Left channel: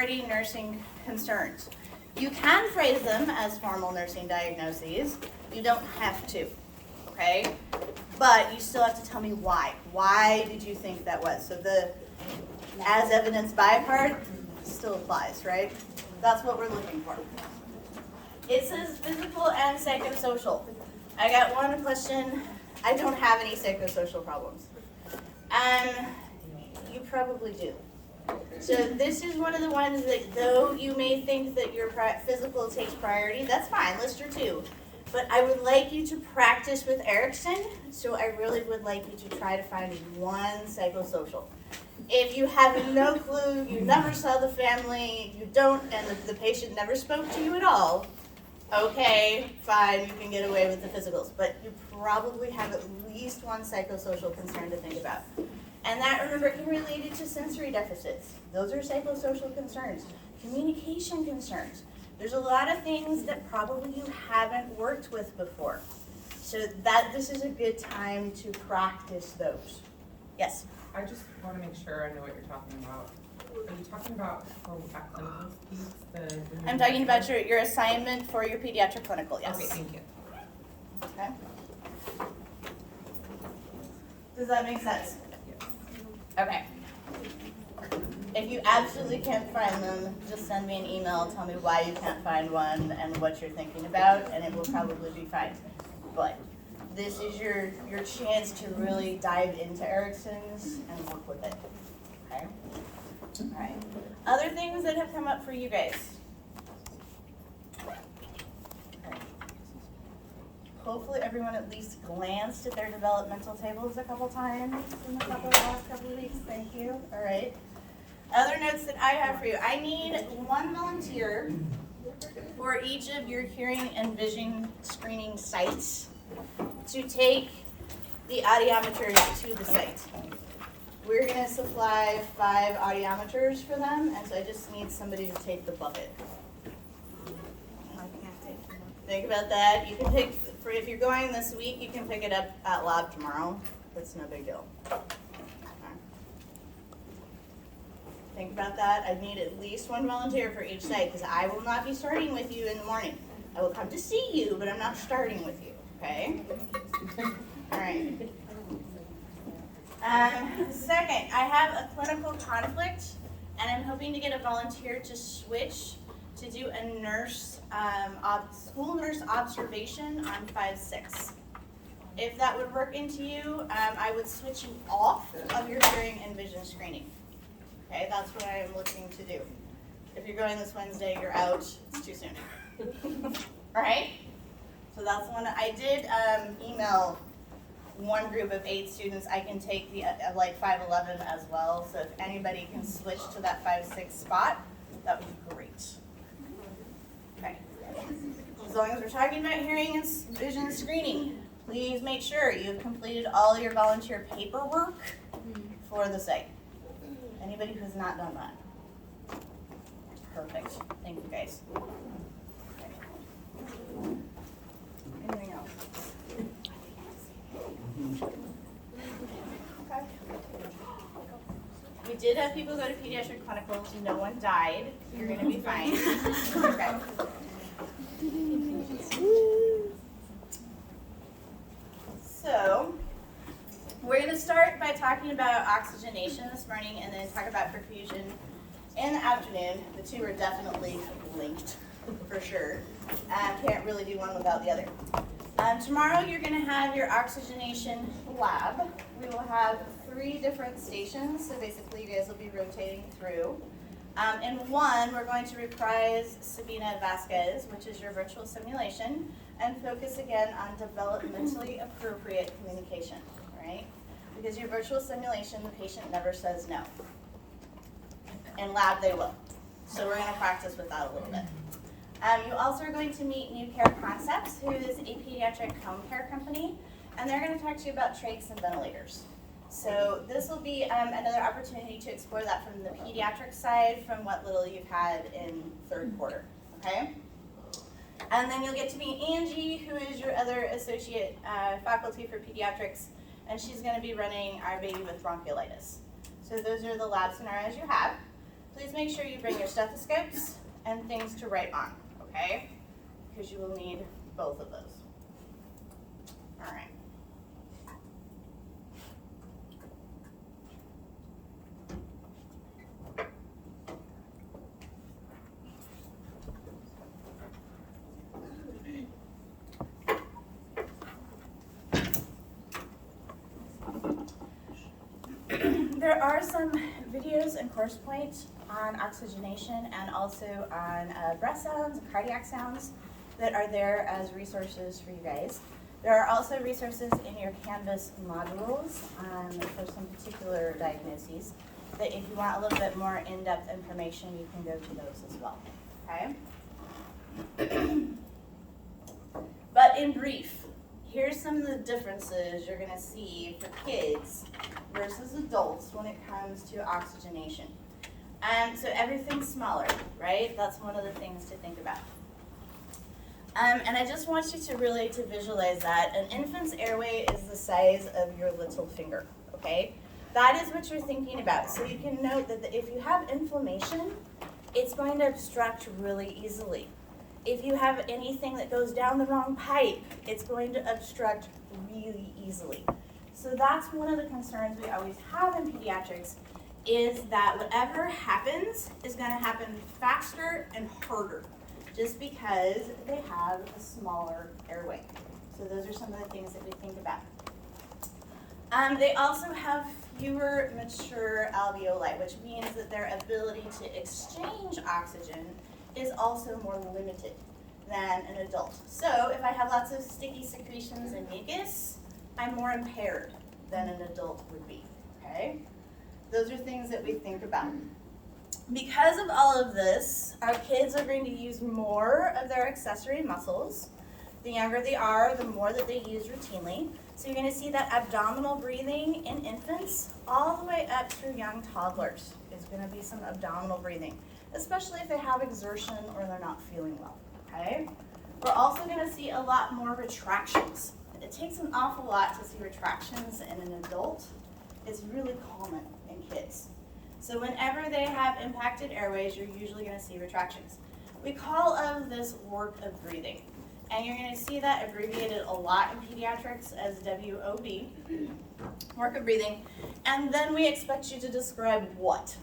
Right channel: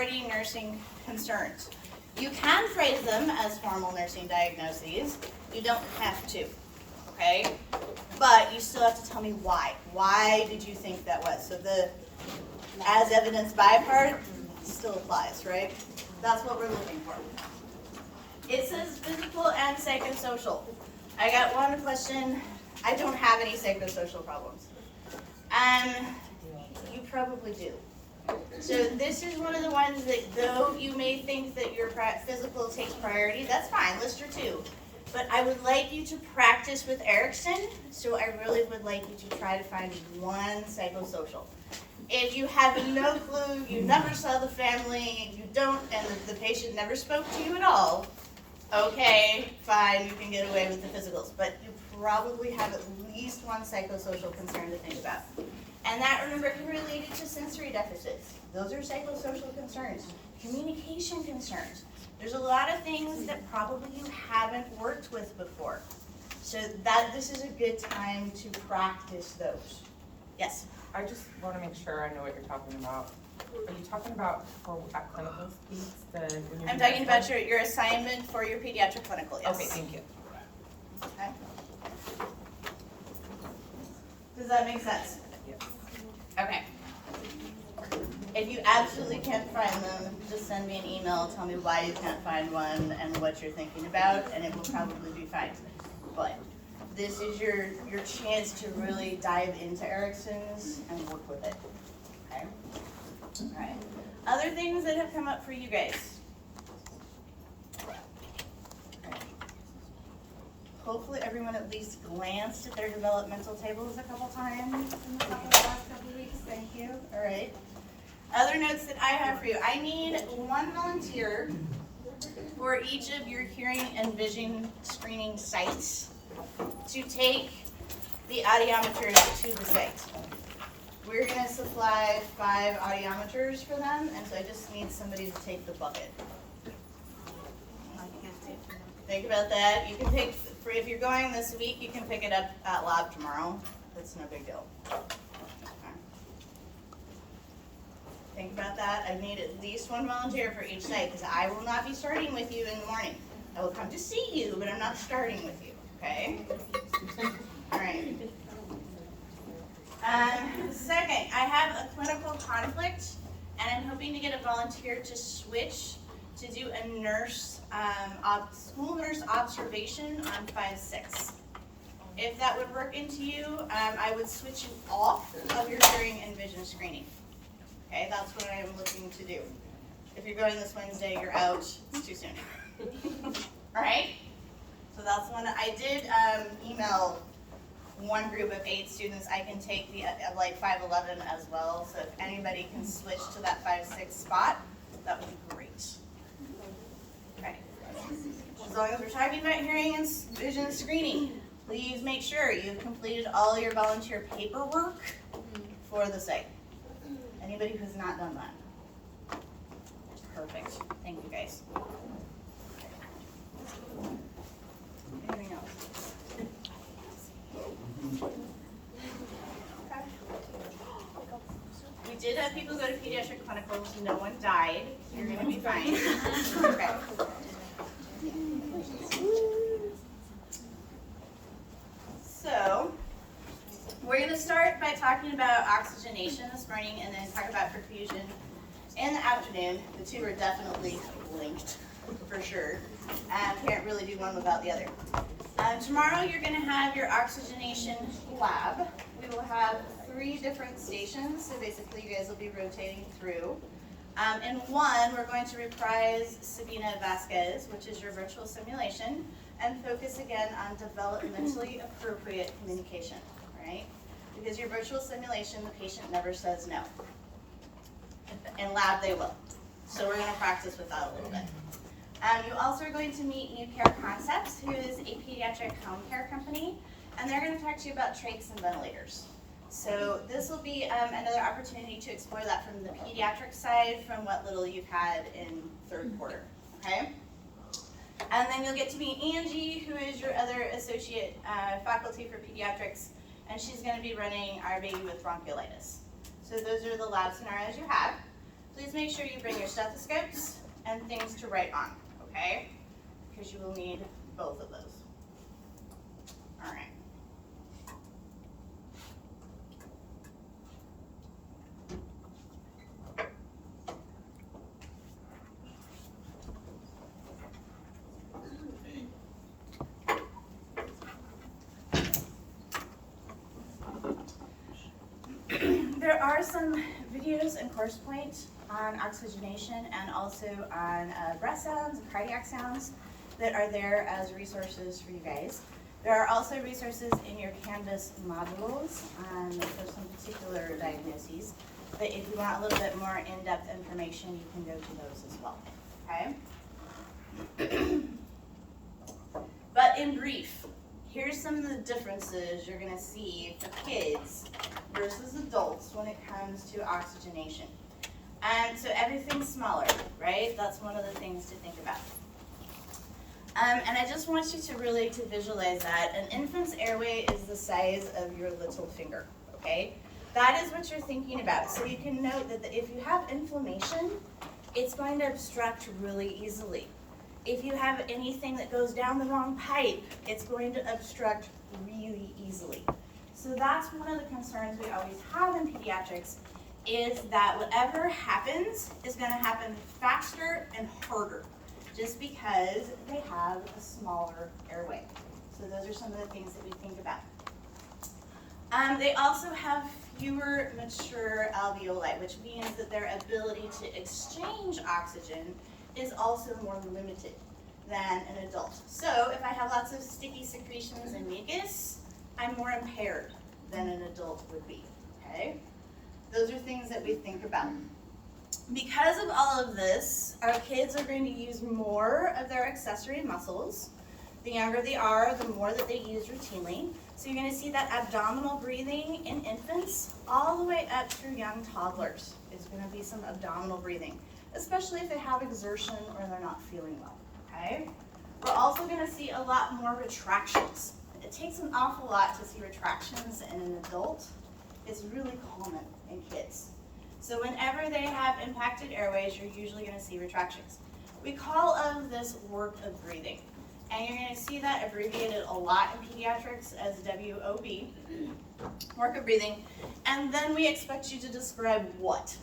priority nursing concerns. You can phrase them as formal nursing diagnoses. You don't have to, okay? But you still have to tell me why. Why did you think that was? So the as evidenced by part still applies, right? That's what we're looking for. It says physical and psychosocial. I got one question. I don't have any psychosocial problems. You probably do. So this is one of the ones that, though you may think that your physical takes priority, that's fine, list your two. But I would like you to practice with Erickson, so I really would like you to try to find one psychosocial. If you have no clue, you never saw the family, you don't, and the patient never spoke to you at all, okay, fine, you can get away with the physicals. But you probably have at least one psychosocial concern to think about. And that, remember, can relate it to sensory deficits. Those are psychosocial concerns. Communication concerns. There's a lot of things that probably you haven't worked with before. So this is a good time to practice those. Yes? I just want to make sure I know what you're talking about. Are you talking about for at clinical speeds? I'm talking about your assignment for your pediatric clinical, yes. Okay, thank you. Okay. Does that make sense? Yes. Okay. If you absolutely can't find them, just send me an email, tell me why you can't find one and what you're thinking about, and it will probably be fine. But this is your chance to really dive into Erickson's and work with it. Okay? All right. Other things that have come up for you guys. Okay. Hopefully everyone at least glanced at their developmental tables a couple times in the last couple of weeks. Thank you. All right. Other notes that I have for you. I need one volunteer for each of your hearing and vision screening sites to take the audiometers to the site. We're going to supply 5 audiometers for them, and so I just need somebody to take the bucket. Think about that. You can pick, if you're going this week, you can pick it up at lab tomorrow. That's no big deal. Think about that. I need at least one volunteer for each site because I will not be starting with you in the morning. I will come to see you, but I'm not starting with you, okay? All right. Second, I have a clinical conflict, and I'm hoping to get a volunteer to switch to do a nurse, school nurse observation on 5-6. If that would work into you, I would switch you off of your hearing and vision screening. Okay, that's what I am looking to do. If you're going this Wednesday, you're out. It's too soon. All right? So that's one. I did email one group of 8 students. I can take the like 5-11 as well. So if anybody can switch to that 5-6 spot, that would be great. Okay. As long as we're talking about hearing and vision screening, please make sure you've completed all your volunteer paperwork for the site. Anybody who's not done that? Perfect. Thank you, guys. Anything else? Okay. We did have people go to pediatric clinical, so no one died. You're going to be fine. Okay. So, we're going to start by talking about oxygenation this morning and then talk about perfusion in the afternoon. The two are definitely linked, for sure. Can't really do one without the other. Tomorrow you're going to have your oxygenation lab. We will have 3 different stations, so basically you guys will be rotating through. In one, we're going to reprise Sabina Vasquez, which is your virtual simulation, and focus again on developmentally appropriate communication, right? Because your virtual simulation, the patient never says no. In lab, they will. So we're going to practice with that a little bit. You also are going to meet New Care Concepts, who is a pediatric home care company, and they're going to talk to you about trachs and ventilators. So this will be another opportunity to explore that from the pediatric side, from what little you've had in 3rd quarter, okay? And then you'll get to meet Angie, who is your other associate faculty for pediatrics, and she's going to be running our baby with bronchiolitis. So those are the lab scenarios you have. please make sure you bring your stethoscopes and things to write on, okay? Because you will need both of those. All right. There are some videos and course points on oxygenation and also on breath sounds and cardiac sounds that are there as resources for you guys. There are also resources in your Canvas modules for some particular diagnoses that if you want a little bit more in-depth information, you can go to those as well, okay? But in brief, here's some of the differences you're gonna see for kids versus adults when it comes to oxygenation. So everything's smaller, right? That's one of the things to think about. And I just want you to really visualize that. An infant's airway is the size of your little finger, okay? That is what you're thinking about. So you can note that if you have inflammation, it's going to obstruct really easily. If you have anything that goes down the wrong pipe, it's going to obstruct really easily. So that's one of the concerns we always have in pediatrics, is that whatever happens is going to happen faster and harder, just because they have a smaller airway. So those are some of the things that we think about. They also have fewer mature alveoli, which means that their ability to exchange oxygen is also more limited than an adult. So if I have lots of sticky secretions and mucus, I'm more impaired than an adult would be, okay? Those are things that we think about. Because of all of this, our kids are going to use more of their accessory muscles. The younger they are, the more that they use routinely. So you're going to see that abdominal breathing in infants all the way up through young toddlers. It's going to be some abdominal breathing, especially if they have exertion or they're not feeling well, okay? We're also going to see a lot more retractions. It takes an awful lot to see retractions in an adult. It's really common in kids. So whenever they have impacted airways, you're usually going to see retractions. We call this work of breathing. And you're going to see that abbreviated a lot in pediatrics as WOB, work of breathing. And then we expect you to describe what.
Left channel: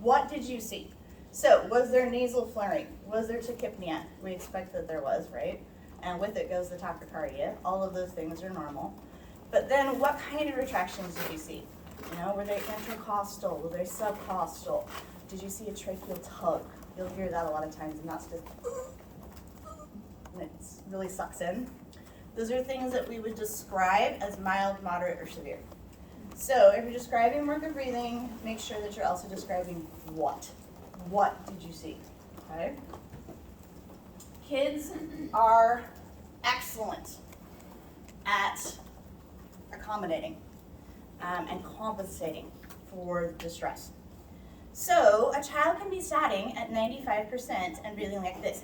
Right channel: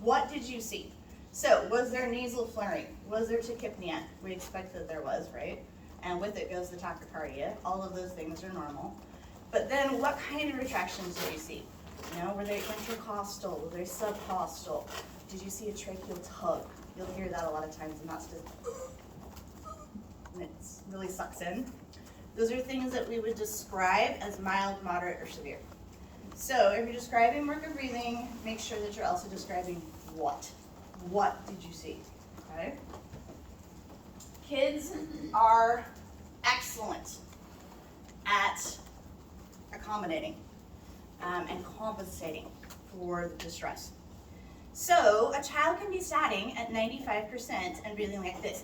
What did you see? So was there nasal flaring? Was there tachypnea? We expect that there was, right? And with it goes the tachycardia. All of those things are normal. But then what kind of retractions did you see? You know, were they intercostal? Were they subcostal? Did you see a tracheal tug? You'll hear that a lot of times, and that's just, and it really sucks in. Those are things that we would describe as mild, moderate, or severe. So if you're describing work of breathing, make sure that you're also describing what. What did you see? Okay? Kids are excellent at accommodating and compensating for distress. So a child can be sitting at 95% and breathing like this.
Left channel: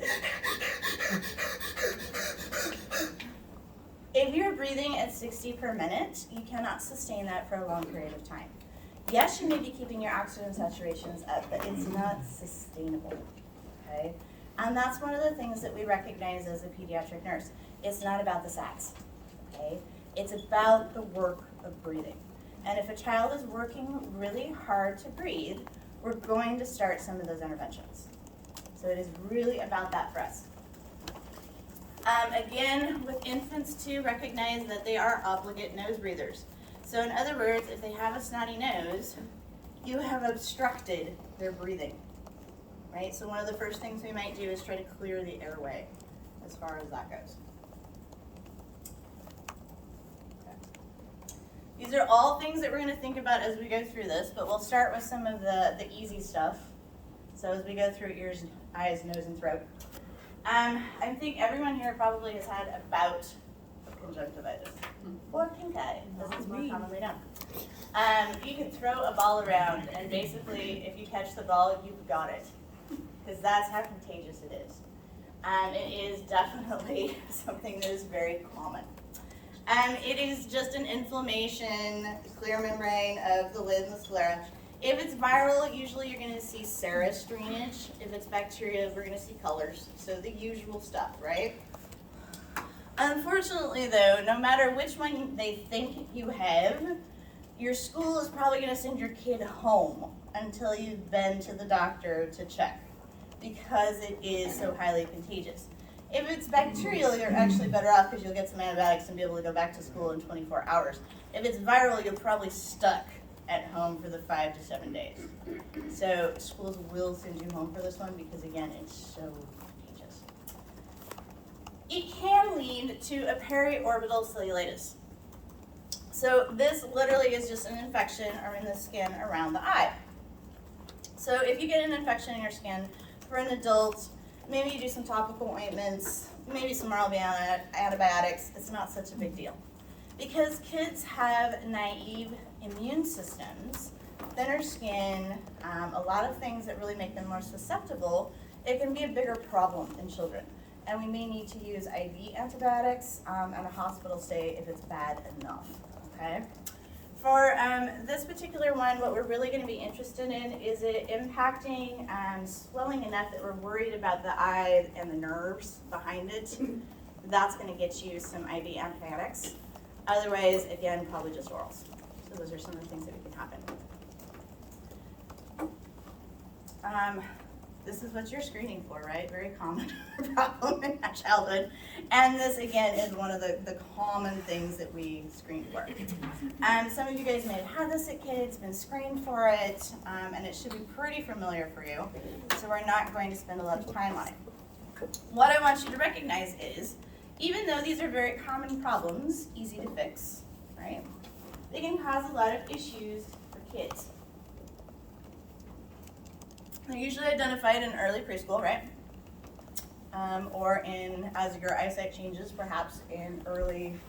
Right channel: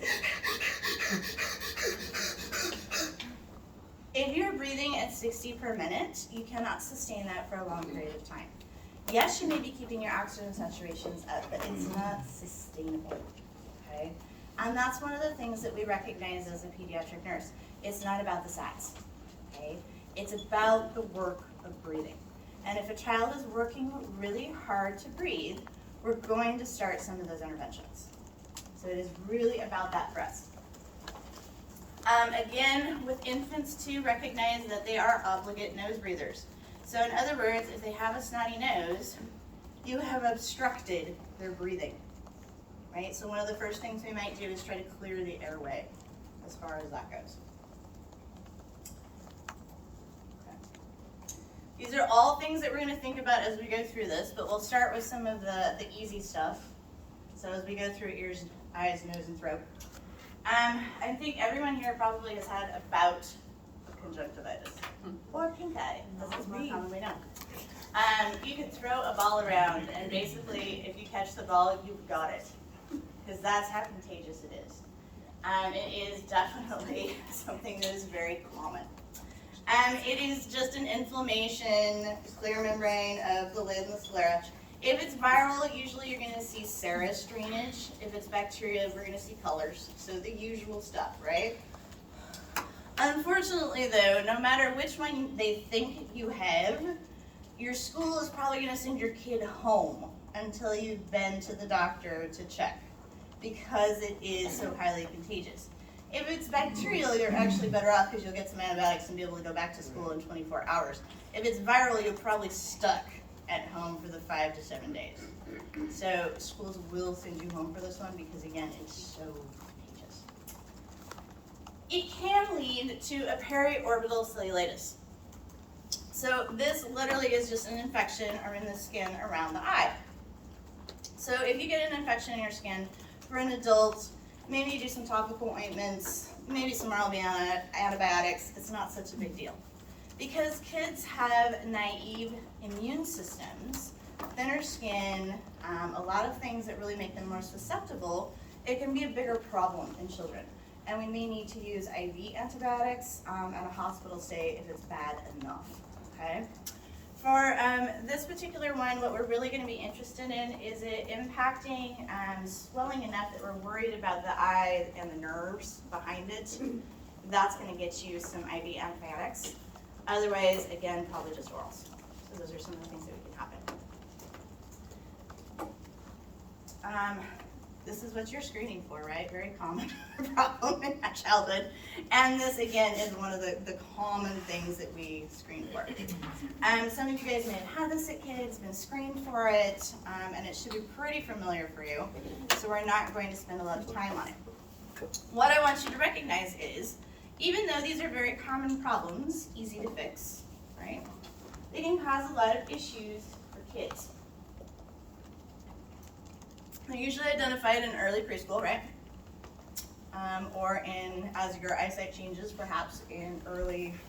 If you're breathing at 60 per minute, you cannot sustain that for a long period of time. Yes, you may be keeping your oxygen saturations up, but it's not sustainable, okay? And that's one of the things that we recognize as a pediatric nurse. It's not about the sats, okay? It's about the work of breathing. And if a child is working really hard to breathe, we're going to start some of those interventions. So it is really about that for us. Again, with infants too, recognize that they are obligate nose breathers. So in other words, if they have a snotty nose, you have obstructed their breathing, right? So one of the first things we might do is try to clear the airway as far as that goes. These are all things that we're going to think about as we go through this, but we'll start with some of the easy stuff. So as we go through ears, eyes, nose, and throat. I think everyone here probably has had a bout of conjunctivitis or pink eye, as it's more commonly known. You can throw a ball around, and basically, if you catch the ball, you've got it, because that's how contagious it is. It is definitely something that is very common. It is just an inflammation, clear membrane of the lid and the sclera. If it's viral, usually you're gonna see serous drainage. If it's bacteria, we're gonna see colors. So the usual stuff, right? Unfortunately though, no matter which one they think you have, your school is probably gonna send your kid home until you've been to the doctor to check, because it is so highly contagious. If it's bacterial, you're actually better off because you'll get some antibiotics and be able to go back to school in 24 hours. If it's viral, you're probably stuck at home for the 5 to 7 days. So schools will send you home for this one because again, it's so contagious. It can lead to a periorbital cellulitis. So this literally is just an infection in the skin around the eye. So if you get an infection in your skin, for an adult, maybe you do some topical ointments, maybe some oral antibiotics, it's not such a big deal. Because kids have naive immune systems, thinner skin, a lot of things that really make them more susceptible, it can be a bigger problem in children. And we may need to use IV antibiotics and a hospital stay if it's bad enough, okay? For this particular one, what we're really going to be interested in is it impacting swelling enough that we're worried about the eye and the nerves behind it. That's going to get you some IV antibiotics. Otherwise, again, probably just orals. So those are some of the things that could happen. This is what you're screening for, right? Very common problem in our childhood. And this, again, is one of the common things that we screen for. Some of you guys may have had this at kids, been screened for it, and it should be pretty familiar for you. So we're not going to spend a lot of time on it. What I want you to recognize is, even though these are very common problems, easy to fix, right? They can cause a lot of issues for kids. They're usually identified in early preschool, right? Or as your eyesight changes, perhaps in early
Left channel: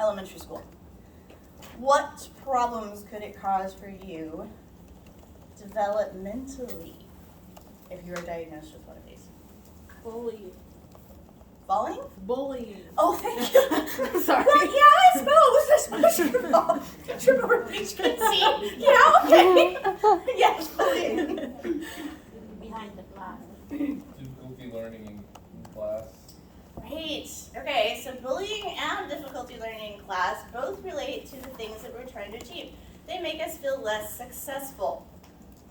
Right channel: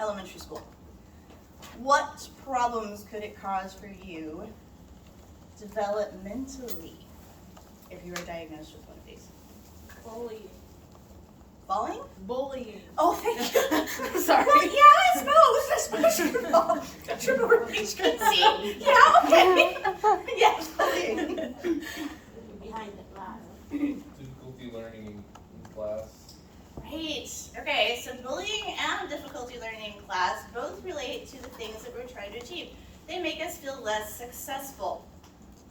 elementary school. What problems could it cause for you developmentally if you are diagnosed with one of these? Bullying. Falling? Bullying. Oh, thank you. Sorry. Well, yeah, I suppose your fault. Don't you remember things you can see? Yeah, okay. Yes, bullying. Behind the class. Difficulty learning in class. Right. Okay, so bullying and difficulty learning in class both relate to the things that we're trying to achieve. They make us feel less successful,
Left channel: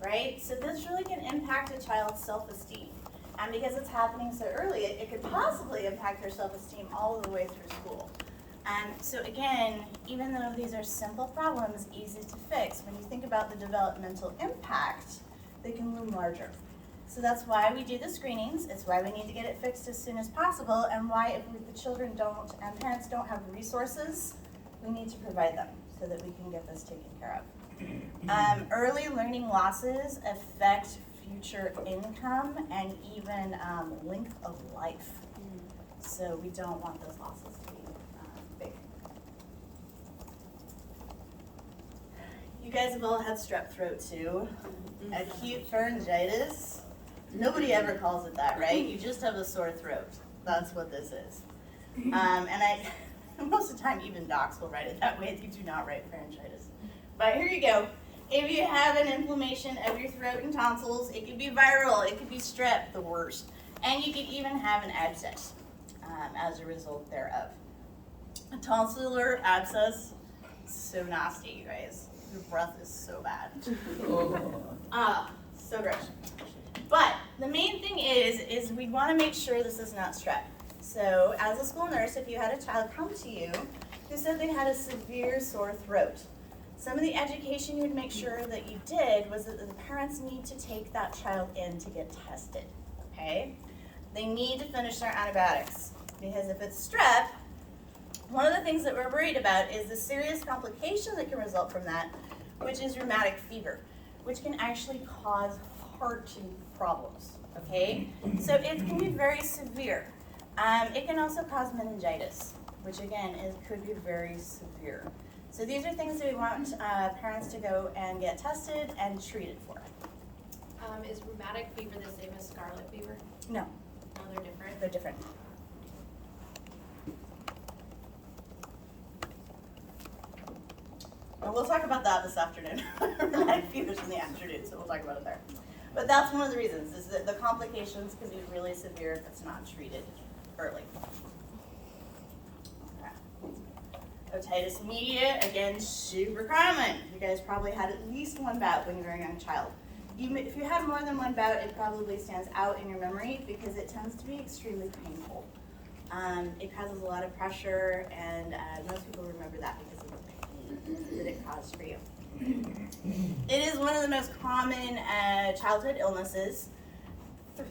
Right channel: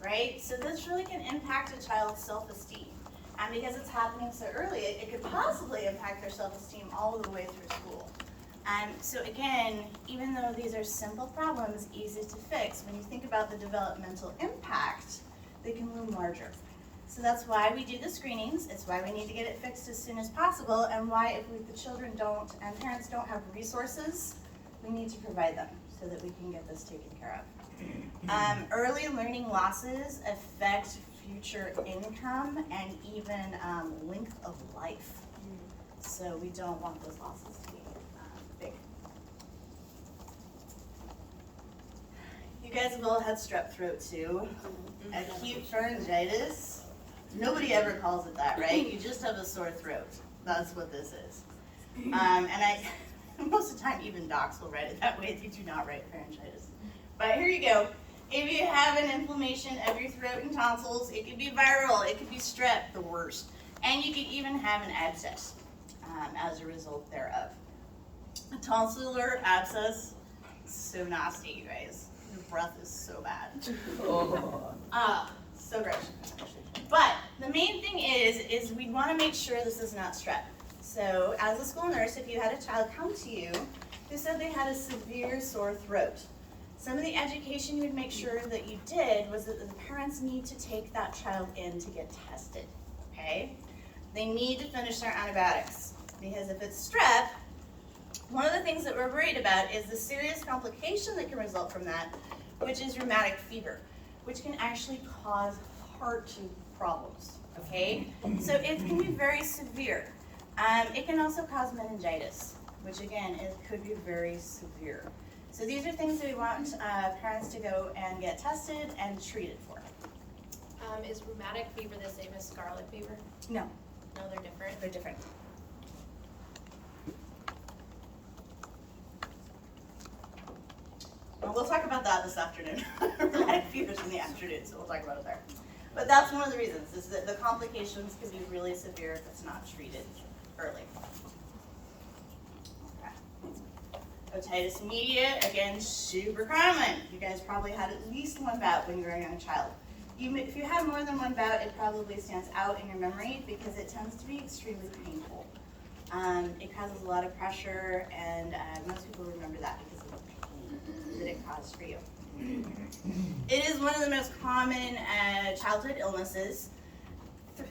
right? So this really can impact a child's self-esteem. And because it's happening so early, it could possibly impact their self-esteem all the way through school. So again, even though these are simple problems, easy to fix, when you think about the developmental impact, they can loom larger. So that's why we do the screenings. It's why we need to get it fixed as soon as possible, and why if the children don't and parents don't have resources, we need to provide them so that we can get this taken care of. Early learning losses affect future income and even length of life. So we don't want those losses to be big. You guys have all had strep throat too. Acute pharyngitis. Nobody ever calls it that, right? You just have a sore throat. That's what this is. And most of the time even docs will write it that way. They do not write pharyngitis. But here you go. If you have an inflammation of your throat and tonsils, it could be viral, it could be strep, the worst. And you could even have an abscess as a result thereof. A tonsillar abscess, so nasty, you guys. Your breath is so bad. So gross. But the main thing is we want to make sure this is not strep. So as a school nurse, if you had a child come to you who said they had a severe sore throat, some of the education you would make sure that you did was that the parents need to take that child in to get tested, okay? They need to finish their antibiotics, because if it's strep, one of the things that we're worried about is the serious complication that can result from that, which is rheumatic fever, which can actually cause heart problems, okay? So it can be very severe. It can also cause meningitis, which again, it could be very severe. So these are things that we want parents to go and get tested and treated for. Is rheumatic fever the same as scarlet fever? No, No, they're different. they're different. And we'll talk about that this afternoon. Rheumatic fevers in the afternoon, so we'll talk about it there. But that's one of the reasons, is that the complications can be really severe if it's not treated early. Okay. Otitis media, again, super common. You guys probably had at least one bout when you were a young child. If you had more than one bout, it probably stands out in your memory because it tends to be extremely painful. It causes a lot of pressure, and most people remember that because of the pain that it caused for you. It is one of the most common childhood illnesses.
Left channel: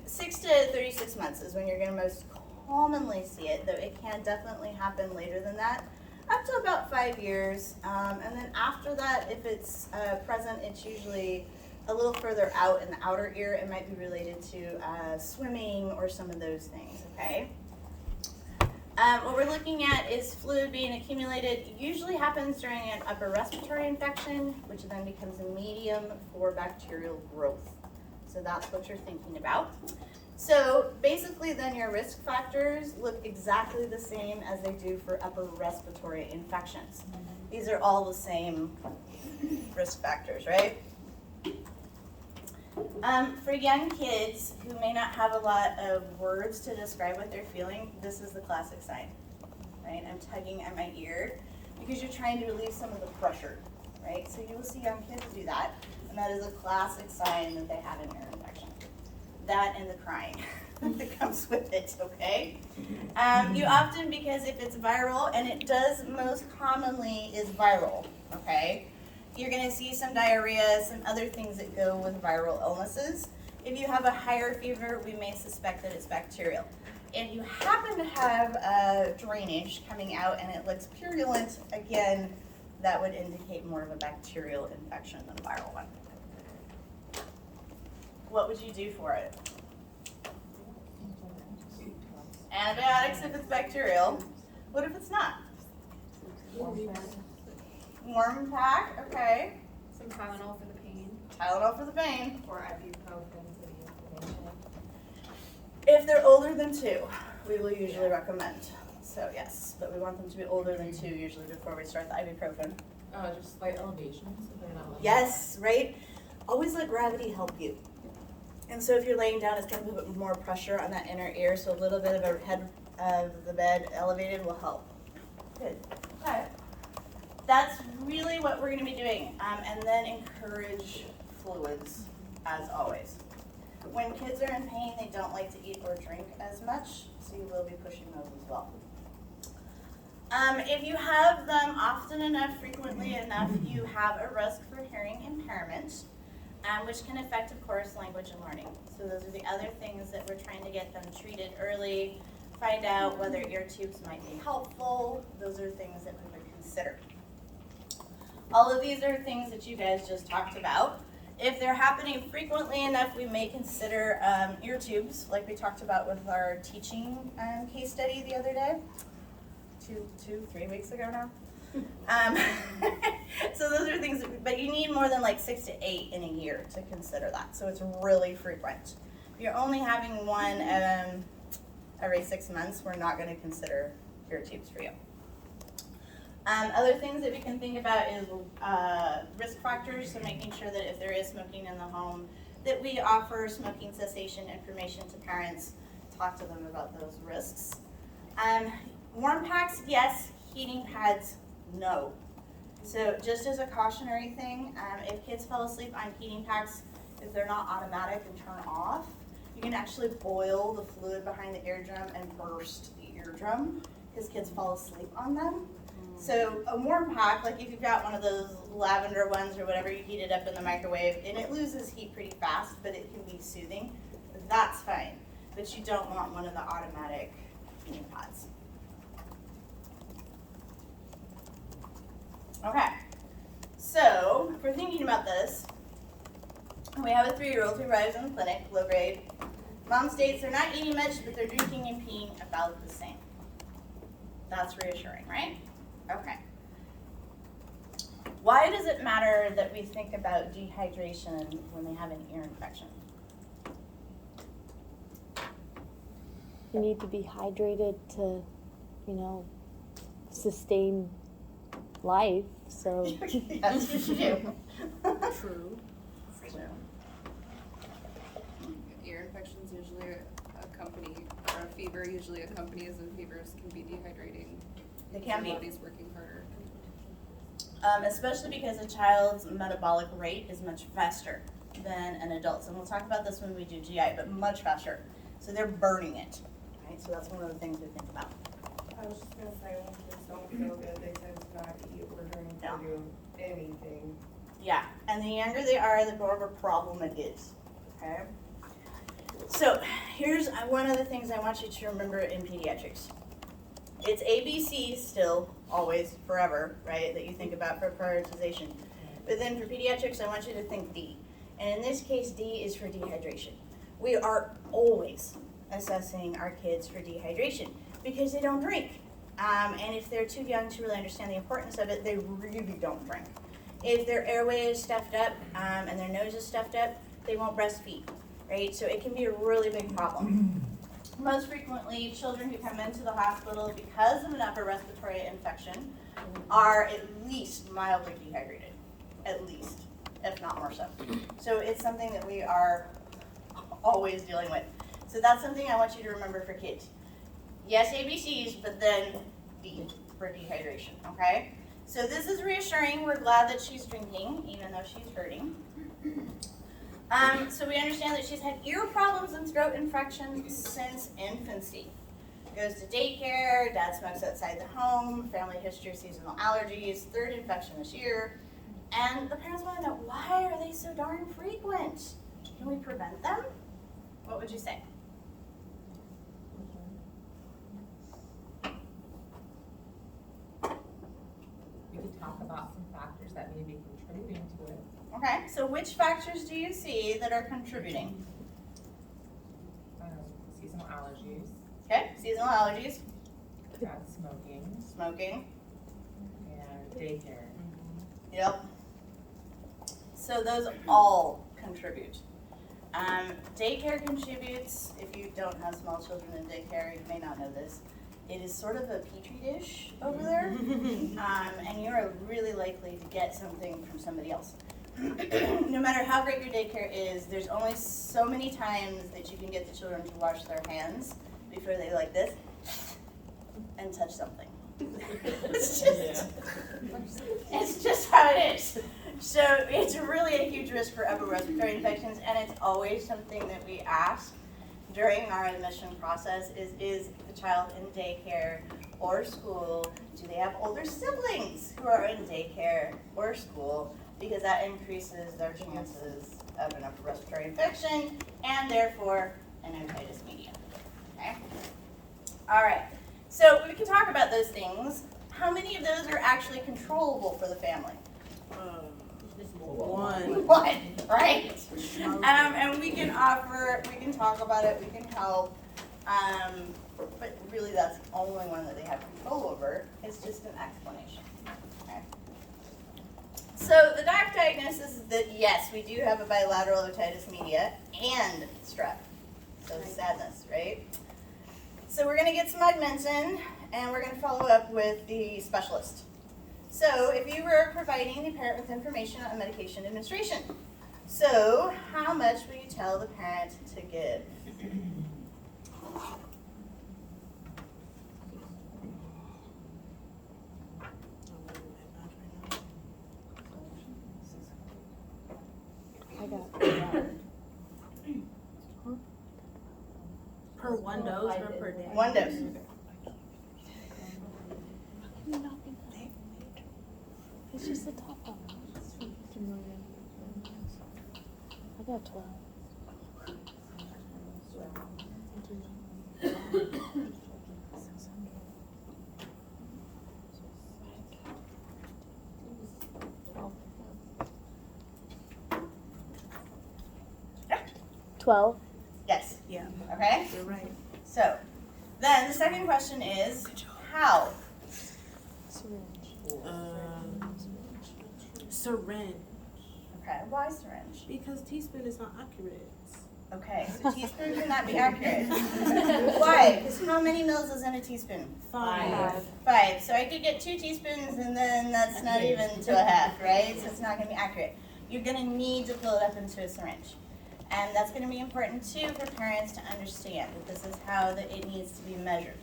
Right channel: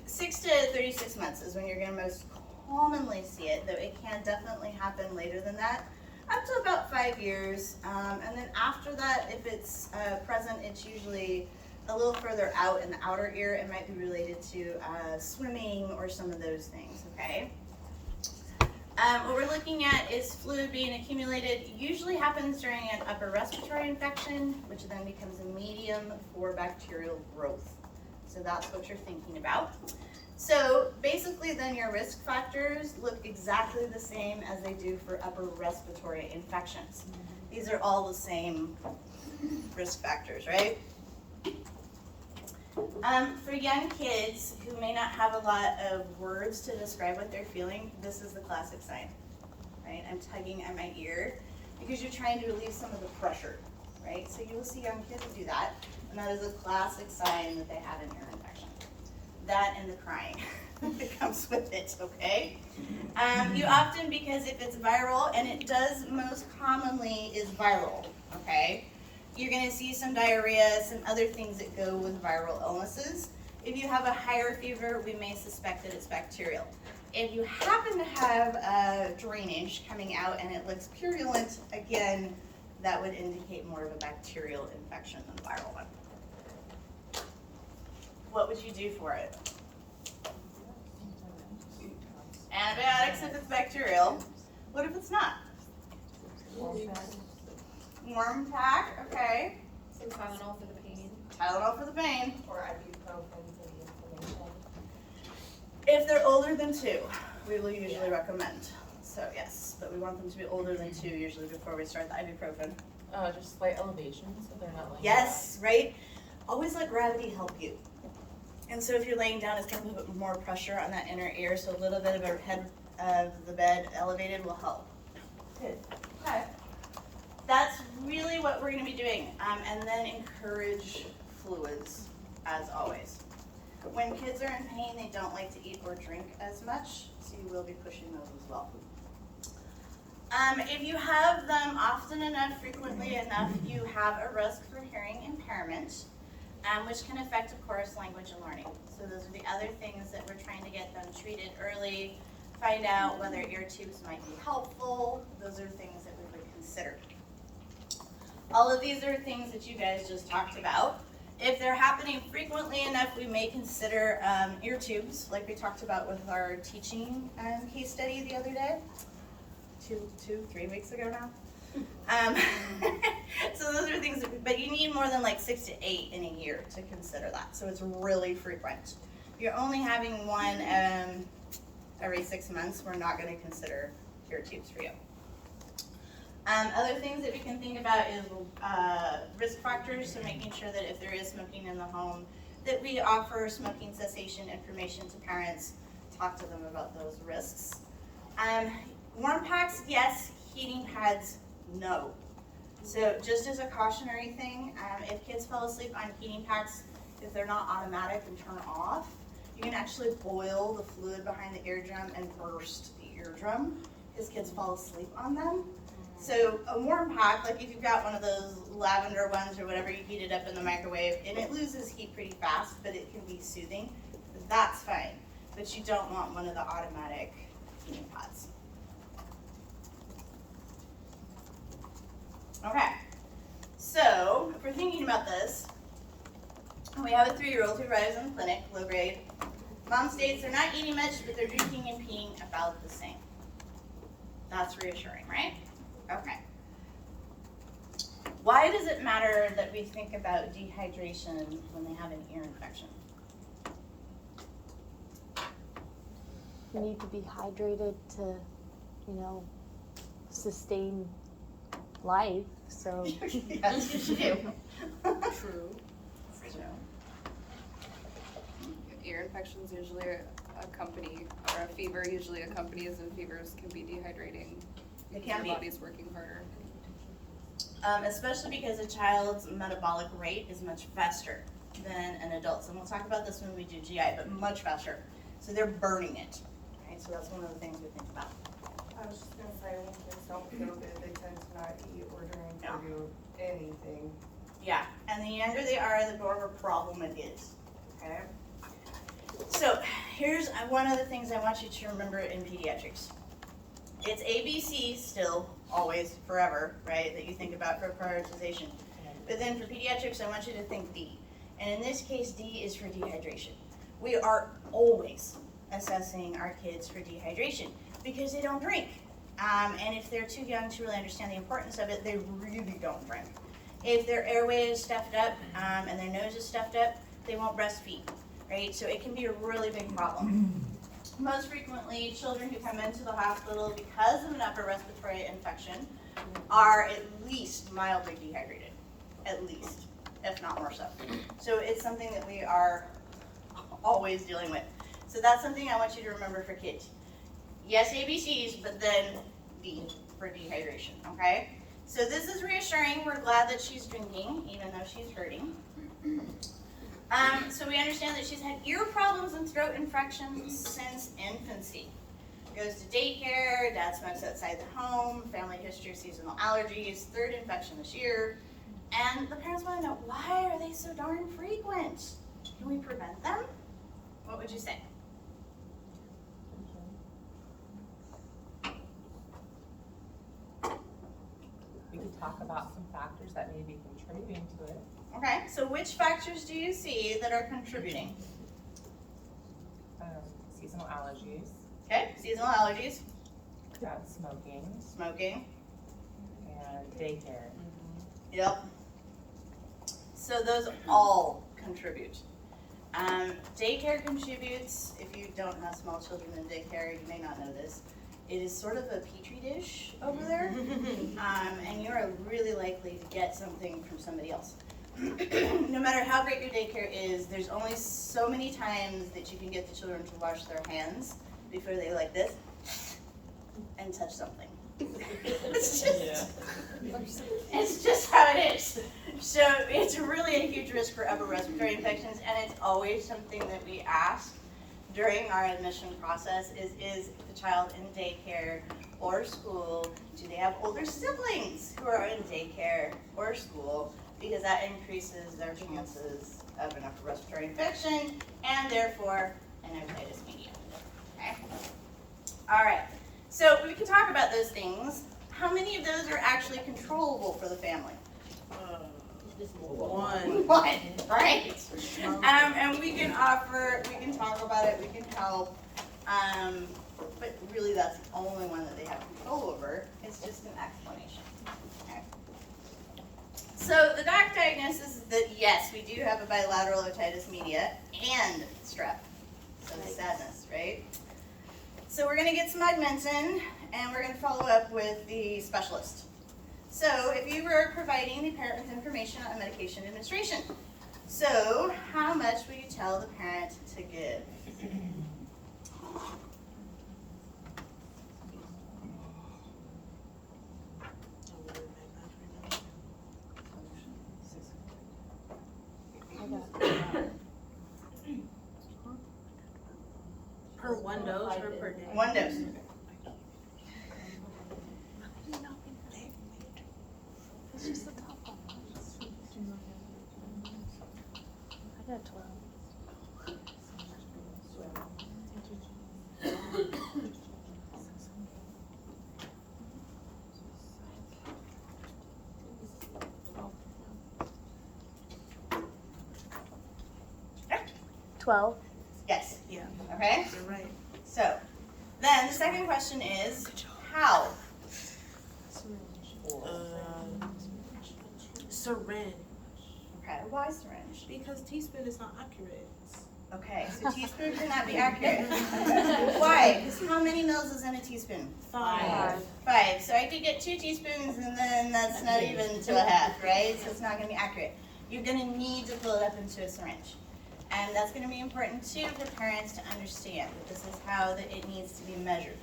6 to 36 months is when you're going to most commonly see it, though it can definitely happen later than that, up to about 5 years. And then after that, if it's present, it's usually a little further out in the outer ear. It might be related to swimming or some of those things, okay? What we're looking at is fluid being accumulated. It usually happens during an upper respiratory infection, which then becomes a medium for bacterial growth. So that's what you're thinking about. So basically then your risk factors look exactly the same as they do for upper respiratory infections. These are all the same risk factors, right? For young kids who may not have a lot of words to describe what they're feeling, this is the classic sign, right? I'm tugging at my ear because you're trying to relieve some of the pressure, right? So you will see young kids do that, and that is a classic sign that they have an ear infection. That and the crying that comes with it, okay? You often, because if it's viral, and it does most commonly is viral, okay? You're going to see some diarrhea, some other things that go with viral illnesses. If you have a higher fever, we may suspect that it's bacterial. If you happen to have drainage coming out and it looks purulent, again, that would indicate more of a bacterial infection than a viral one. What would you do for it? Antibiotics if it's bacterial. What if it's not? Warm pack, okay. Some Tylenol for the pain. Tylenol for the pain. Or ibuprofen for the inflammation. If they're older than 2, we will usually recommend. So yes, but we want them to be older than 2 usually before we start the ibuprofen. Just slight elevations, so they're not laying Yes, right? Always let gravity help you. And so if you're laying down, it's going to put more pressure on that inner ear, so a little bit of a head of the bed elevated will help. Good. Okay. That's really what we're going to be doing. And then encourage fluids, as always. When kids are in pain, they don't like to eat or drink as much, so you will be pushing those as well. If you have them often enough, frequently enough, you have a risk for hearing impairment, which can affect, of course, language and learning. So those are the other things that we're trying to get them treated early, find out whether ear tubes might be helpful. Those are things that we would consider. All of these are things that you guys just talked about. If they're happening frequently enough, we may consider ear tubes, like we talked about with our teaching case study the other day. 3 weeks ago now. So those are things, but you need more than like 6 to 8 in a year to consider that. So it's really frequent. If you're only having one every 6 months, we're not going to consider ear tubes for you. Other things that we can think about is risk factors, so making sure that if there is smoking in the home, that we offer smoking cessation information to parents, talk to them about those risks. Warm packs, yes. Heating pads, no. So just as a cautionary thing, if kids fall asleep on heating packs, if they're not automatic and turn off, you can actually boil the fluid behind the eardrum and burst the eardrum because kids fall asleep on them. So a warm pack, like if you've got one of those lavender ones or whatever, you heat it up in the microwave and it loses heat pretty fast, but it can be soothing. That's fine, but you don't want one of the automatic heating pads. Okay, so if we're thinking about this, we have a 3-year-old who arrives in the clinic, low grade. Mom states they're not eating much, but they're drinking and peeing about the same. That's reassuring, right? Okay. Why does it matter that we think about dehydration when they have an ear infection? You need to be hydrated to, sustain life, so. Yes, you do. True. Ear infections usually accompany, or a fever usually accompanies, and fevers can be dehydrating. They because can your be. body's working harder. Especially because a child's metabolic rate is much faster than an adult's. And we'll talk about this when we do GI, but much faster. So they're burning it, right? So that's one of the things we think about. I was just gonna say, when kids don't feel good, they tend to not eat or drink Yeah. or do anything. Yeah, and the younger they are, the more of a problem it is, okay? So here's one of the things I want you to remember in pediatrics. It's ABC still, always, forever, right, that you think about for prioritization. But then for pediatrics, I want you to think D. And in this case, D is for dehydration. We are always assessing our kids for dehydration because they don't drink. And if they're too young to really understand the importance of it, they really don't drink. If their airway is stuffed up and their nose is stuffed up, they won't breastfeed, right? So it can be a really big problem. Most frequently, children who come into the hospital because of an upper respiratory infection are at least mildly dehydrated, at least, if not more so. So it's something that we are always dealing with. So that's something I want you to remember for kids. Yes, ABCs, but then D for dehydration, okay? So this is reassuring. We're glad that she's drinking, even though she's hurting. So we understand that she's had ear problems and throat infections since infancy. Goes to daycare, dad smokes outside the home, family history of seasonal allergies, third infection this year. And the parents want to know, why are they so darn frequent? Can we prevent them? What would you say? We could talk about some factors that may be contributing to it. Okay, so which factors do you see that are contributing? Seasonal allergies, Okay, seasonal allergies, smoking, smoking, and daycare. yep. So those all contribute. Daycare contributes. If you don't have small children in daycare, you may not know this. It is sort of a petri dish over there, and you are really likely to get something from somebody else. No matter how great your daycare is, there's only so many times that you can get the children to wash their hands before they like this and touch something. It's just how it is. So it's really a huge risk for upper respiratory infections, and it's always something that we ask during our admission process is the child in daycare or school? Do they have older siblings who are in daycare or school? Because that increases their chances of an upper respiratory infection and therefore an otitis media. Okay? All right. So we can talk about those things. How many of those are actually controllable for the family? One. One, right? And we can talk about it, we can help, but really that's the only one that they have control over. It's just an explanation. Okay. So the doc diagnosis is that yes, we do have a bilateral otitis media and strep. So sadness, right? So we're gonna get some augmentin and we're gonna follow up with the specialist. So if you were providing the parent with information on medication administration, so how much will you tell the parent to give? Per one dose or per day? One dose. It's just the top one. I got 12. Okay. 12. Yes. Yeah, Okay. you're right. So then the second question is how? Syringe, Okay. Why syringe? because teaspoon is not accurate. Okay. So teaspoon cannot be accurate. Why? Because How many mils is in a teaspoon? 5. 5. So I could get 2 teaspoons and then that's not even to a half, right? So it's not gonna be accurate. You're gonna need to fill it up into a syringe. And that's gonna be important too for parents to understand, that this is how it needs to be measured.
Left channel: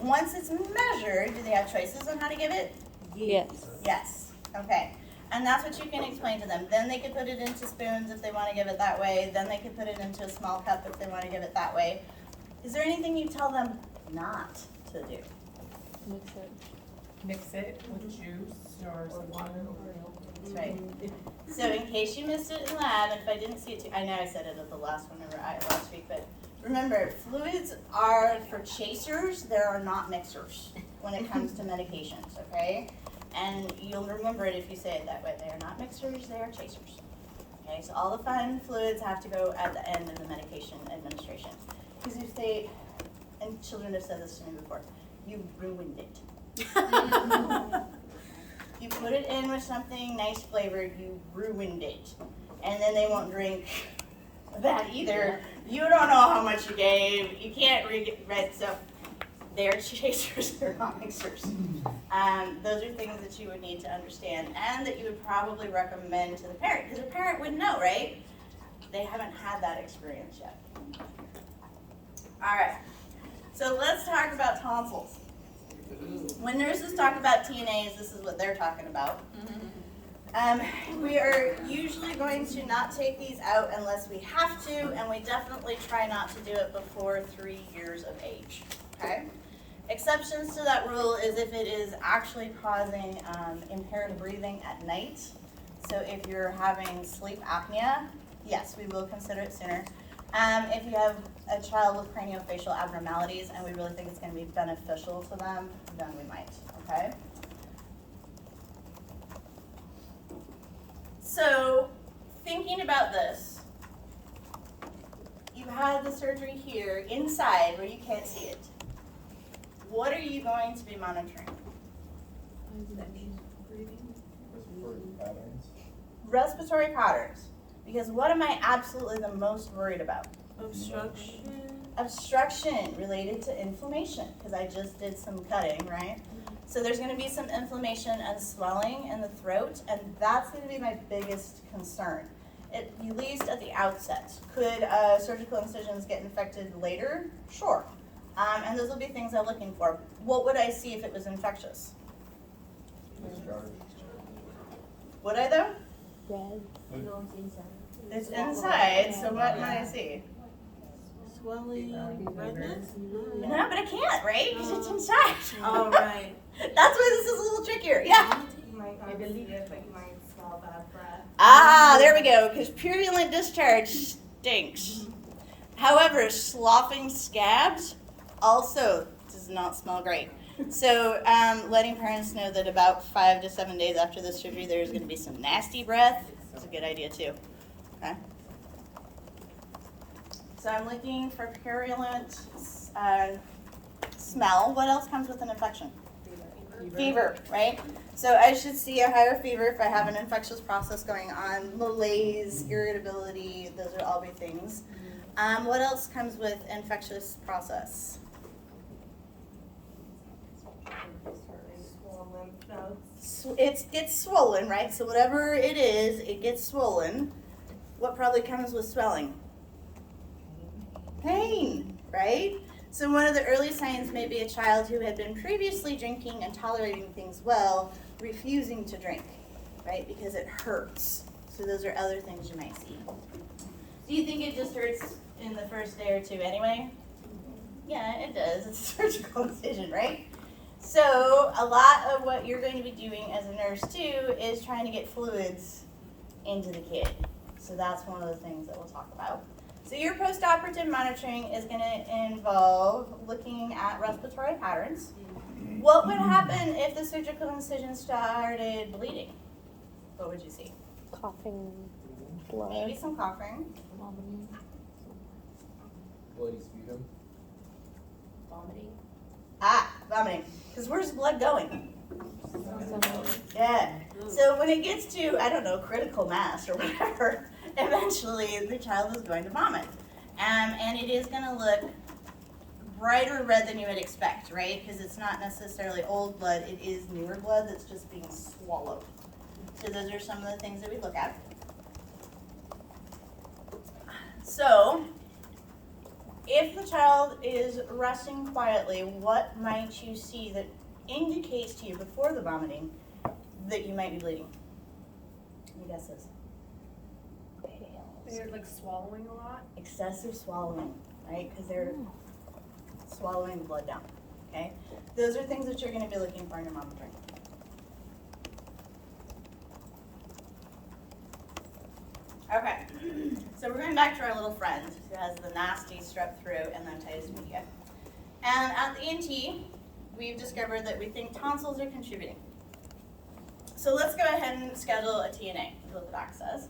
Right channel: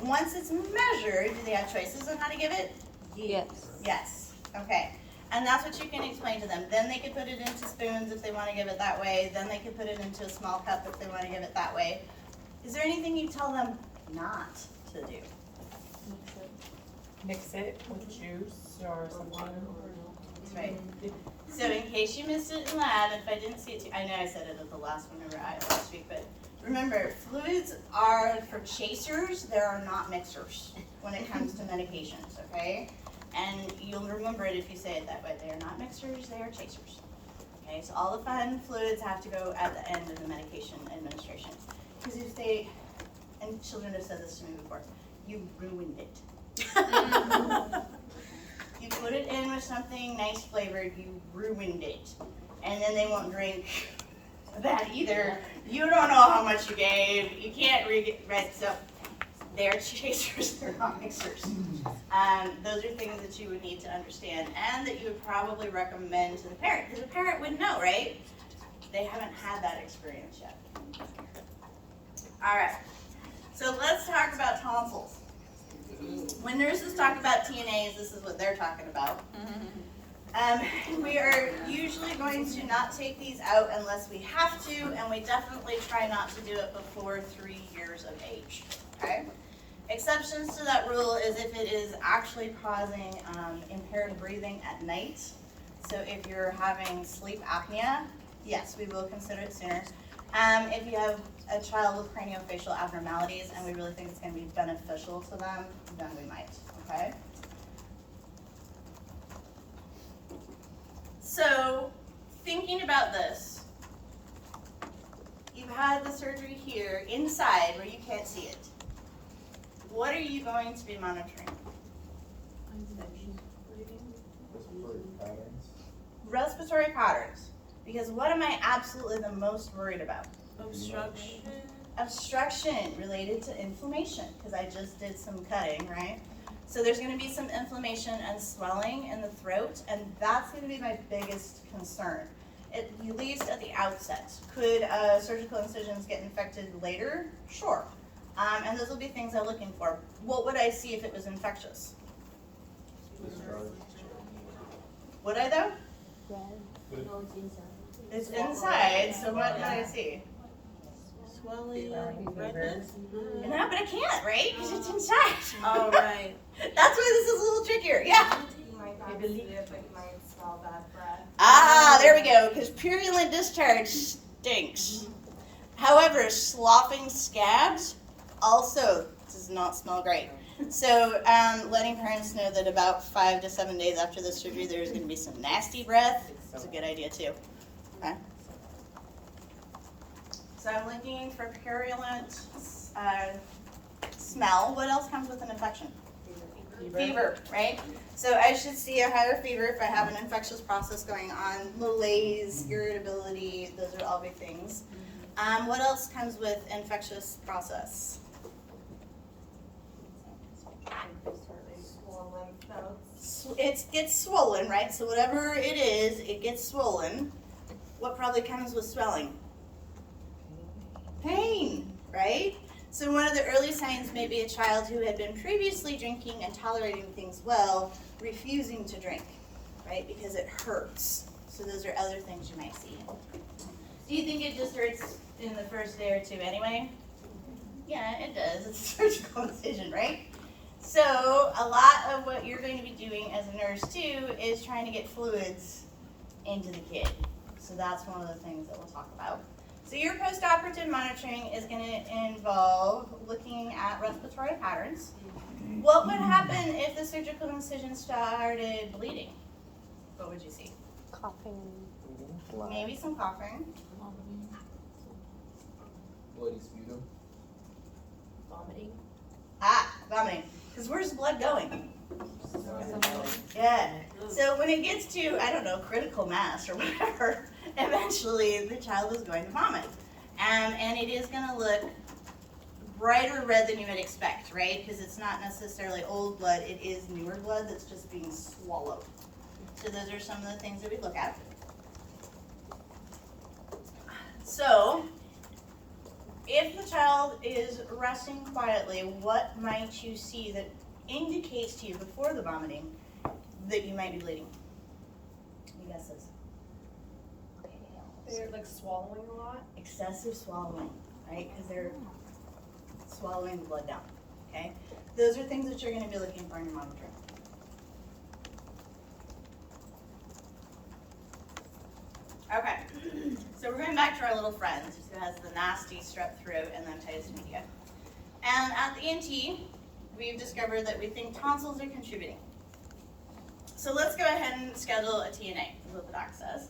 Once it's measured, do they have choices on how to give it? Yes. Yes, okay. And that's what you can explain to them. Then they can put it into spoons if they wanna give it that way. Then they can put it into a small cup if they wanna give it that way. Is there anything you tell them not to do? Mix it with juice or something. That's right. So in case you missed it in lab, if I didn't see it too, I know I said it at the last one last week, but remember, fluids are for chasers, there are not mixers when it comes to medications, okay? And you'll remember it if you say it that way. They are not mixers, they are chasers. Okay, so all the fun fluids have to go at the end of the medication administration. Because if they, and children have said this to me before, you ruined it. You put it in with something nice flavored, you ruined it. And then they won't drink that either. You don't know how much you gave, you can't right, so they're chasers, they're not mixers. Those are things that you would need to understand and that you would probably recommend to the parent, because the parent would know, right? They haven't had that experience yet. All right, so let's talk about tonsils. When nurses talk about TNAs, this is what they're talking about. We are usually going to not take these out unless we have to, and we definitely try not to do it before 3 years of age, okay? Exceptions to that rule is if it is actually causing impaired breathing at night. So if you're having sleep apnea, yes, we will consider it sooner. If you have a child with craniofacial abnormalities and we really think it's going to be beneficial to them, then we might, okay? So, thinking about this, you have the surgery here inside where you can't see it. What are you going to be monitoring? Respiratory patterns. Because what am I absolutely the most worried about? Obstruction. Obstruction related to inflammation, because I just did some cutting, right? So there's going to be some inflammation and swelling in the throat, and that's going to be my biggest concern, at least at the outset. Could surgical incisions get infected later? Sure. And those will be things I'm looking for. What would I see if it was infectious? Would I though? Red. It's inside, so what might I see? Swelling. redness. No, but I can't, right? Because it's inside. All right. That's why this is a little trickier. Yeah. You might not see it, but you might smell bad breath. Ah, there we go. Because purulent discharge stinks. However, sloughing scabs also does not smell great. So, letting parents know that about 5 to 7 days after the surgery, there's going to be some nasty breath. That's a good idea too. Okay. So I'm looking for purulent smell. What else comes with an infection? Fever, right? So I should see a higher fever if I have an infectious process going on. Malaise, irritability, those are all big things. What else comes with infectious process? Swollen nodes. It gets swollen, right? So whatever it is, it gets swollen. What probably comes with swelling? Pain, right? So one of the early signs may be a child who had been previously drinking and tolerating things well, refusing to drink, right? Because it hurts. So those are other things you might see. Do you think it just hurts in the first day or two anyway? Yeah, it does. It's a surgical incision, right? So a lot of what you're going to be doing as a nurse too is trying to get fluids into the kid. So that's one of the things that we'll talk about. So your post-operative monitoring is going to involve looking at respiratory patterns. What would happen if the surgical incision started bleeding? What would you see? Coughing. Blood. Maybe some coughing. Bloody sputum. Vomiting. Vomiting. Because where's the blood going? Yeah. So when it gets to, I don't know, critical mass or whatever, eventually the child is going to vomit. And it is going to look brighter red than you would expect, right? Because it's not necessarily old blood, it is newer blood that's just being swallowed. So those are some of the things that we look at. So, if the child is resting quietly, what might you see that indicates to you before the vomiting that you might be bleeding? Any guesses? They're like swallowing a lot. Excessive swallowing, right? Because they're swallowing the blood down, okay? Those are things that you're going to be looking for in your monitoring. Okay, so we're going back to our little friend who has the nasty strep throat and the otitis media. And at the ENT, we've discovered that we think tonsils are contributing. So let's go ahead and schedule a TNA, lipid access.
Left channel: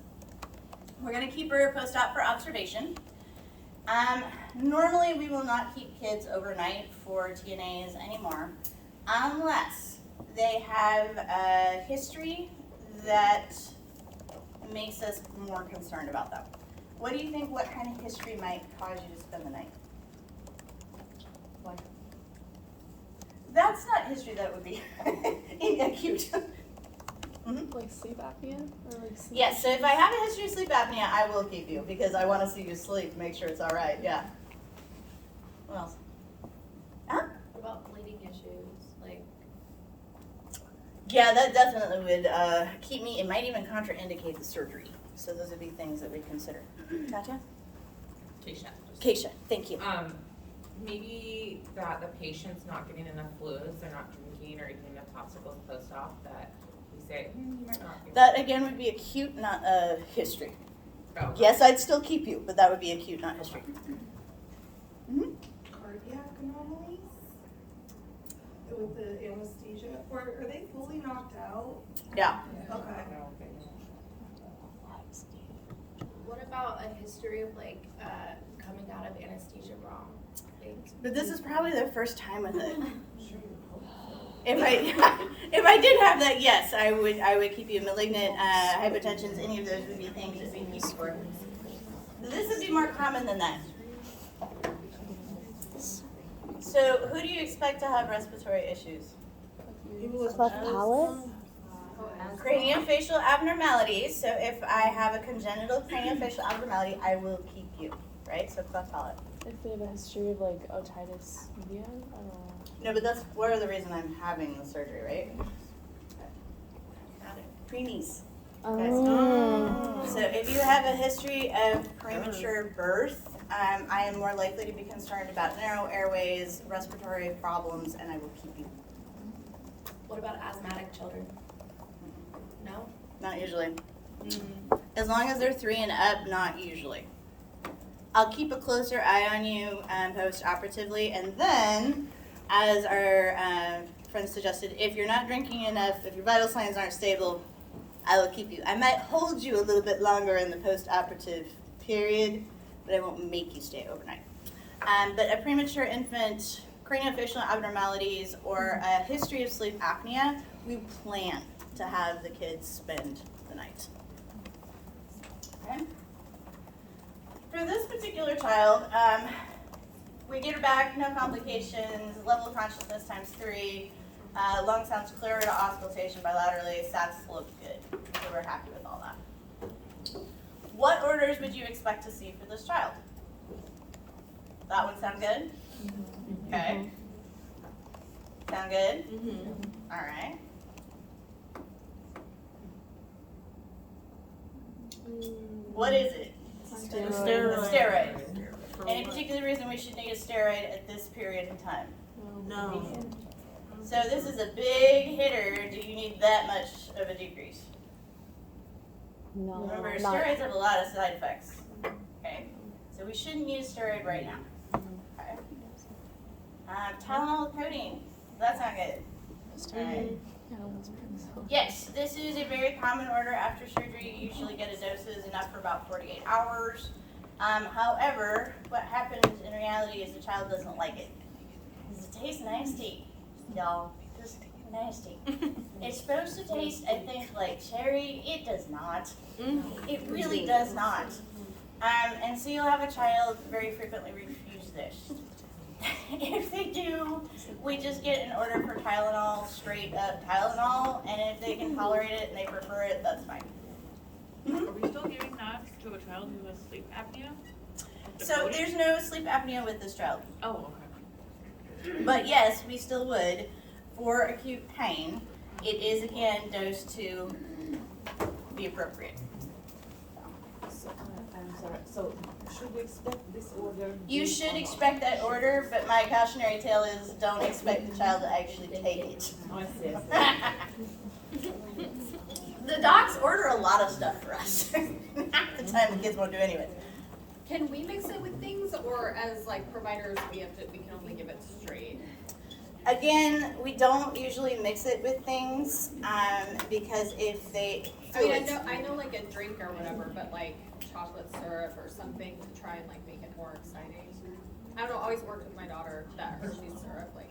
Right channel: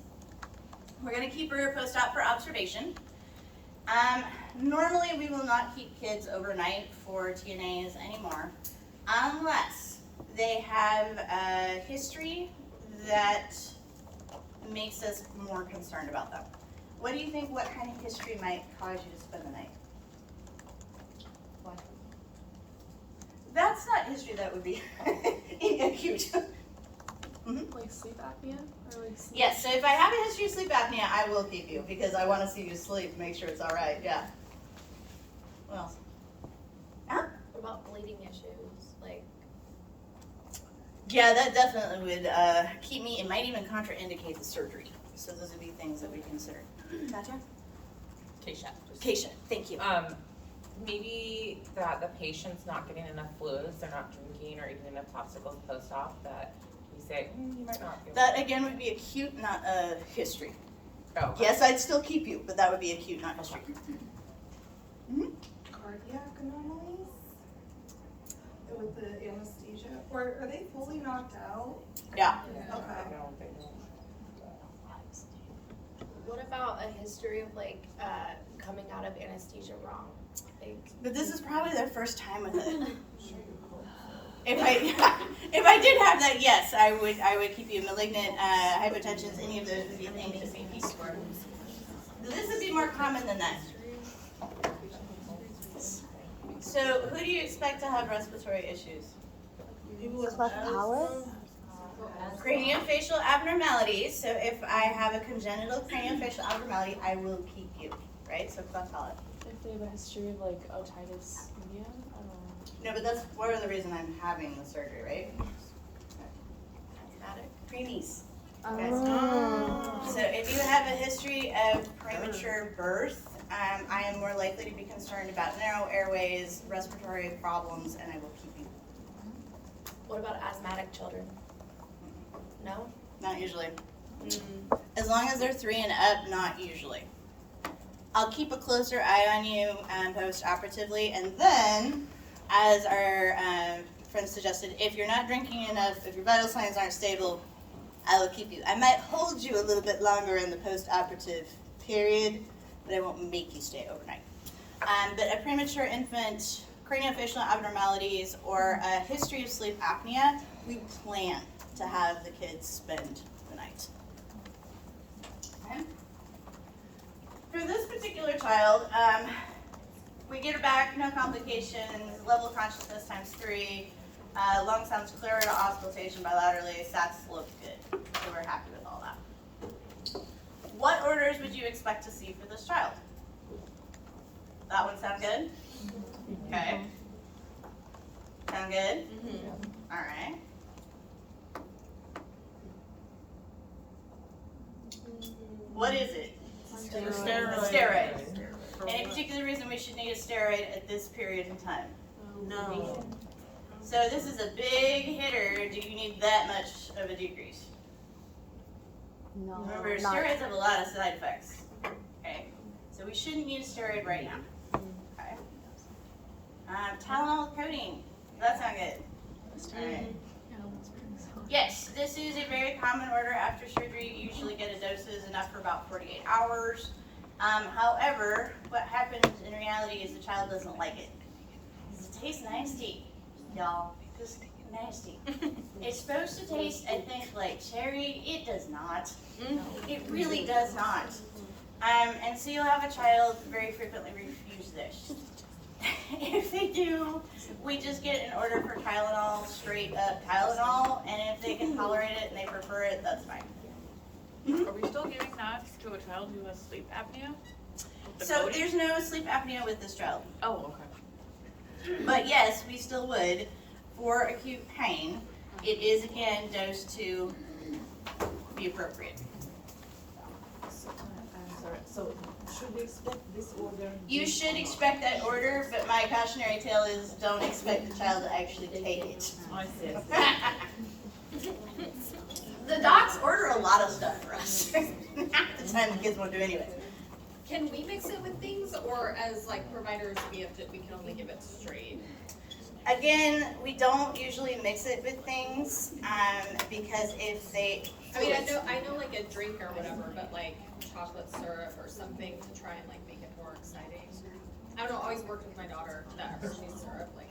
We're going to keep her post-op for observation. Normally, we will not keep kids overnight for TNAs anymore, unless they have a history that makes us more concerned about them. What do you think, what kind of history might cause you to spend the night? What? That's not history that would be acute. Like sleep apnea or like sleep? Yes, so if I have a history of sleep apnea, I will keep you because I want to see you sleep, make sure it's all right, yeah. What else? Huh? What about bleeding issues? Like, Yeah, that definitely would keep me, it might even contraindicate the surgery. So those would be things that we consider. Katya? Keisha. Keisha, thank you. Maybe that the patient's not getting enough fluids, they're not drinking or eating enough popsicles post-op, that we say, you might not be. That again would be acute, not a history. Oh, Yes, I'd still keep you, but that would be acute, not history. Cardiac anomalies with the anesthesia, or are they fully knocked out? Yeah. No, they don't. what about a history of like coming out of anesthesia wrong? Like, But this is probably their first time with it. If I did have that, yes, I would keep you. Malignant hypertensions, any of those would be things that we keep for. This would be more common than that. So, who do you expect to have respiratory issues? People with Cleft palate? Craniofacial abnormalities. So, if I have a congenital craniofacial abnormality, I will keep you, right? So, cleft palate. if they have a history of like otitis media, I don't know. No, but that's part of the reason I'm having the surgery, right? asthmatic. Preemies. Oh. So if you have a history of premature birth, I am more likely to be concerned about narrow airways, respiratory problems, and I will keep you. What about asthmatic children? No? Not usually. As long as they're 3 and up, not usually. I'll keep a closer eye on you post-operatively, and then, as our friend suggested, if you're not drinking enough, if your vital signs aren't stable, I will keep you. I might hold you a little bit longer in the post-operative period, but I won't make you stay overnight. But a premature infant, craniofacial abnormalities, or a history of sleep apnea, we plan to have the kids spend the night. Okay. For this particular child, we get her back, no complications, level of consciousness times 3, lung sounds clear to auscultation bilaterally, SATs look good, so we're happy with all that. What orders would you expect to see for this child? That one sound good? Okay. Sound good? All right. What is it? Steroid. Any particular reason we should need a steroid at this period in time? No. So this is a big hitter. Do you need that much of a decrease? No. Remember, not- steroids have a lot of side effects. Okay, so we shouldn't need a steroid right now. Okay. Tylenol with codeine. That sound good. All right. Yes, this is a very common order after surgery. You usually get a doses enough for about 48 hours. However, what happens in reality is the child doesn't like it. It tastes nasty, y'all. Just nasty. It's supposed to taste, I think, like cherry. It does not. It really does not. And so you'll have a child very frequently refuse this. we just get an order for Tylenol, straight up Tylenol, and if they can tolerate it and they prefer it, that's fine. Are we still giving that to a child who has sleep apnea? So there's no sleep apnea with this child. Oh, okay. But yes, we still would for acute pain. It is again dosed to be appropriate. I'm sorry, so should we expect this order? You should expect that order, but my cautionary tale is don't expect the child to actually take it. Oh, I see. The docs order a lot of stuff for us. Half the time the kids won't do anyways. Can we mix it with things, or as like providers, we can only give it straight? Again, we don't usually mix it with things, because if they, I mean, I know like a drink or whatever, but like chocolate syrup or something to try and like make it more exciting. I don't know, I always worked with my daughter, that Hershey's syrup, like,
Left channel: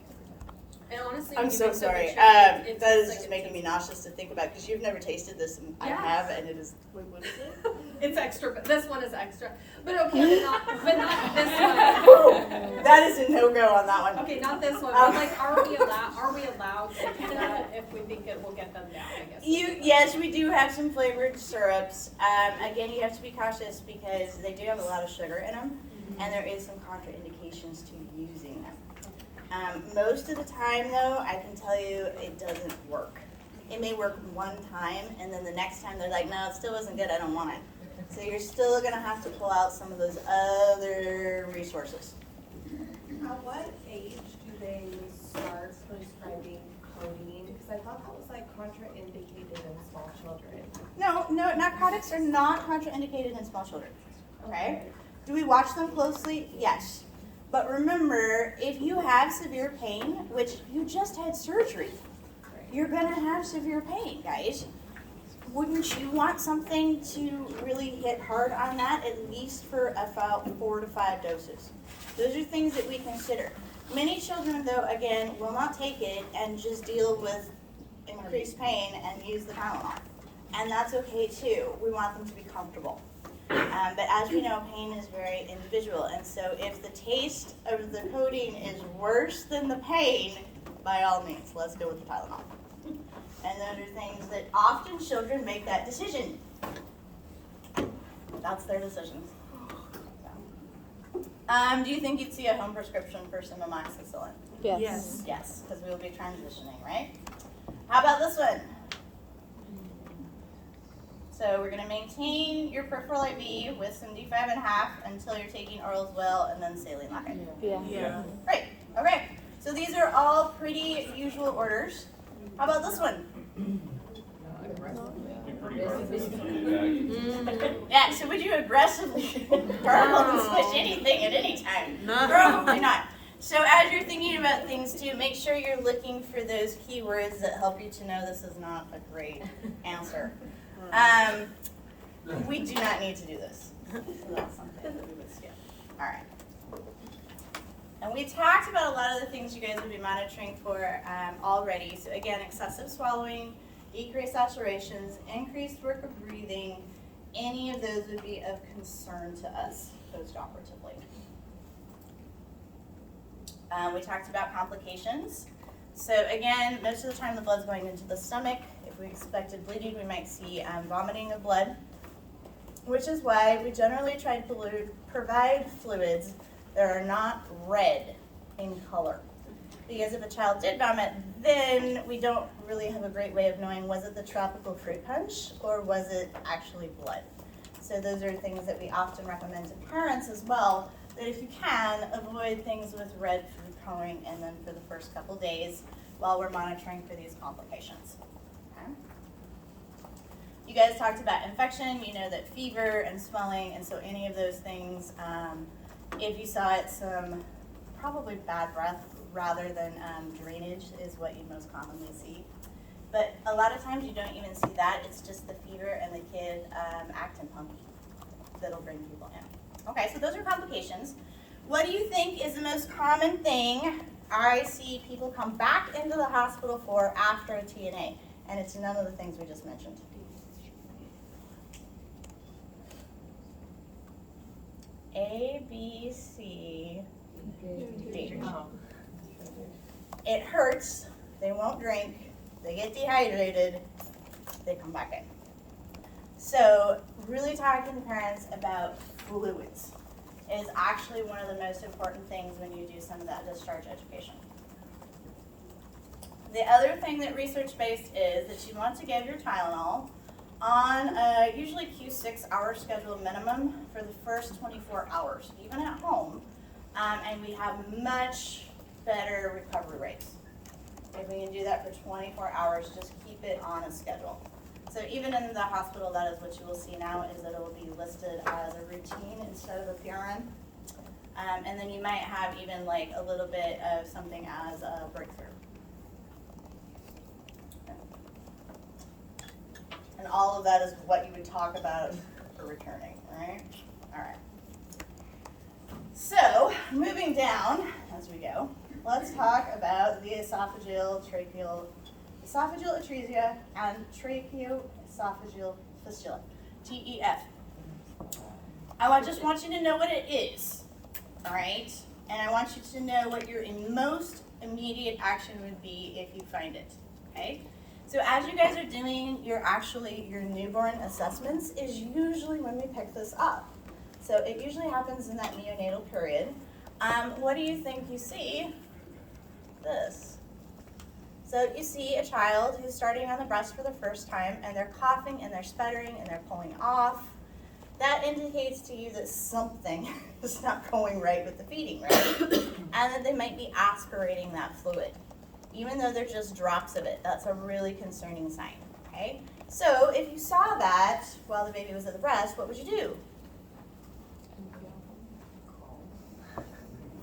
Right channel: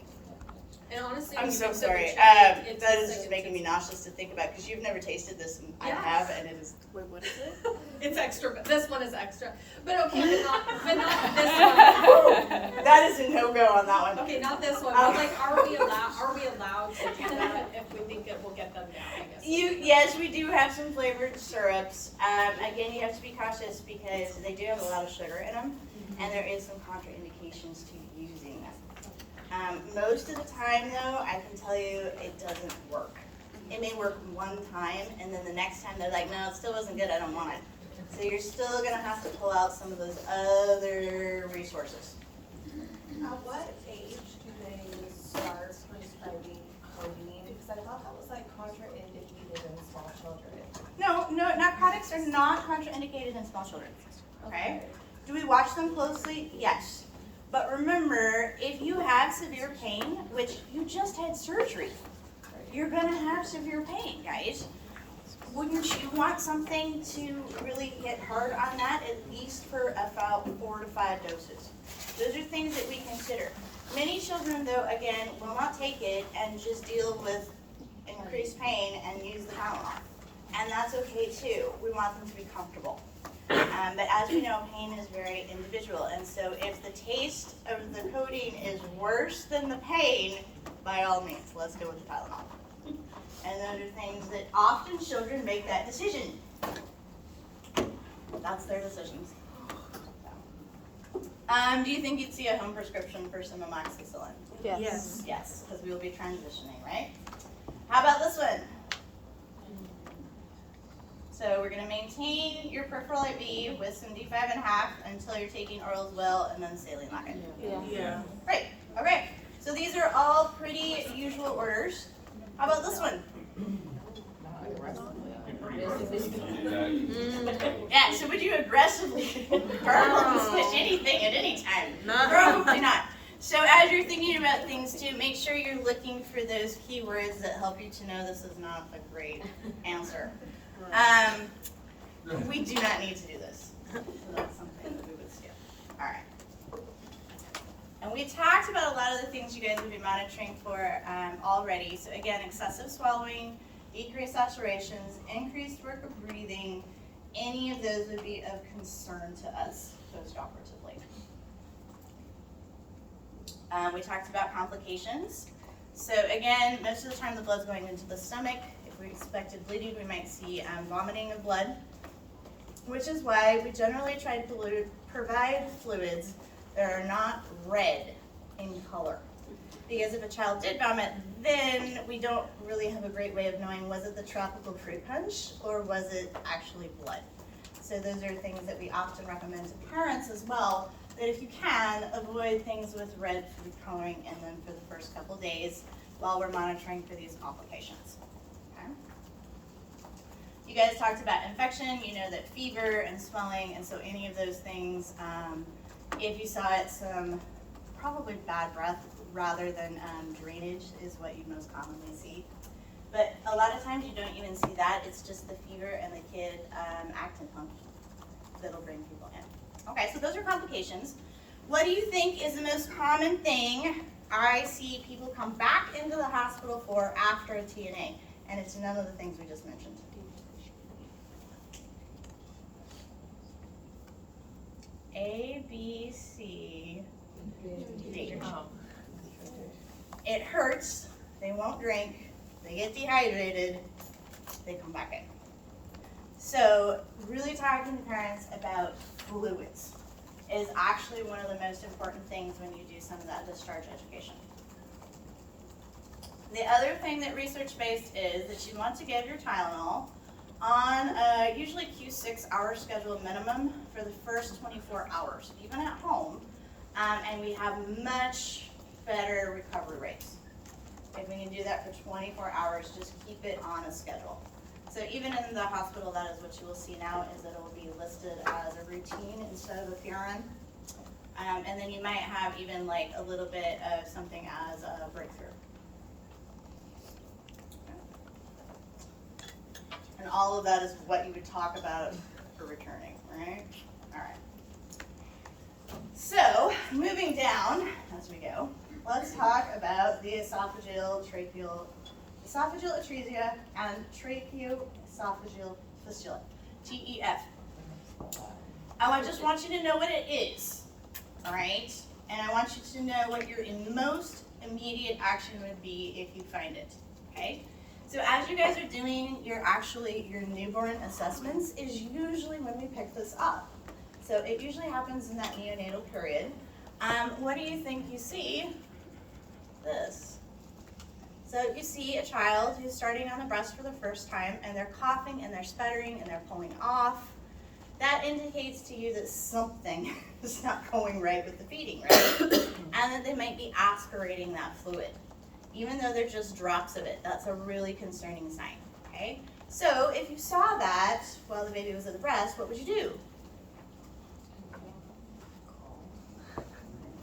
and honestly. I'm when you so mix it with sorry. chicken, it's That is so just making me tasty. nauseous to think about, because you've never tasted this and I Yes. have, and it is. Wait, what is it? It's extra, but this one is extra. But okay, but not this one. That is a no-go on that one. Okay, not this one, but like, are we allowed to do that if we think it will get them down, I guess? Yes, we do have some flavored syrups. Again, you have to be cautious because they do have a lot of sugar in them, and there is some contraindications to using them. Most of the time, though, I can tell you it doesn't work. It may work one time, and then the next time they're like, no, it still wasn't good, I don't want it. So you're still gonna have to pull out some of those other resources. At what age do they start prescribing codeine? Because I thought that was like contraindicated in small children. No, narcotics are not contraindicated in small children, okay? Do we watch them closely? Yes. But remember, if you have severe pain, which you just had surgery, you're gonna have severe pain, guys. Wouldn't you want something to really hit hard on that, at least for about 4 to 5 doses? Those are things that we consider. Many children, though, again, will not take it and just deal with increased pain and use the Tylenol. And that's okay too. We want them to be comfortable. But as we know, pain is very individual. And so if the taste of the codeine is worse than the pain, by all means, let's go with the Tylenol. And those are things that often children make that decision. That's their decisions. Do you think you'd see a home prescription for some amoxicillin? Yes. Yes, because we will be transitioning, right? How about this one? So we're gonna maintain your peripheral IV with some D5.5 until you're taking orals well, and then saline lac. Yeah. Great, okay. So these are all pretty usual orders. How about this one? Not aggressively. Be pretty hard to do that. Yeah, so would you aggressively gargle switch anything at any time? Probably not. So as you're thinking about things too, make sure you're looking for those keywords that help you to know this is not a great answer. We do not need to do this. So that's something that we would skip. All right. And we talked about a lot of the things you guys would be monitoring for already. So again, excessive swallowing, decreased saturations, increased work of breathing, any of those would be of concern to us post-operatively. We talked about complications. So again, most of the time the blood's going into the stomach. If we expected bleeding, we might see vomiting of blood, which is why we generally try to provide fluids that are not red in color. Because if a child did vomit, then we don't really have a great way of knowing, was it the tropical fruit punch or was it actually blood? So those are things that we often recommend to parents as well, that if you can, avoid things with red food coloring in them for the first couple days while we're monitoring for these complications. Okay? You guys talked about infection. You know that fever and swelling, and so any of those things, if you saw it, some probably bad breath rather than drainage is what you most commonly see. But a lot of times you don't even see that. It's just the fever and the kid acting punky that'll bring people in. Okay, so those are complications. What do you think is the most common thing I see people come back into the hospital for after a TNA? And it's none of the things we just mentioned. A, B, C, D. it hurts, they won't drink, they get dehydrated, they come back in. So really talking to parents about fluids is actually one of the most important things when you do some of that discharge education. The other thing that research-based is that you want to give your Tylenol on a usually Q6 hour schedule minimum for the first 24 hours, even at home, and we have much better recovery rates. If we can do that for 24 hours, just keep it on a schedule. So even in the hospital, that is what you will see now, is that it will be listed as a routine instead of a PRN. And then you might have even like a little bit of something as a breakthrough. And all of that is what you would talk about for returning, right? All right. So, moving down as we go, let's talk about the esophageal atresia and tracheoesophageal fistula, TEF. I just want you to know what it is, all right? And I want you to know what your most immediate action would be if you find it, okay? So as you guys are doing your newborn assessments is usually when we pick this up. So it usually happens in that neonatal period. What do you think you see? This. So you see a child who's starting on the breast for the first time, and they're coughing and they're sputtering and they're pulling off. That indicates to you that something is not going right with the feeding, right? And that they might be aspirating that fluid. Even though they're just drops of it, that's a really concerning sign, okay? So if you saw that while the baby was at the breast, what would you do?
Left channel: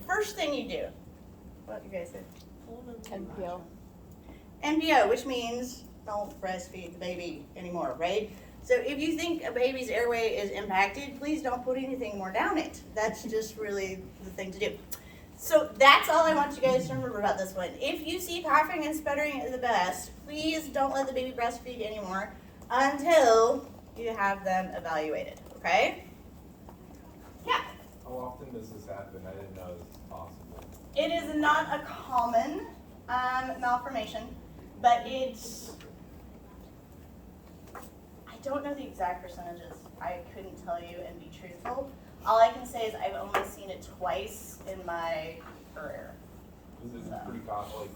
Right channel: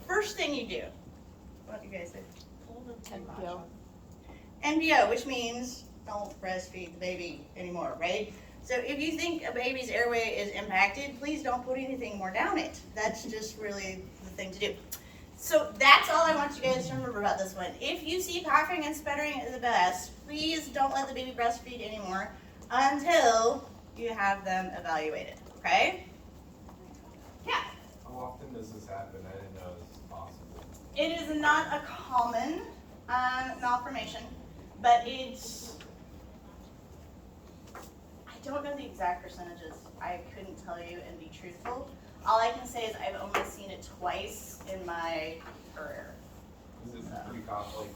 First thing you do, what you guys said? NPO. NPO, which means don't breastfeed the baby anymore, right? So if you think a baby's airway is impacted, please don't put anything more down it. That's just really the thing to do. So that's all I want you guys to remember about this one. If you see coughing and sputtering at the best, please don't let the baby breastfeed anymore until you have them evaluated, okay? Yeah. How often does this happen? I didn't know this was possible. It is not a common malformation, but it's, I don't know the exact percentages. I couldn't tell you and be truthful. All I can say is I've only seen it twice in my career. Is it pretty common? Like,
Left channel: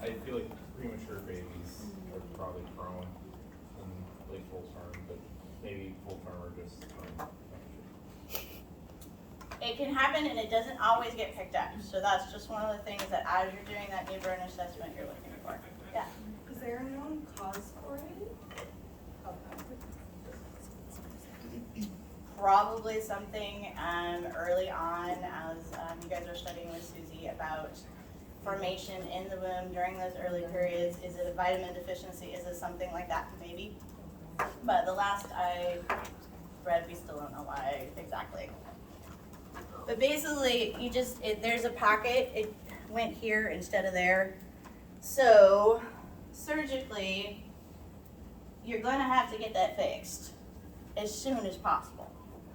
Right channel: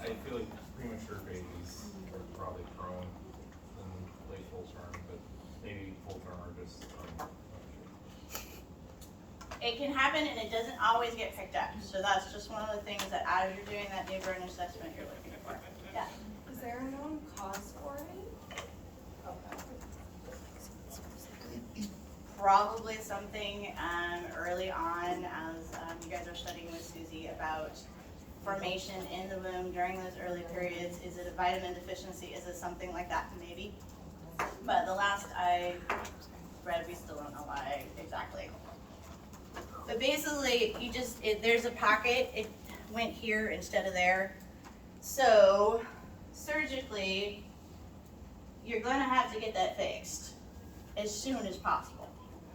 I feel like premature babies are probably prone in like full term, but maybe full term or just. It can happen and it doesn't always get picked up. So that's just one of the things that as you're doing that newborn assessment, you're looking for. Yeah. Is there a known cause for it? Probably something early on as you guys are studying with Susie about formation in the womb during those early periods. Is it a vitamin deficiency? Is it something like that? Maybe. But the last I read, we still don't know why exactly. But basically, there's a pocket. It went here instead of there. So surgically, you're going to have to get that fixed as soon as possible.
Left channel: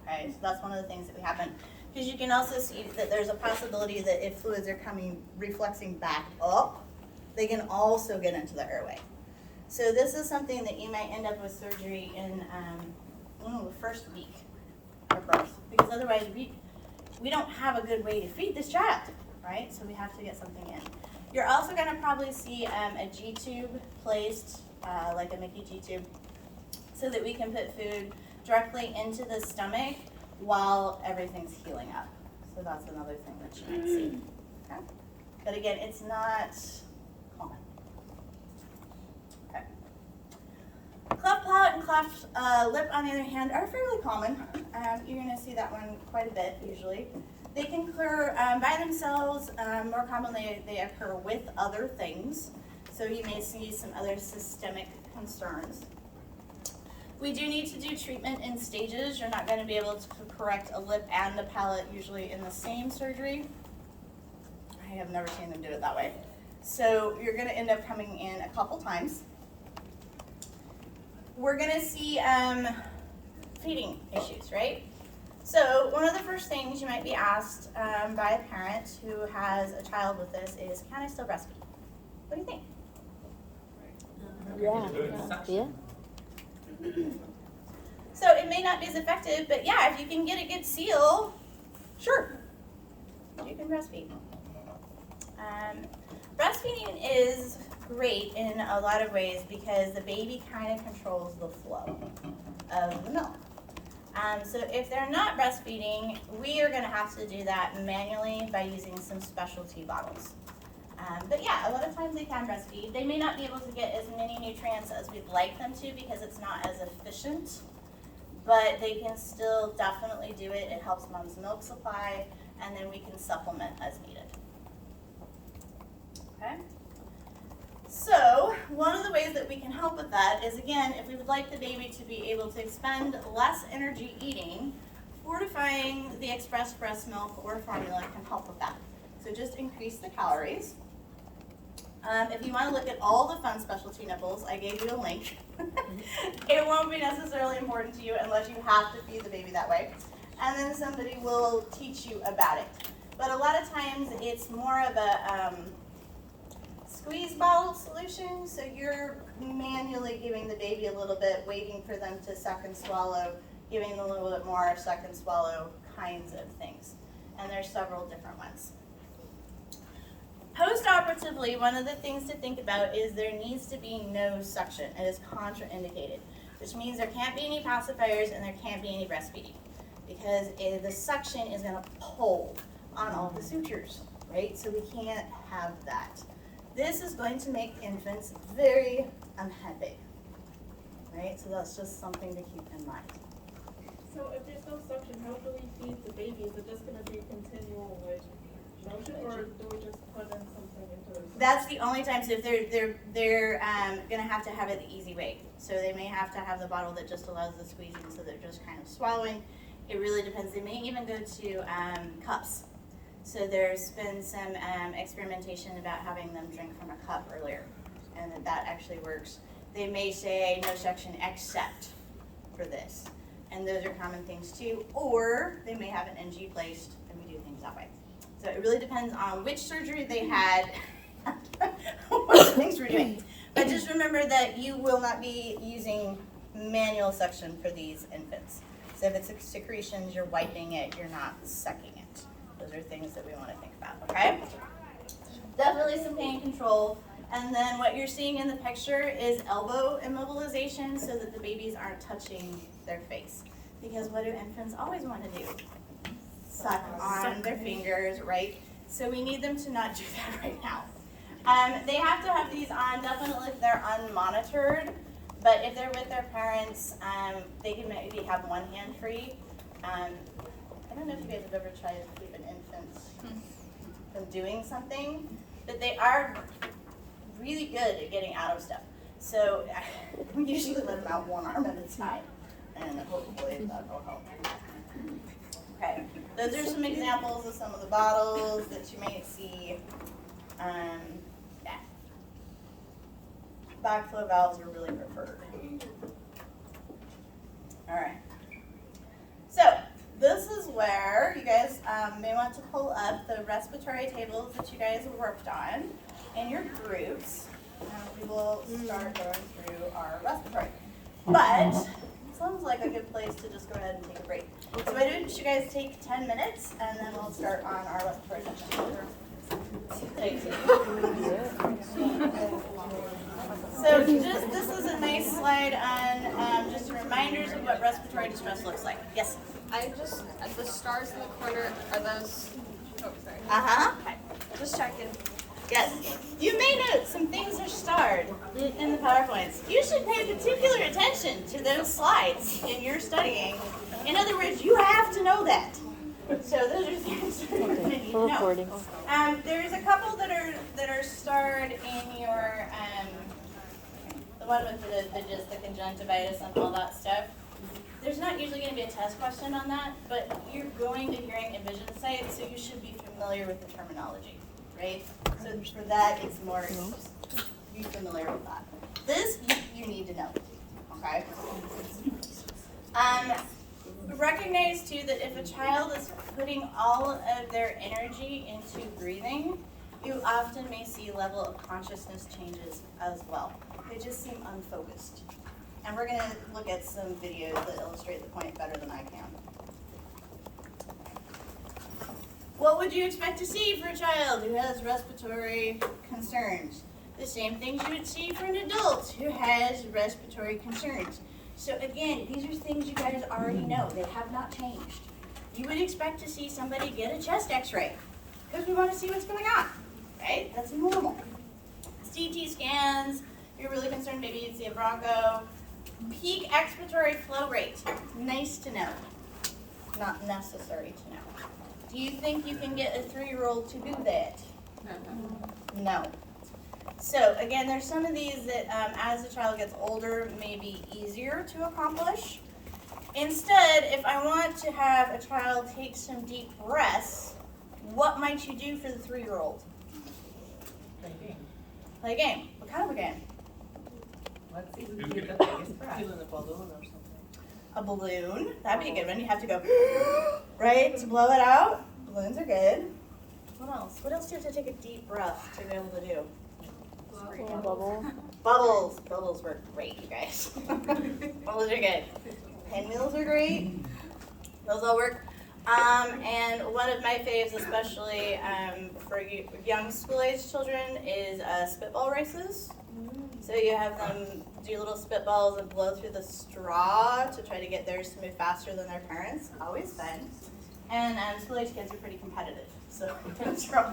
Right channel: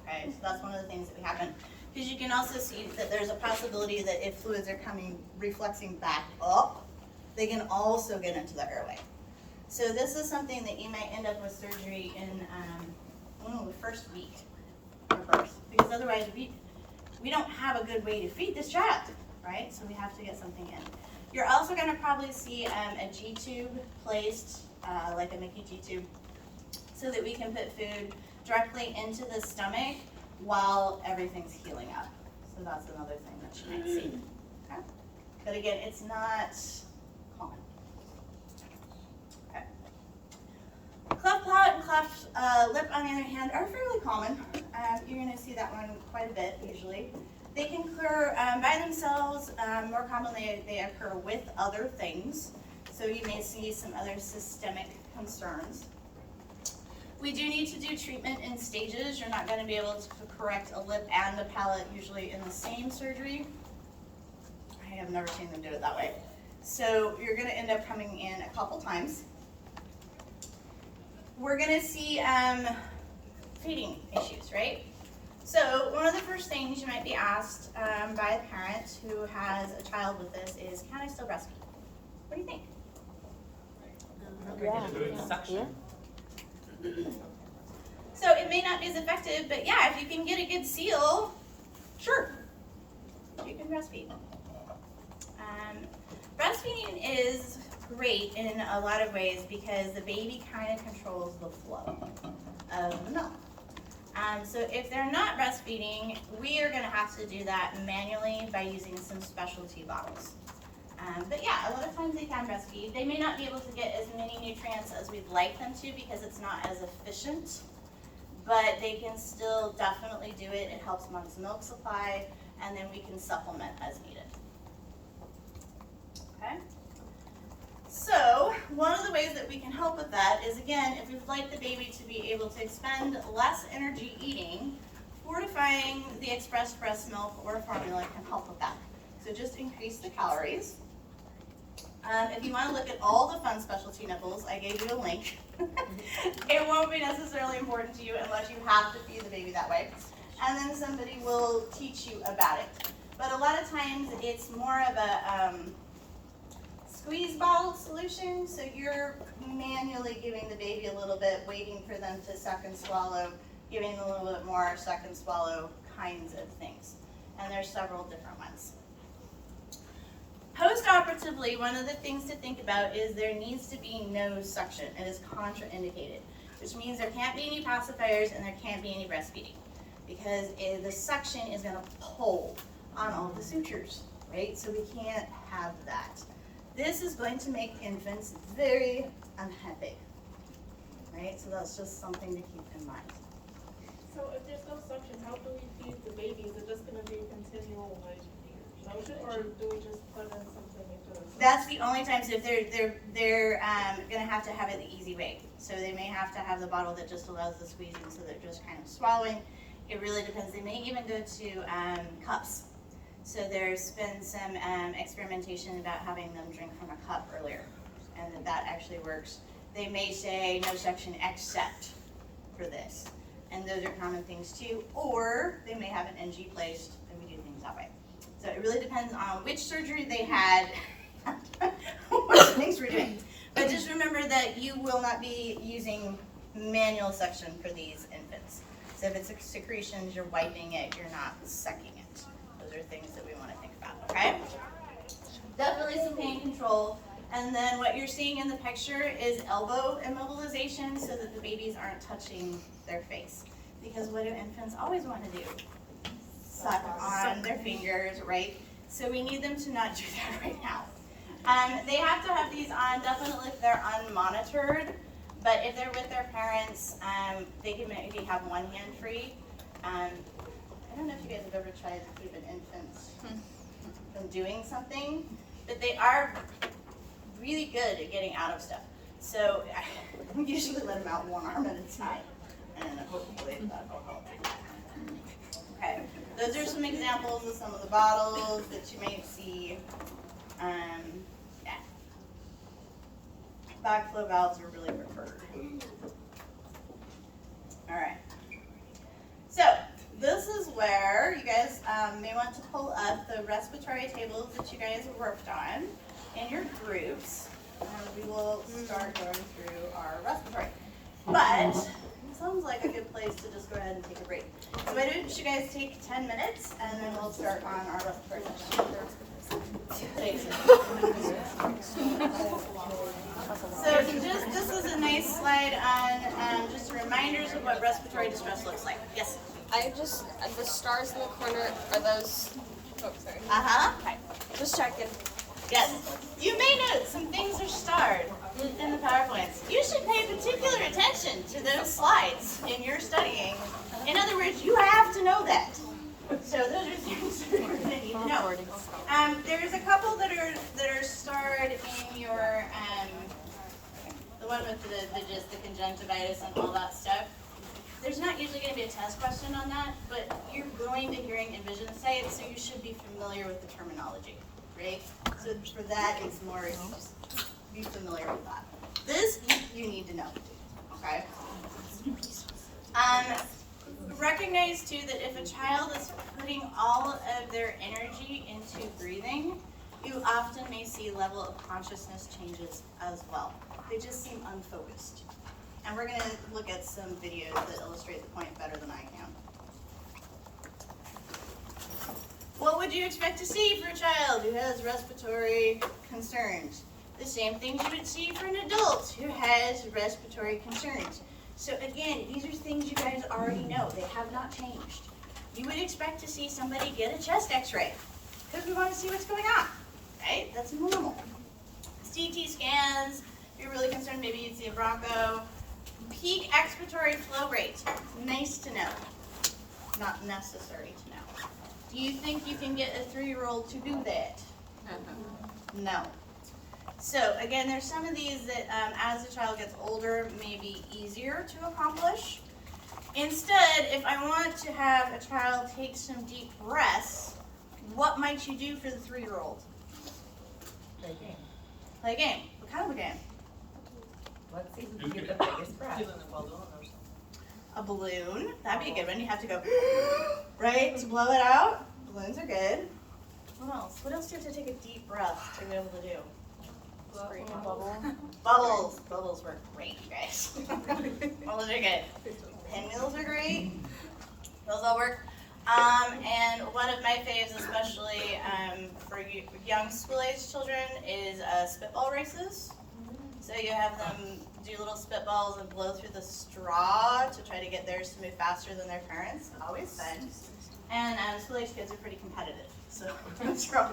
Okay, so that's one of the things that would happen. Because you can also see that there's a possibility that if fluids are reflexing back up, they can also get into the airway. So this is something that you might end up with surgery in the first week of birth. Because otherwise we don't have a good way to feed this child, right? So we have to get something in. You're also going to probably see a G-tube placed, like a Mickey G-tube, so that we can put food directly into the stomach while everything's healing up. So that's another thing that you might see. Okay? But again, it's not common. Okay. Cleft palate and cleft lip, on the other hand, are fairly common. You're going to see that one quite a bit usually. They can occur by themselves. More commonly, they occur with other things. So you may see some other systemic concerns. We do need to do treatment in stages. You're not going to be able to correct a lip and a palate usually in the same surgery. I have never seen them do it that way. So you're going to end up coming in a couple times. We're going to see feeding issues, right? So one of the first things you might be asked by a parent who has a child with this is, can I still breastfeed? What do you think? Yeah. Suction. So it may not be as effective, but yeah, if you can get a good seal, sure, you can breastfeed. Breastfeeding is great in a lot of ways because the baby kind of controls the flow of the milk. So if they're not breastfeeding, we are going to have to do that manually by using some specialty bottles. But yeah, a lot of times they can breastfeed. They may not be able to get as many nutrients as we'd like them to because it's not as efficient, but they can still definitely do it. It helps mom's milk supply, and then we can supplement as needed. Okay? So, one of the ways that we can help with that is, again, if we'd like the baby to be able to expend less energy eating, fortifying the expressed breast milk or formula can help with that. So just increase the calories. If you want to look at all the fun specialty nibbles, I gave you a link. It won't be necessarily important to you unless you have to feed the baby that way. And then somebody will teach you about it. But a lot of times it's more of a squeeze bottle solution. So you're manually giving the baby a little bit, waiting for them to suck and swallow, giving them a little bit more suck and swallow kinds of things. And there's several different ones. Post-operatively, one of the things to think about is there needs to be no suction. It is contraindicated, which means there can't be any pacifiers and there can't be any breastfeeding because the suction is going to pull on all the sutures, right? So we can't have that. This is going to make infants very unhappy, right? So that's just something to keep in mind. So if there's no suction, how do we feed the baby? Is it just gonna be continual like motion, or do we just put in something into it? That's the only time. So if they're gonna have to have it the easy way. So they may have to have the bottle that just allows the squeezing, so they're just kind of swallowing. It really depends. They may even go to cups. So there's been some experimentation about having them drink from a cup earlier, and that actually works. They may say no suction except for this, and those are common things too. Or they may have an NG placed, and we do things that way. So it really depends on which surgery they had, what things we're doing. But just remember that you will not be using manual suction for these infants. So if it's secretions, you're wiping it, you're not sucking it. Those are things that we want to think about, okay? Definitely some pain control. And then what you're seeing in the picture is elbow immobilization so that the babies aren't touching their face. Because what do infants always want to do? Suck on their fingers, right? So we need them to not do that right now. They have to have these on definitely if they're unmonitored, but if they're with their parents, they can maybe have one hand free. I don't know if you guys have ever tried to keep an infant from doing something, but they are really good at getting out of stuff. So I usually let them out one arm at a time, and hopefully that will help. Okay, those are some examples of some of the bottles that you might see. Yeah. Backflow valves are really preferred. All right. So this is where you guys may want to pull up the respiratory tables that you guys have worked on in your groups. And we will start going through our respiratory. But sounds like a good place to just go ahead and take a break. So why don't you guys take 10 minutes and then we'll start on our respiratory session. So this is a nice slide on just reminders of what respiratory distress looks like. Yes? The stars in the corner, are those, oh, sorry. Uh-huh. Okay, just checking. Yes. You may note some things are starred in the PowerPoints. You should pay particular attention to those slides in your studying. In other words, you have to know that. So those are things that you're going to need to know. There's a couple that are starred in your, the one with the conjunctivitis and all that stuff. There's not usually going to be a test question on that, but you're going to hearing and vision sites, so you should be familiar with the terminology, right? So for that, it's more, be familiar with that. This, you need to know, okay? Recognize too that if a child is putting all of their energy into breathing, you often may see level of consciousness changes as well. They just seem unfocused. And we're gonna look at some videos that illustrate the point better than I can. What would you expect to see for a child who has respiratory concerns? The same things you would see for an adult who has respiratory concerns. So again, these are things you guys already know. They have not changed. You would expect to see somebody get a chest x-ray because we want to see what's going on, right? That's normal. CT scans, if you're really concerned, maybe you'd see a broncho. Peak expiratory flow rate, nice to know, not necessary to know. Do you think you can get a 3-year-old to do that? No. So again, there's some of these that as the child gets older may be easier to accomplish. Instead, if I want to have a child take some deep breaths, what might you do for the 3-year-old? Play game. Play a game. What kind of a game? Let's see who can get the biggest breath. A balloon. That'd be a good one. You have to go, right, to blow it out. Balloons are good. What else? What else do you have to take a deep breath to be able to do? Bubbles. Bubbles work great, you guys. Bubbles are good. Pinwheels are great. Those all work. And one of my faves, especially for young school-age children, is spitball races. So you have them do little spitballs and blow through the straw to try to get theirs to move faster than their parents. Always fun. And school-age kids are pretty competitive, so those are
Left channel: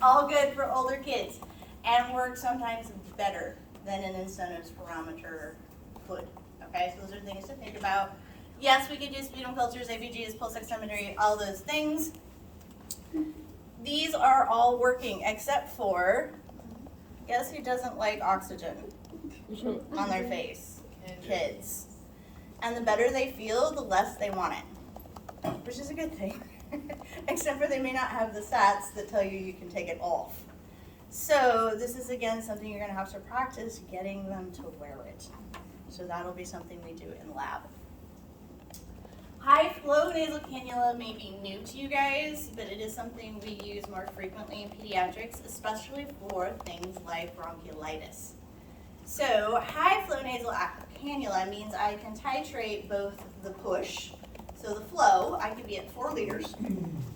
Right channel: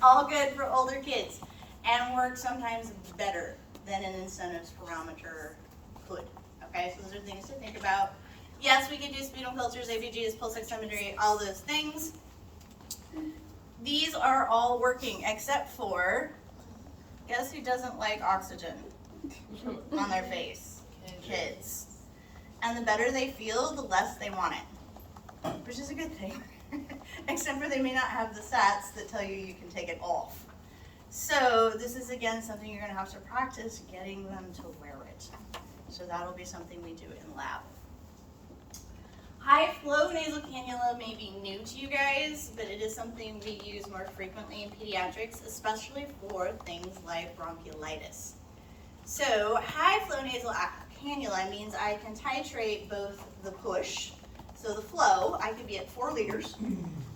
all good for older kids, and work sometimes better than an incentives parameter could. Okay, so those are things to think about. Yes, we could do sputum cultures, ABGs, pulse oximetry, all those things. These are all working except for, guess who doesn't like oxygen on their face? Kids. And the better they feel, the less they want it, which is a good thing. Except for they may not have the sats that tell you can take it off. So this is again something you're going to have to practice getting them to wear it. So that'll be something we do in lab. High flow nasal cannula may be new to you guys, but it is something we use more frequently in pediatrics, especially for things like bronchiolitis. So high flow nasal cannula means I can titrate both the push, so the flow, I could be at 4 liters,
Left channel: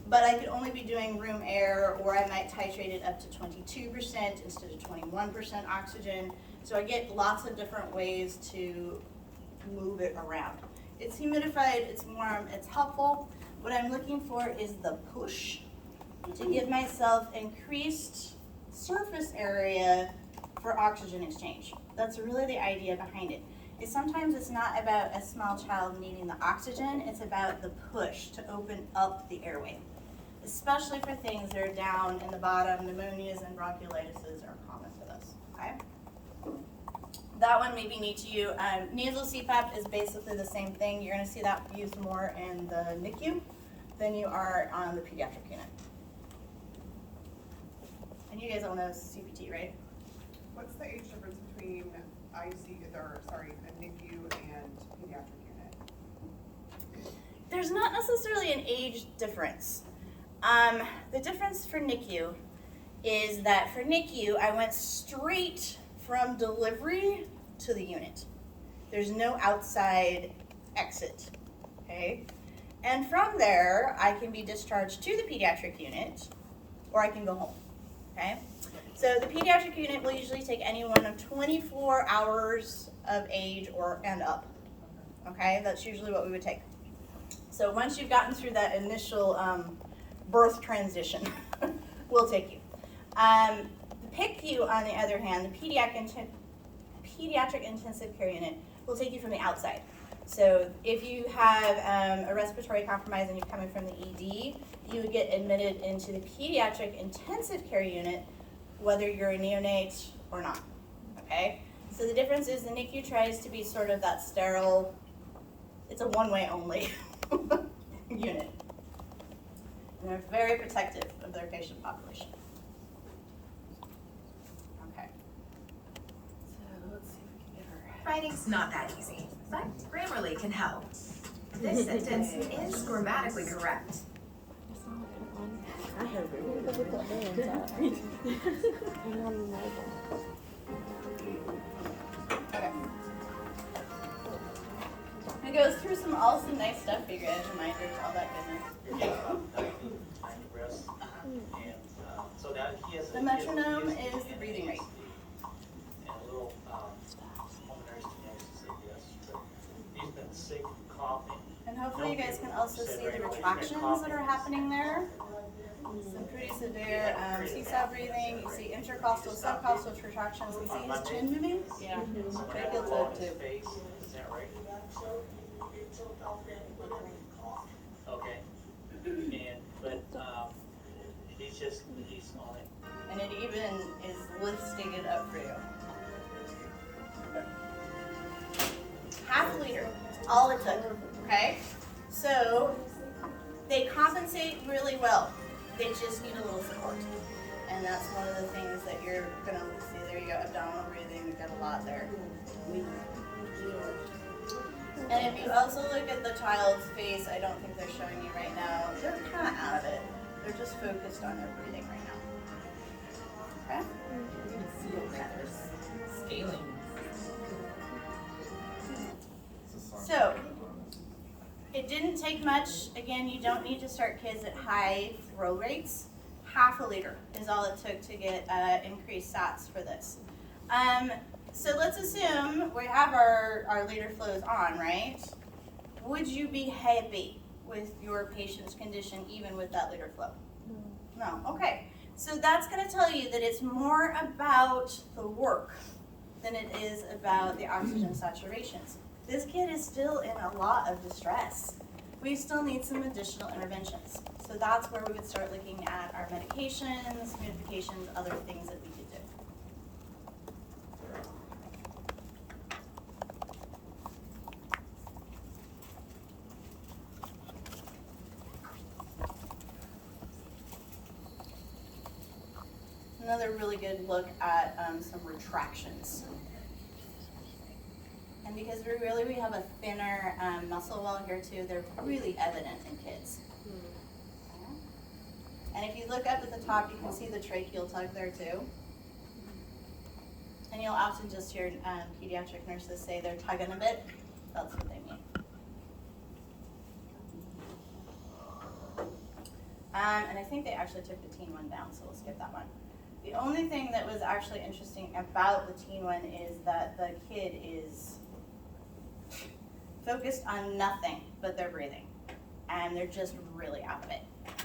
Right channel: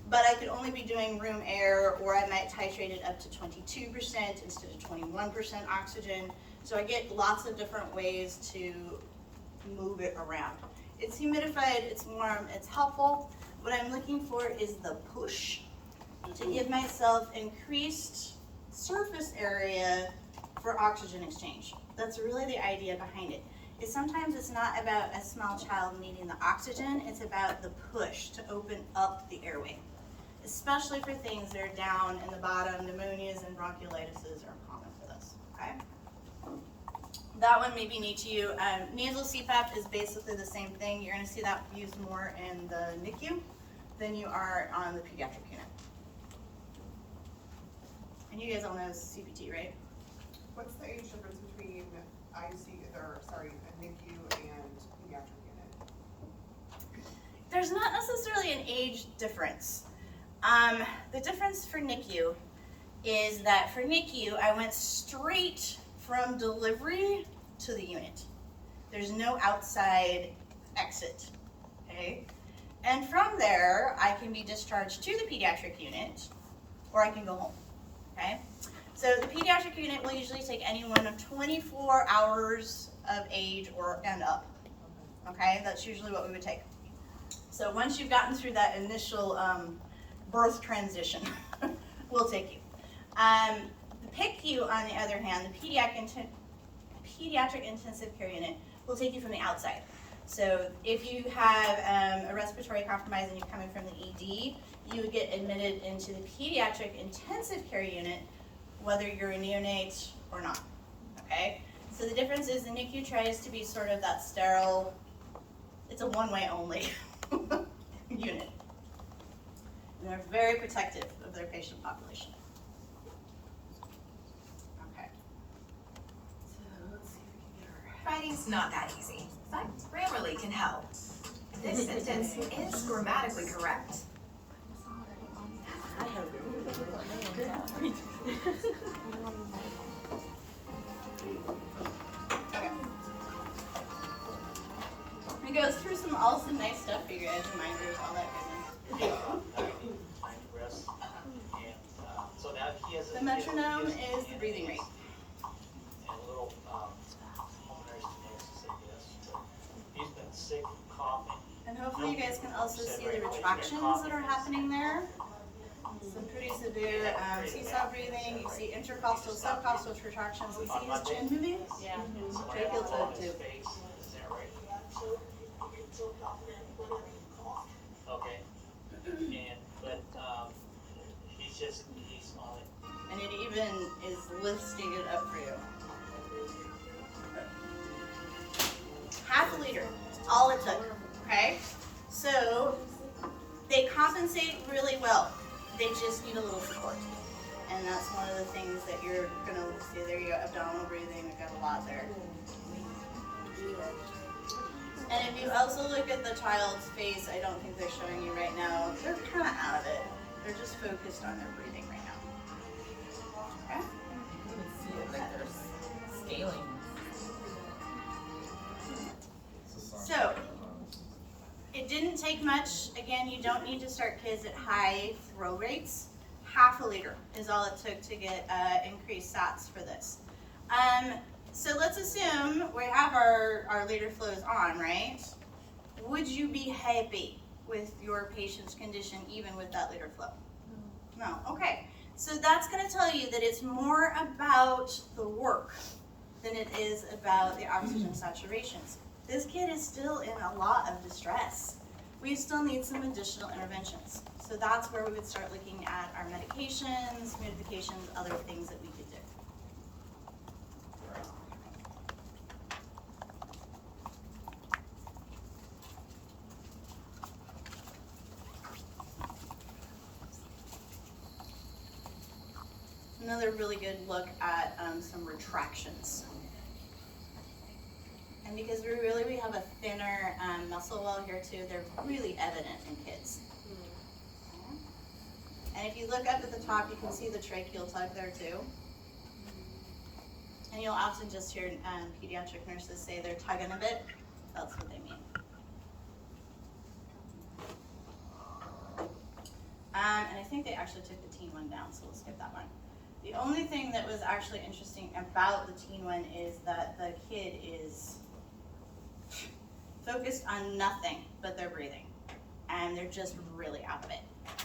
but I could only be doing room air, or I might titrate it up to 22% instead of 21% oxygen. So I get lots of different ways to move it around. It's humidified, it's warm, it's helpful. What I'm looking for is the push to give myself increased surface area for oxygen exchange. That's really the idea behind it. Sometimes it's not about a small child needing the oxygen, it's about the push to open up the airway, especially for things that are down in the bottom. Pneumonias and bronchiolitises are common for this, okay? That one may be neat to you. Nasal CPAP is basically the same thing. You're gonna see that used more in the NICU than you are on the pediatric unit. And you guys all know CPT, right? What's the age difference between a NICU and pediatric unit? There's not necessarily an age difference. The difference for NICU is that for NICU, I went straight from delivery to the unit. There's no outside exit, okay? And from there, I can be discharged to the pediatric unit, or I can go home, okay? So the pediatric unit will usually take anyone of 24 hours of age and up, okay? That's usually what we would take. So once you've gotten through that initial birth transition, we'll take you. The PICU, on the other hand, the pediatric intensive care unit will take you from the outside. So if you have a respiratory compromise and you're coming from the ED, you would get admitted into the pediatric intensive care unit, whether you're a neonate or not, okay? So the difference is the NICU tries to be sort of that sterile, it's a one-way only unit. And they're very protective of their patient population. Okay. So let's see if we can get her. Writing's not that easy, but Grammarly can help. This sentence is grammatically correct. Okay. It goes through all some nice stuff for you guys, reminders, all that goodness. Time rest, and, so that he has. The metronome is the breathing rate. And a little, pulmonary stenosis, I guess, so he's been sick, coughing. And hopefully you guys can also see the retractions that are happening there. Some pretty severe seesaw breathing. You see intercostal, subcostal retractions. You see his chin moving? Yeah. Tracheal tube too. Is that right? Okay, he's on it. And it even is listing it up for you. Half a liter, all it took, okay? So, they compensate really well. They just need a little support. And that's one of the things that you're gonna see. There you go, abdominal breathing, we've got a lot there. And if you also look at the child's face, I don't think they're showing you right now, they're kind of out of it. They're just focused on their breathing right now. Okay? You can see it like they're scaling. So, it didn't take much. Again, you don't need to start kids at high throw rates. Half a liter is all it took to get increased SATs for this. So let's assume we have our liter flows on, right? Would you be happy with your patient's condition even with that liter flow? No, okay. So that's gonna tell you that it's more about the work than it is about the oxygen saturations. This kid is still in a lot of distress. We still need some additional interventions. So that's where we would start looking at our medications, humidifications, other things that we could do. Another really good look at some retractions. And because we have a thinner muscle wall here too, they're really evident in kids. Okay. And if you look up at the top, you can see the tracheal tug there too. And you'll often just hear pediatric nurses say they're tugging a bit. That's what they mean. And I think they actually took the teen one down, so we'll skip that one. The only thing that was actually interesting about the teen one is that the kid is focused on nothing but their breathing, and they're just really out of it.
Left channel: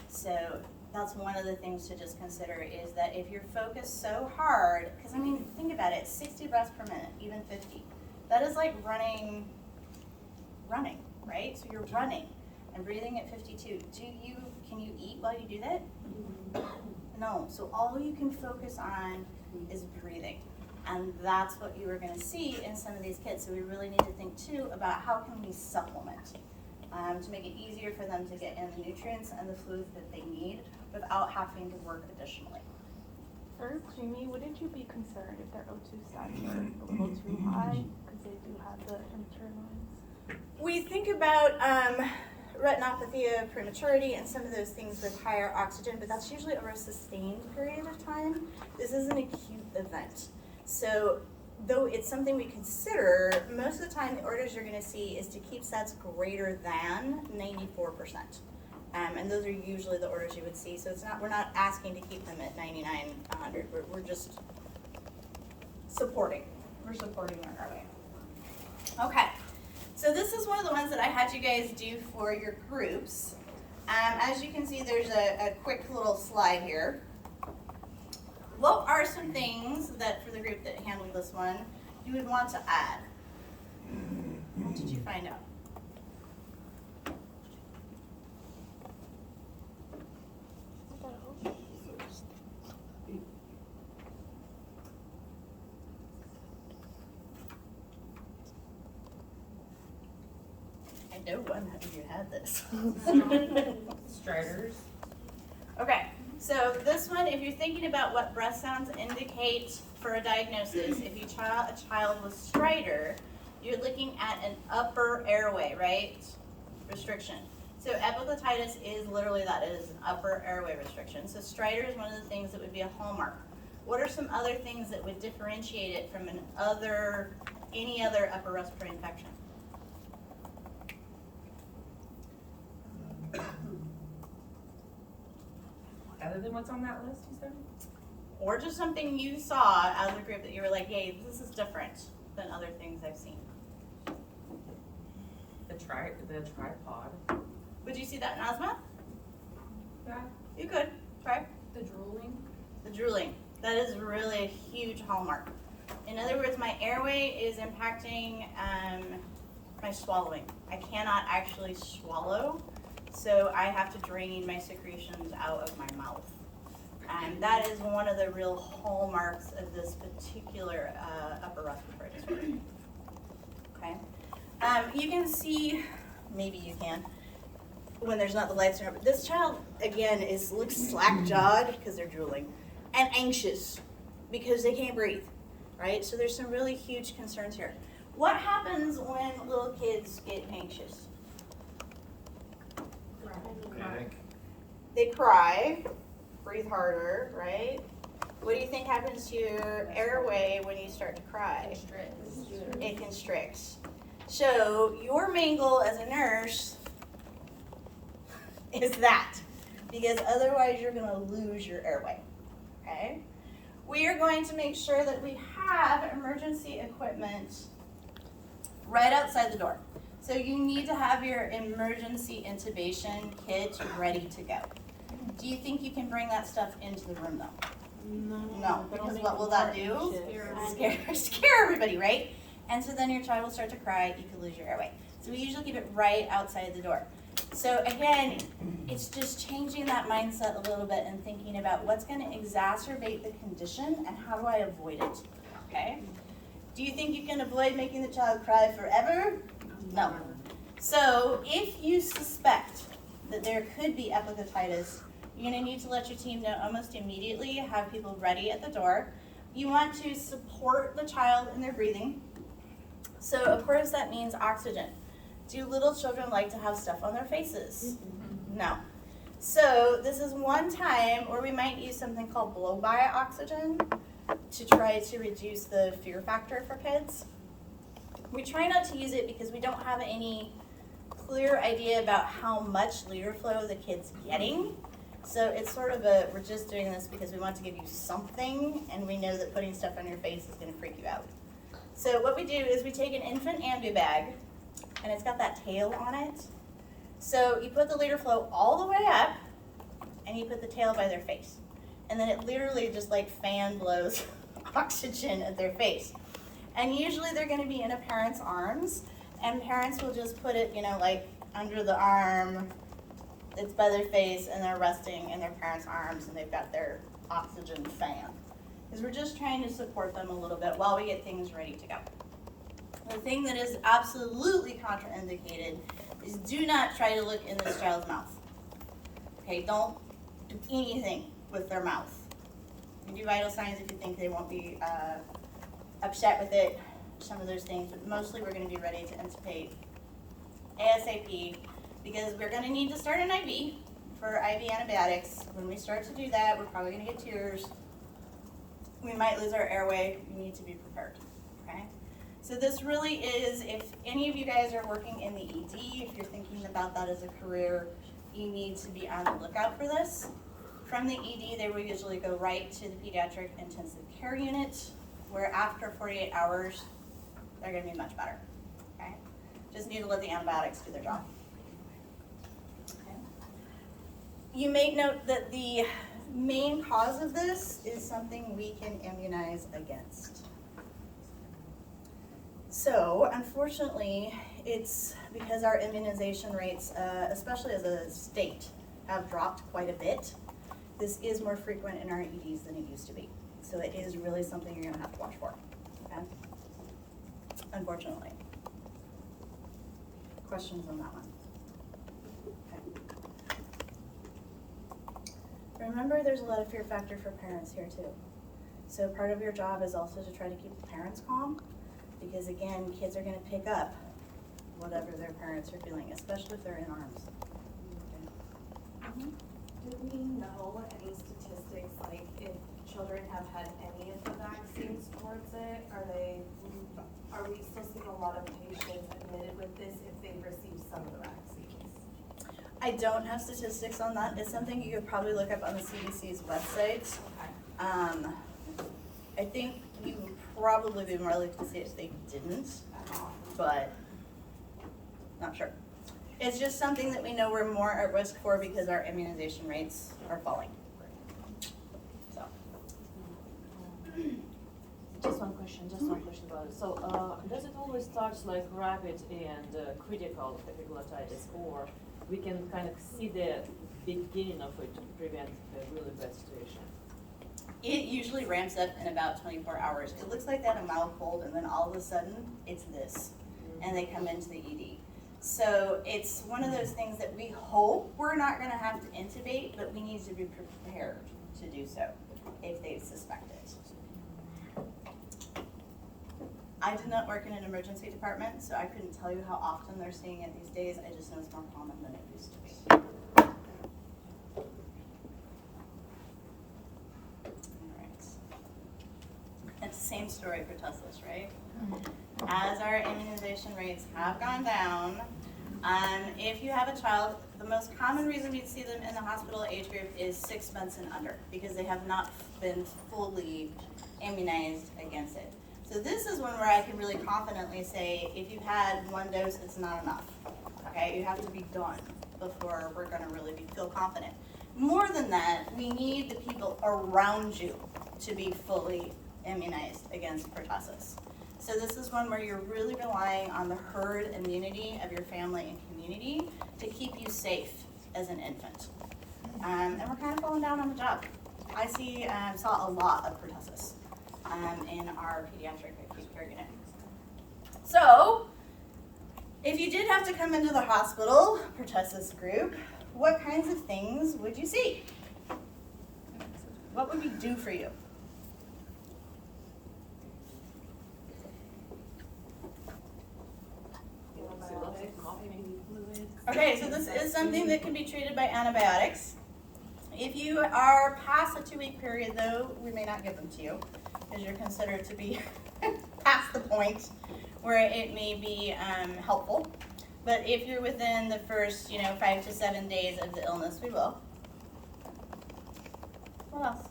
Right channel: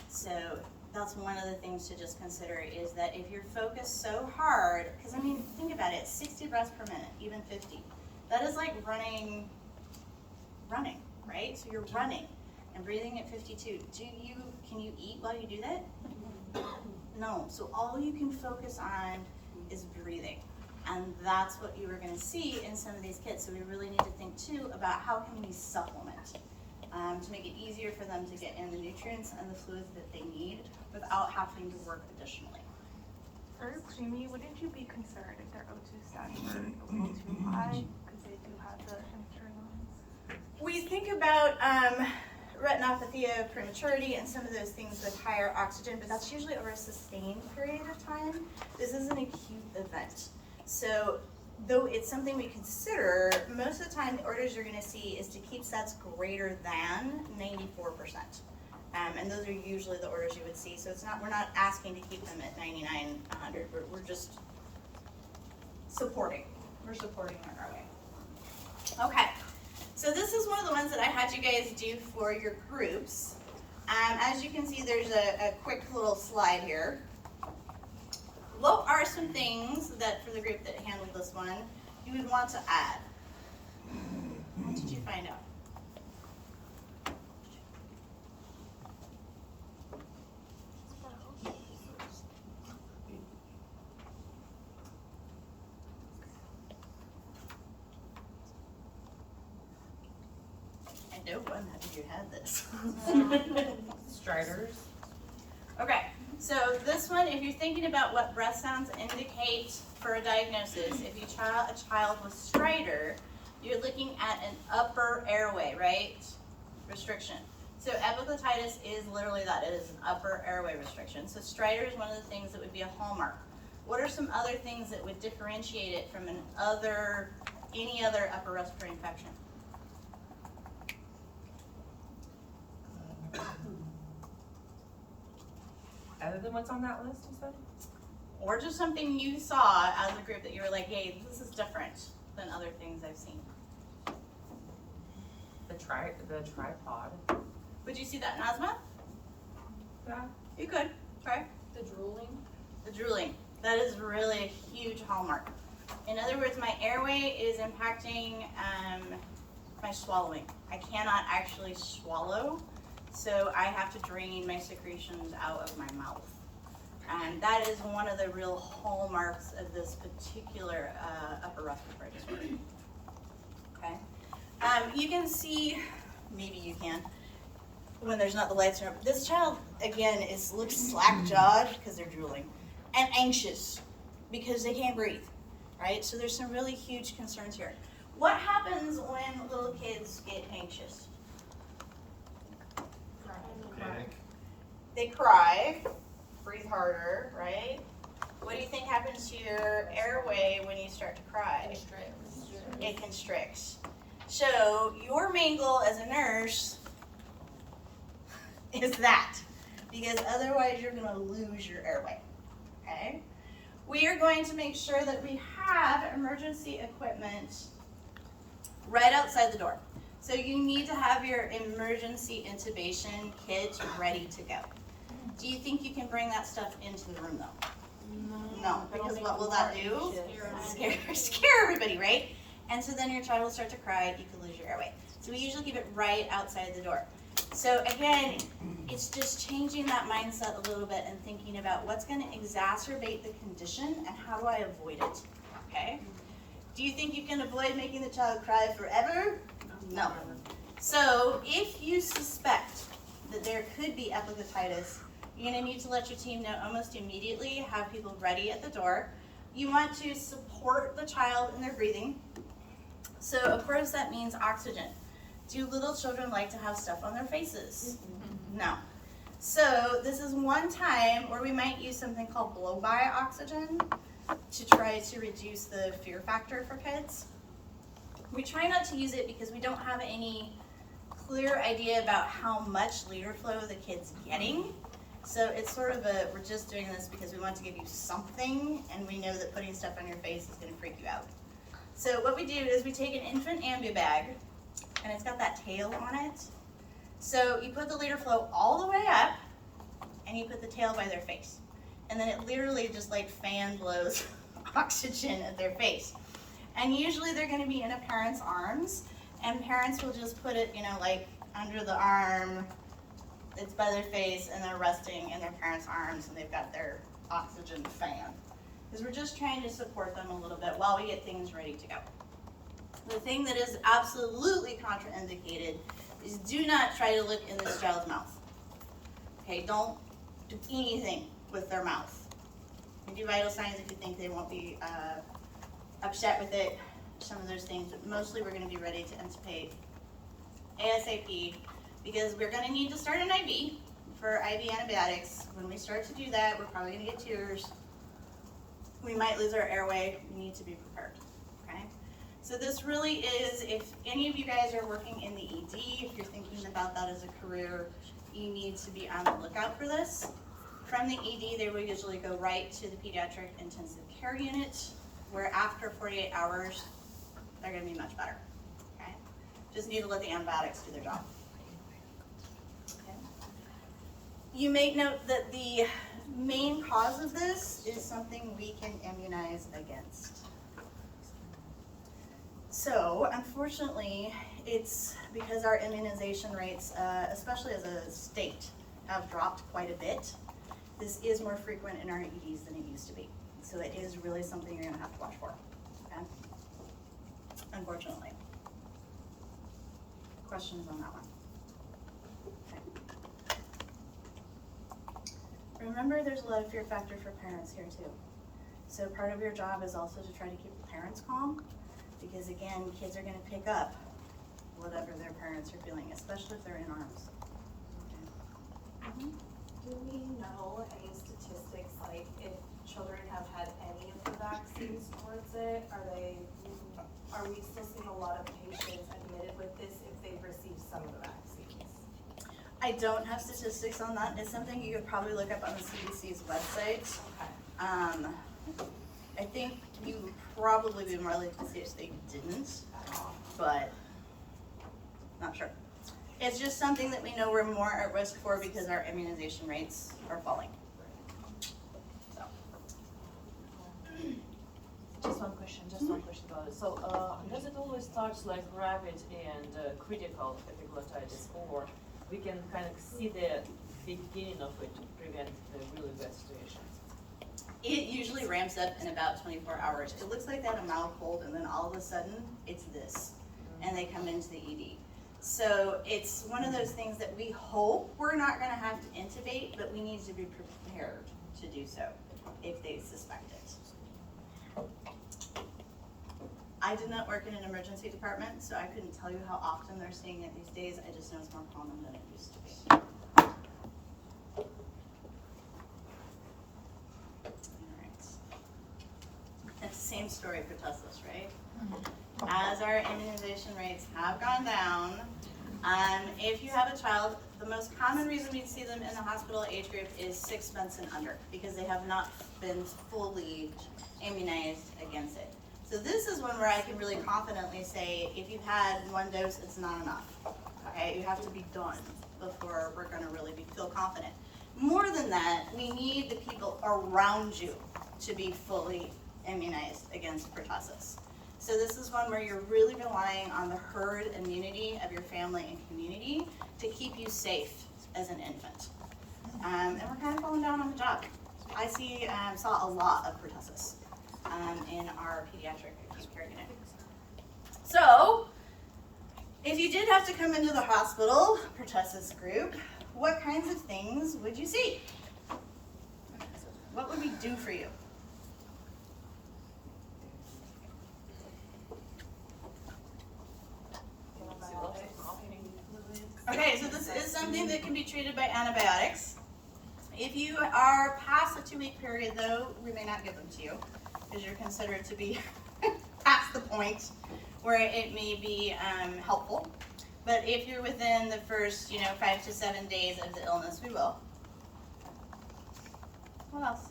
So that's one of the things to just consider is that if you're focused so hard, because I mean, think about it, 60 breaths per minute, even 50. That is like running, right? So you're running and breathing at 52. Can you eat while you do that? No, so all you can focus on is breathing. And that's what you are gonna see in some of these kids. So we really need to think too about how can we supplement to make it easier for them to get in the nutrients and the fluids that they need without having to work additionally. For preemie, wouldn't you be concerned if their O2 stats are a little too high? Because they do have the internal ones. We think about retinopathy of prematurity and some of those things with higher oxygen, but that's usually over a sustained period of time. This is an acute event. So, though it's something we consider, most of the time the orders you're going to see is to keep SATs greater than 94%. And those are usually the orders you would see. So we're not asking to keep them at 99, 100. We're just supporting. We're supporting their growing. Okay. So this is one of the ones that I had you guys do for your groups. As you can see, there's a quick little slide here. What are some things that, for the group that handled this one, you would want to add? What did you find out? I know one of you had this. Striders. Okay, so this one, if you're thinking about what breath sounds indicate for a diagnosis, if you a child with stridor, you're looking at an upper airway, right? Restriction. So epiglottitis is literally that. It is an upper airway restriction. So stridor is one of the things that would be a hallmark. What are some other things that would differentiate it from any other upper respiratory infection? Other than what's on that list, you said? Or just something you saw as a group that you were like, hey, this is different than other things I've seen. The tripod. Would you see that in asthma? Yeah. You could. Try. The drooling. The drooling. That is really a huge hallmark. In other words, my airway is impacting my swallowing. I cannot actually swallow, so I have to drain my secretions out of my mouth. And that is one of the real hallmarks of this particular upper respiratory disorder. Okay. You can see, maybe you can, when there's not the lights in it, but this child, again, looks slack-jawed because they're drooling, and anxious because they can't breathe, right? So there's some really huge concerns here. What happens when little kids get anxious? Panic. They cry, breathe harder, right? What do you think happens to your airway when you start to cry? It constricts. So your main goal as a nurse is that, because otherwise you're going to lose your airway, okay? We are going to make sure that we have emergency equipment right outside the door. So you need to have your emergency intubation kit ready to go. Do you think you can bring that stuff into the room though? No, because what will that do? Scare everybody, right? And so then your child will start to cry, you could lose your airway. So we usually keep it right outside the door. So again, it's just changing that mindset a little bit and thinking about what's going to exacerbate the condition and how do I avoid it, okay? Do you think you can avoid making the child cry forever? No. So if you suspect that there could be epiglottitis, you're going to need to let your team know almost immediately, have people ready at the door. You want to support the child in their breathing. So of course that means oxygen. Do little children like to have stuff on their faces? No. So this is one time where we might use something called blow-by oxygen to try to reduce the fear factor for kids. We try not to use it because we don't have any clear idea about how much liter flow the kid's getting. So it's sort of we're just doing this because we want to give you something, and we know that putting stuff on your face is going to freak you out. So what we do is we take an infant ambu bag, and it's got that tail on it. So you put the liter flow all the way up, and you put the tail by their face. And then it literally just like fan blows oxygen at their face. And usually they're going to be in a parent's arms, and parents will just put it, like under the arm. It's by their face, and they're resting in their parents' arms, and they've got their oxygen fan. Because we're just trying to support them a little bit while we get things ready to go. The thing that is absolutely contraindicated is do not try to look in this child's mouth. Okay, don't do anything with their mouth. You do vital signs if you think they won't be upset with it, some of those things, but mostly we're going to be ready to intubate ASAP because we're going to need to start an IV for IV antibiotics. When we start to do that, we're probably going to get tears. We might lose our airway. We need to be prepared, okay? So this really is, if any of you guys are working in the ED, if you're thinking about that as a career, you need to be on the lookout for this. From the ED, they will usually go right to the pediatric intensive care unit, where after 48 hours, they're going to be much better, okay? Just need to let the antibiotics do their job. Okay. You may note that the main cause of this is something we can immunize against. So, unfortunately, it's because our immunization rates, especially as a state, have dropped quite a bit. This is more frequent in our EDs than it used to be. So it is really something you're going to have to watch for, okay? Unfortunately. Questions on that one? Okay. Remember, there's a lot of fear factor for parents here too. So part of your job is also to try to keep the parents calm, because again, kids are going to pick up whatever their parents are feeling, especially if they're in arms. Do we know any statistics, like if children have had any of the vaccines towards it, are we still seeing a lot of patients admitted with this if they've received some of the vaccines? I don't have statistics on that. It's something you could probably look up on the CDC's website. Okay. I think you would probably be more likely to see if they didn't, but not sure. It's just something that we know we're more at risk for because our immunization rates are falling. So. Just one question about it. So, does it always start like rapid and critical epiglottitis, or we can kind of see the beginning of it to prevent the really bad situations? It usually ramps up in about 24 hours. It looks like they had a mild cold and then all of a sudden it's this, and they come into the ED. So it's one of those things that we hope we're not gonna have to intubate, but we need to be prepared to do so if they suspect it. I did not work in an emergency department, so I couldn't tell you how often they're seeing it these days. I just know it's more common than it used to be. All right. It's the same story for tussles, right? As our immunization rates have gone down, if you have a child, the most common reason we'd see them in the hospital age group is 6 months and under, because they have not been fully immunized against it. So this is one where I can really confidently say, if you've had one dose, it's not enough. Okay, you have to be done before we're gonna really feel confident. More than that, we need the people around you to be fully immunized against pertussis. So this is one where you're really relying on the herd immunity of your family and community to keep you safe as an infant. And we're kind of falling down on the job. I saw a lot of pertussis in our pediatric acute care unit. So, if you did have to come into the hospital, pertussis group, what kinds of things would you see? What would we do for you? Okay, so this is something that can be treated by antibiotics. If you are past a 2-week period though, we may not give them to you because you're considered to be past the point where it may be helpful. But if you're within the first, 5 to 7 days of the illness, we will. What else?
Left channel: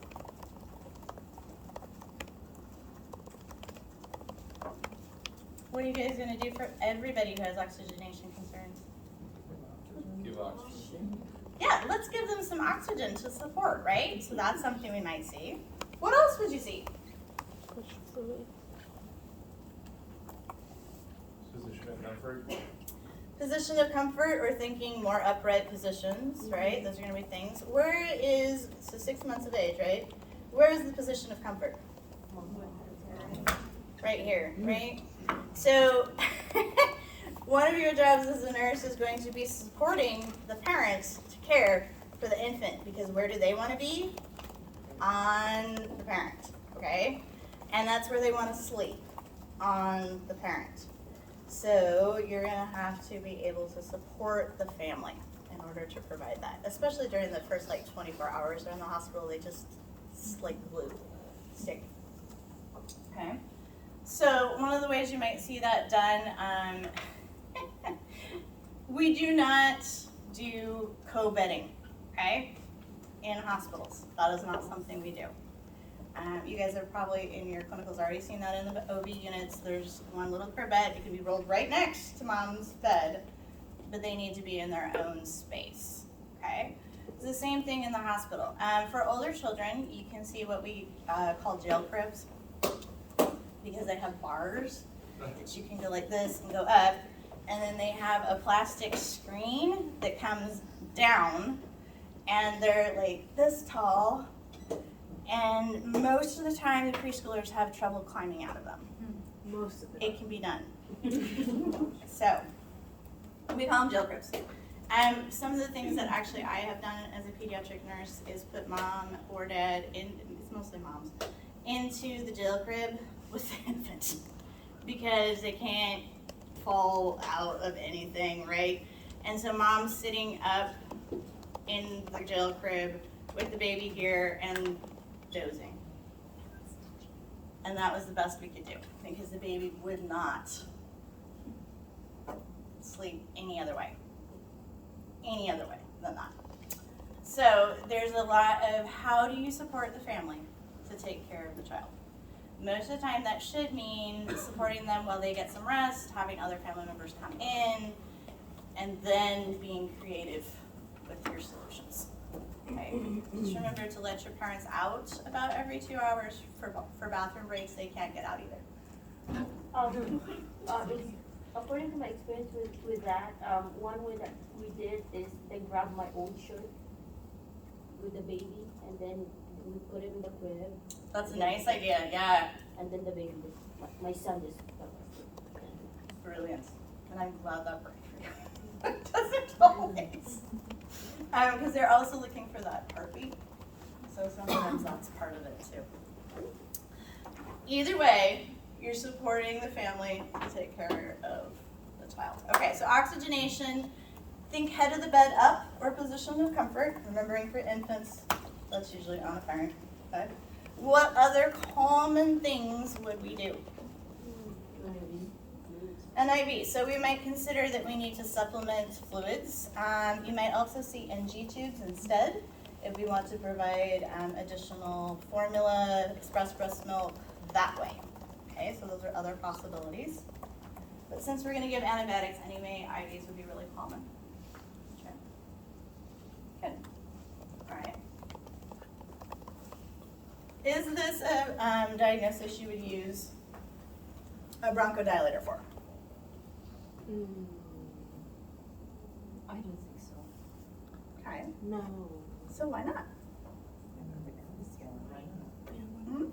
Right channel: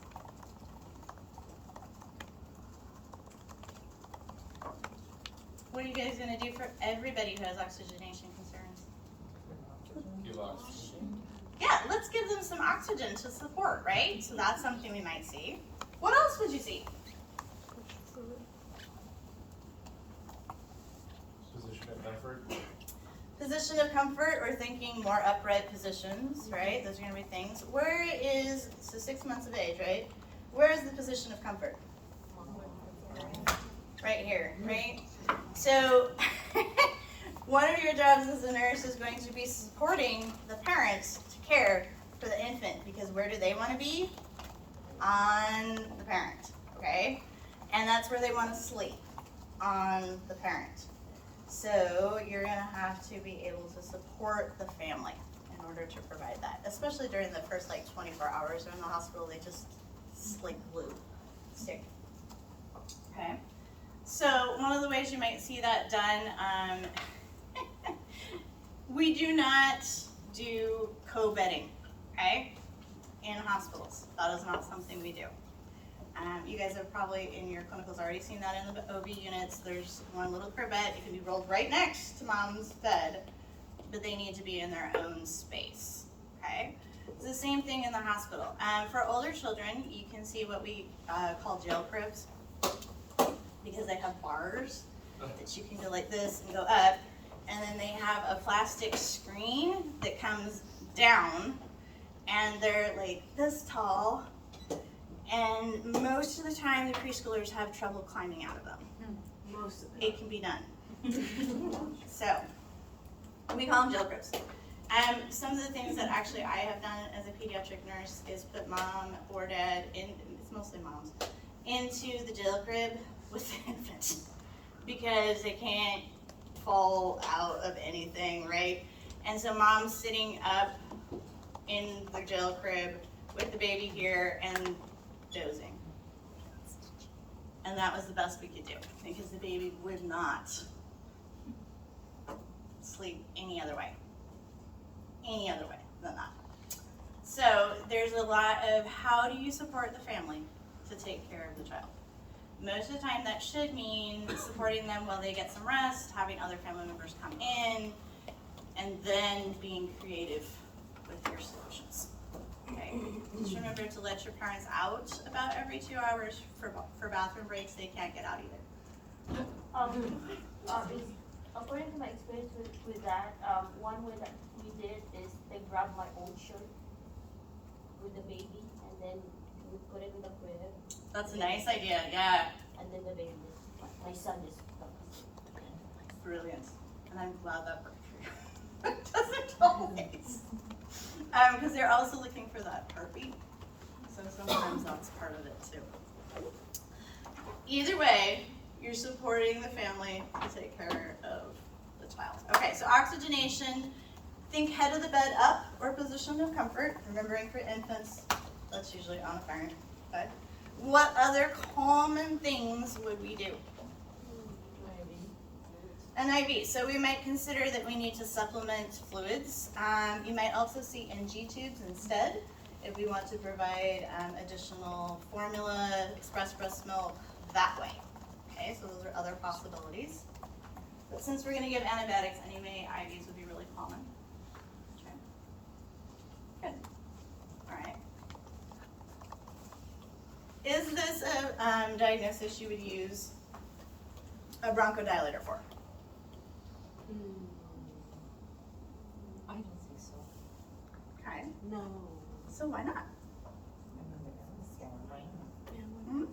What are you guys gonna do for everybody who has oxygenation concerns? Give oxygen. Yeah, let's give them some oxygen to support, right? So that's something we might see. What else would you see? Position of comfort. Position of comfort, or thinking more upright positions, right? Those are gonna be things. So 6 months of age, right? Where is the position of comfort? Right here, right? So one of your jobs as a nurse is going to be supporting the parents to care for the infant, because where do they want to be? On the parent, okay? And that's where they want to sleep, on the parent. So you're gonna have to be able to support the family in order to provide that, especially during the first 24 hours they're in the hospital. They just like glue, stick. Okay. So one of the ways you might see that done, we do not do co-bedding, okay, in hospitals. That is not something we do. You guys have probably in your clinicals already seen that in the OB units. There's one little per bed. It can be rolled right next to mom's bed, but they need to be in their own space, okay? It's the same thing in the hospital. For older children, you can see what we call jail cribs, because they have bars that you can go like this and go up, and then they have a plastic screen that comes down, and they're like this tall, and most of the time the preschoolers have trouble climbing out of them. Most of It can be done. So, we call them jail cribs. Some of the things that actually I have done as a pediatric nurse is put mom or dad, it's mostly moms, into the jail crib with the infant, because they can't fall out of anything, right? And so mom's sitting up in the jail crib with the baby here and dozing. And that was the best we could do because the baby would not sleep any other way than that. So there's a lot of how do you support the family to take care of the child. Most of the time that should mean supporting them while they get some rest, having other family members come in, and then being creative with your solutions. Okay. Just remember to let your parents out about every 2 hours for bathroom breaks. They can't get out either. According to my experience with that, one way that we did is they grabbed my old shirt with the baby and then we put it in the crib. That's a nice idea, yeah. And then the baby my son is Brilliant. And I'm glad that worked for you. It doesn't always. Because they're also looking for that heartbeat. So sometimes that's part of it too. Either way, you're supporting the family to take care of the child. Okay, so oxygenation, think head of the bed up or position of comfort. Remembering for infants, that's usually on a parent. Okay. What other common things would we do? An IV. So we might consider that we need to supplement fluids. You might also see NG tubes instead if we want to provide additional formula, express breast milk that way. Okay, so those are other possibilities. But since we're going to give antibiotics anyway, IVs would be really common. Okay. Good. All right. Is this a diagnosis you would use a bronchodilator for? I don't think so. Okay. No. So why not? Hmm?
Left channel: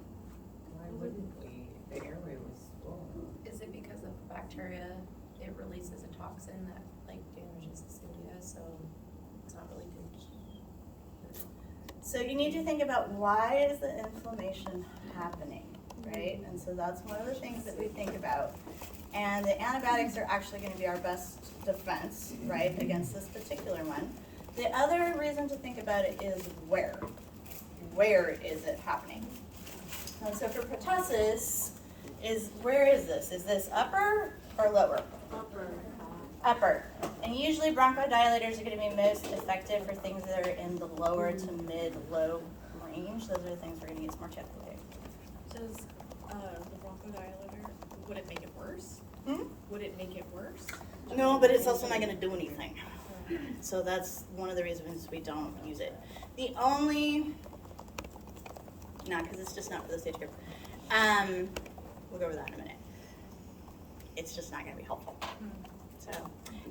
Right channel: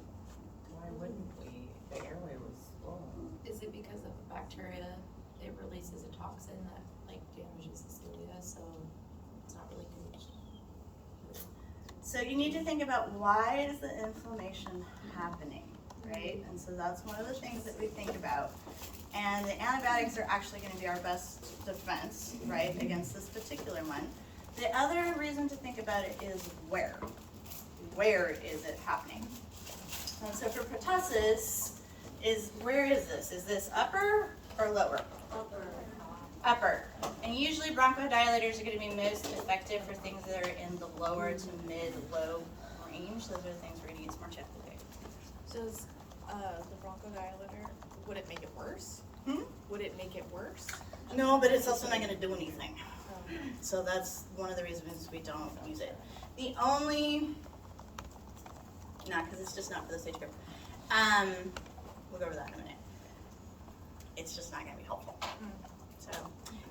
Why wouldn't we? If the airway was swollen. Is it because of bacteria? It releases a toxin that like damages the cilia, so it's not really good. So you need to think about why is the inflammation happening, right? And so that's one of the things that we think about. And the antibiotics are actually going to be our best defense, right, against this particular one. The other reason to think about it is where. Where is it happening? And so for pertussis, where is this? Is this upper or lower? Upper. And usually bronchodilators are going to be most effective for things that are in the lower to mid-low range. Those are the things we're going to use more typically. Does the bronchodilator, would it make it worse? Hmm? Would it make it worse? No, but it's also not going to do anything. So that's one of the reasons we don't use it. The only, because it's just not for the stage group. We'll go over that in a minute. It's just not going to be helpful. So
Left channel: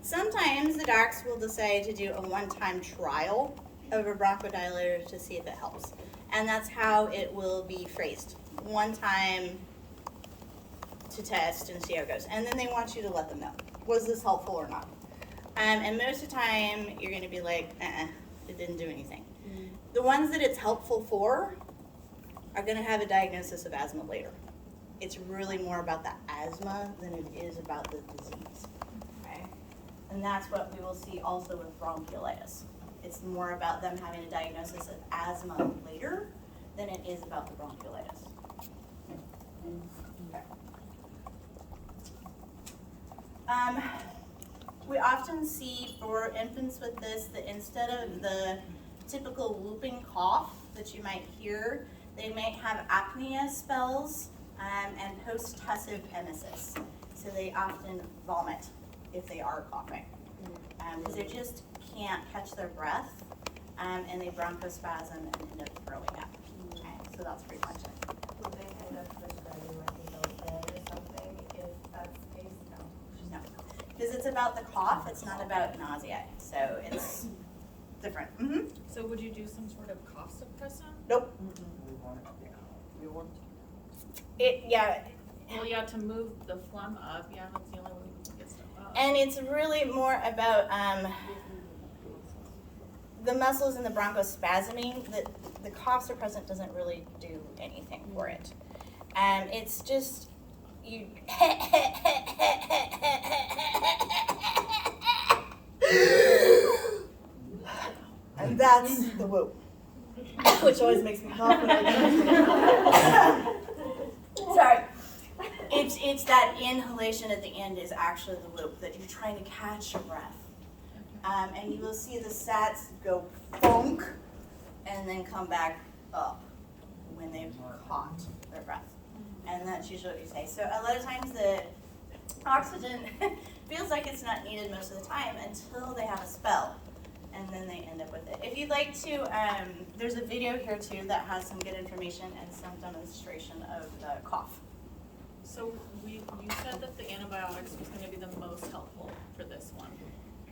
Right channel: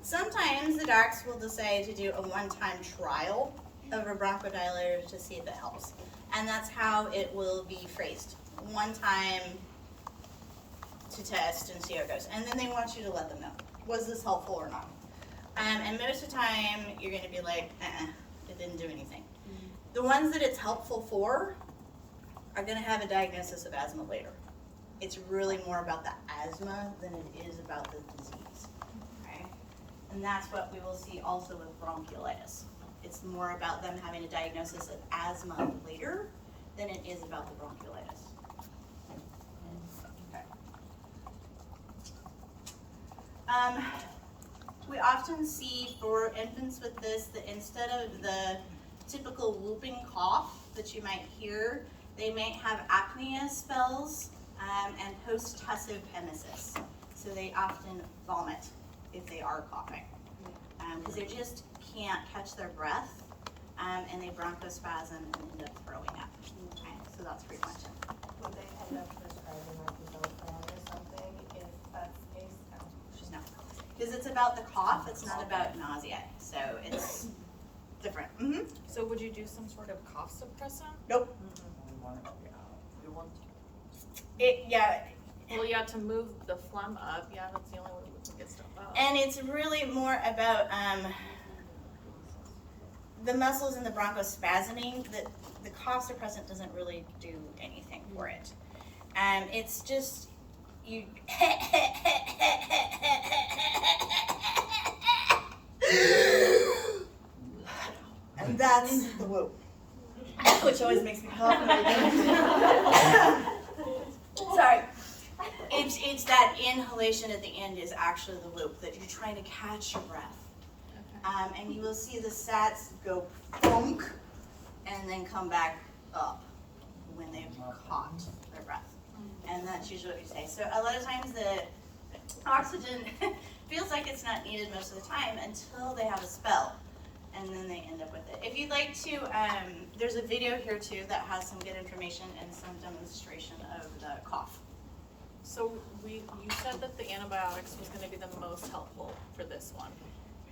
sometimes the docs will decide to do a one-time trial of a bronchodilator to see if it helps. And that's how it will be phrased. One time to test and see how it goes. And then they want you to let them know, was this helpful or not? And most of the time, you're going to be like, it didn't do anything. The ones that it's helpful for are going to have a diagnosis of asthma later. It's really more about the asthma than it is about the disease. Okay? And that's what we will see also with bronchiolitis. It's more about them having a diagnosis of asthma later than it is about the bronchiolitis. Okay. We often see for infants with this that instead of the typical whooping cough that you might hear, they might have apnea spells and post-tussive emesis. So they often vomit if they are coughing because they just can't catch their breath and they bronchospasm and end up throwing up. Okay, so that's pretty much it. Will they end up prescribing like a Zofran or something if that's the case? No, because it's about the cough, it's not about nausea, so it's different. Mm-hmm. So would you do some sort of cough suppressant? Nope. We want it, yeah. We want Well, yeah, to move the phlegm up, yeah, that's the only way we can get stuff up. And it's really more about the muscles in the bronchospasming. The cough suppressant doesn't really do anything for it. It's just you. I That's the whoop. Which always makes me laugh when I get it. Sorry. It's that inhalation at the end is actually the whoop, that you're trying to catch your breath. And you will see the sats go bonk and then come back up when they've caught their breath. And that's usually what you say. So a lot of times the oxygen feels like it's not needed most of the time until they have a spell. And then they end up with it. If you'd like to, there's a video here too that has some good information and some demonstration of the cough. So you said that the antibiotics was gonna be the most helpful for this one.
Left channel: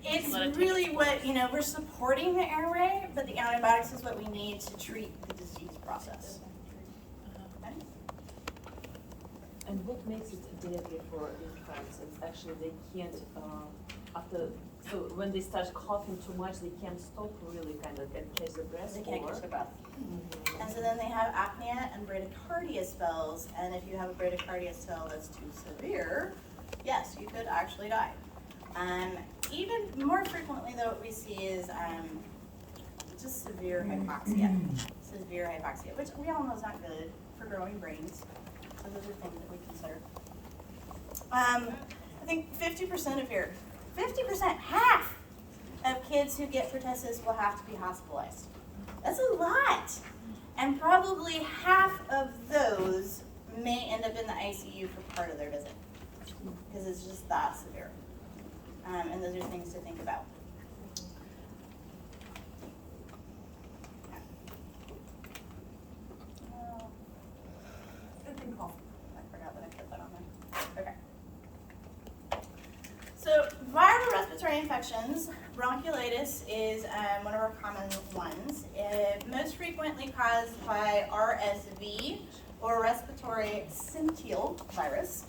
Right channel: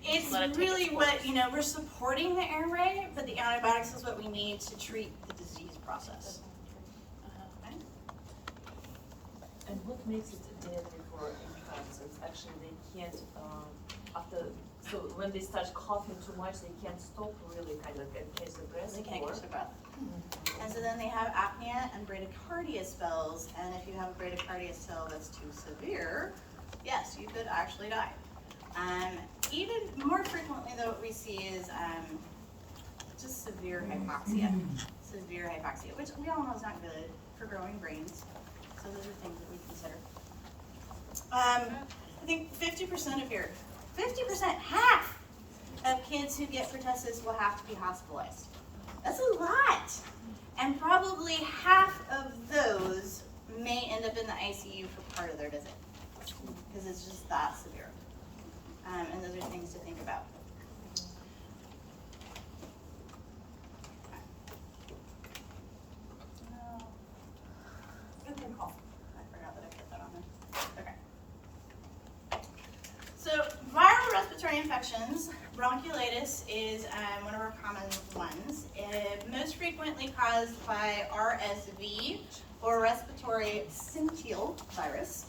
It's Let it take really its what, course. we're supporting the airway, but the antibiotics is what we need to treat the disease process. Okay? And what makes it deadly for infants is actually they can't, after, so when they start coughing too much, they can't stop really kind of and catch the breath. They can't or- catch their breath. And so then they have apnea and bradycardia spells, and if you have a bradycardia spell that's too severe, yes, you could actually die. Even more frequently though, what we see is just severe hypoxia. Severe hypoxia, which we all know is not good for growing brains. So those are things that we consider. I think 50% of here, 50%, half of kids who get pertussis will have to be hospitalized. That's a lot. And probably half of those may end up in the ICU for part of their visit because it's just that severe. And those are things to think about. Good thing call. I forgot that I put that on there. Okay. So viral respiratory infections, bronchiolitis is one of our common ones. Most frequently caused by RSV, or respiratory syncytial virus.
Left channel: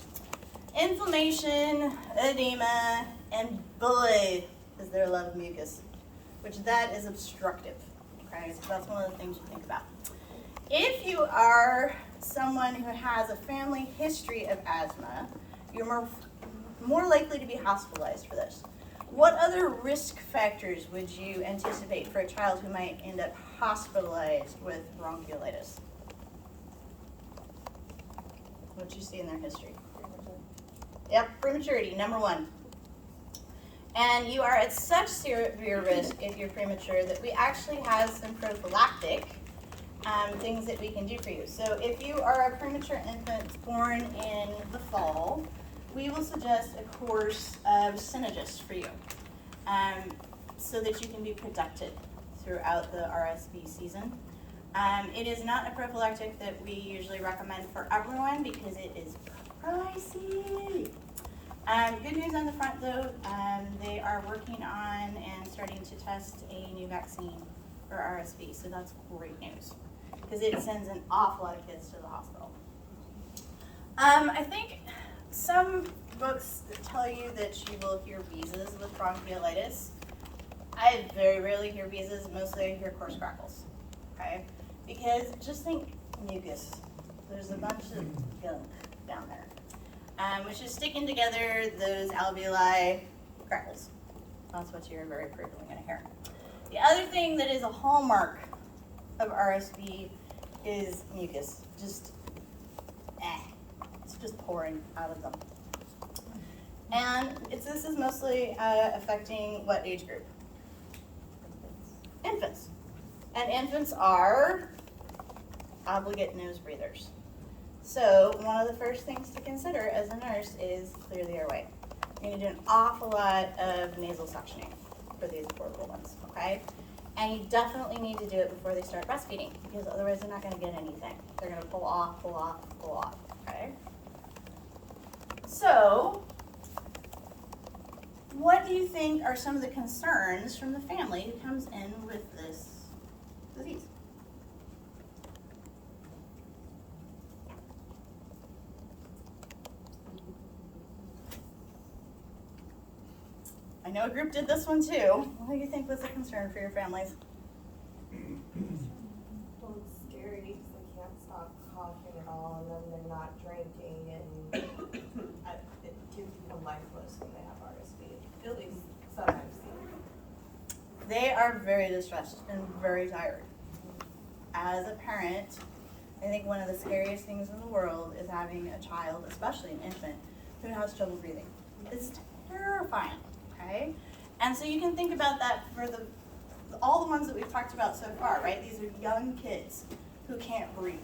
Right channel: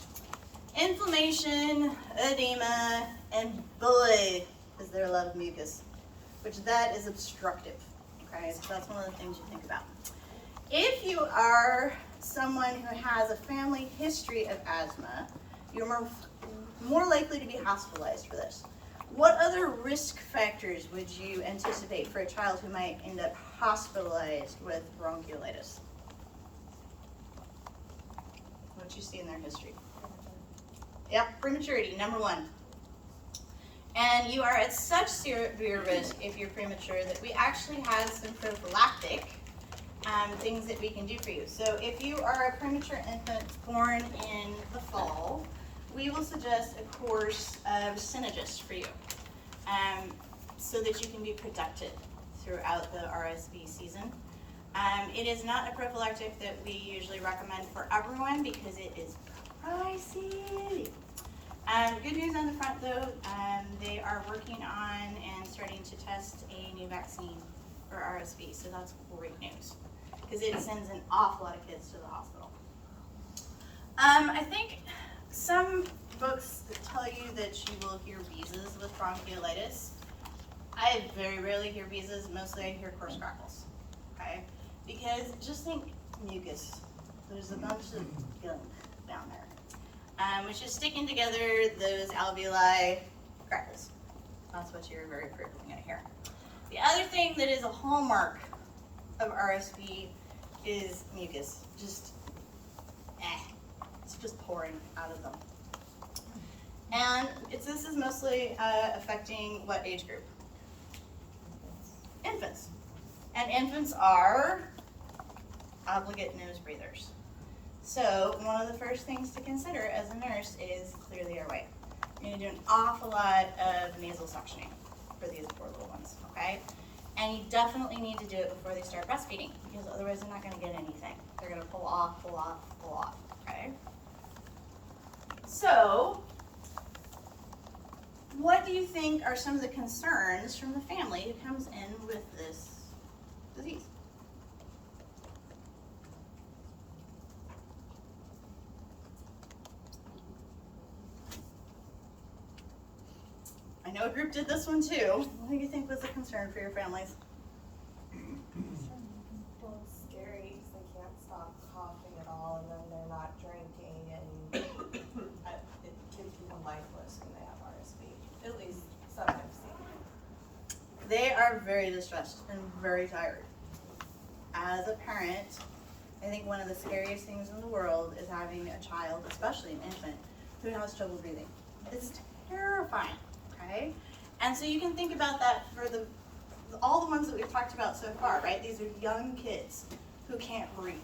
Inflammation, edema, and boy, is there a lot of mucus, which that is obstructive. Okay, so that's one of the things you think about. If you are someone who has a family history of asthma, you're more likely to be hospitalized for this. What other risk factors would you anticipate for a child who might end up hospitalized with bronchiolitis? What you see in their history? Yep, prematurity, number one. And you are at such severe risk if you're premature that we actually have some prophylactic things that we can do for you. So if you are a premature infant born in the fall, we will suggest a course of Synagis for you so that you can be protected throughout the RSV season. It is not a prophylactic that we usually recommend for everyone because it is pricey. Good news on the front though, they are working on and starting to test a new vaccine for RSV, so that's great news because it sends an awful lot of kids to the hospital. I think some books tell you that you will hear wheezes with bronchiolitis. I very rarely hear wheezes, mostly I hear coarse crackles, okay? Because just think mucus. There's a bunch of gunk down there. Which is sticking together those alveoli crackles. That's what you're very frequently going to hear. The other thing that is a hallmark of RSV is mucus. It's just pouring out of them. And this is mostly affecting what age group? Infants. And infants are obligate nose breathers. So one of the first things to consider as a nurse is clear the airway. You're going to do an awful lot of nasal suctioning for these poor little ones, okay? And you definitely need to do it before they start breastfeeding because otherwise they're not going to get anything. They're going to pull off, okay? So, what do you think are some of the concerns from the family who comes in with this disease? I know a group did this one too. What do you think was the concern for your families? Well, it's scary because they can't stop coughing at all, and then they're not drinking, and kids become lifeless when they have RSV. At least some I've seen. They are are very distressed and very tired. As a parent, I think one of the scariest things in the world is having a child, especially an infant, who has trouble breathing. It's terrifying, okay? And so you can think about that for all the ones that we've talked about so far, right? These are young kids who can't breathe,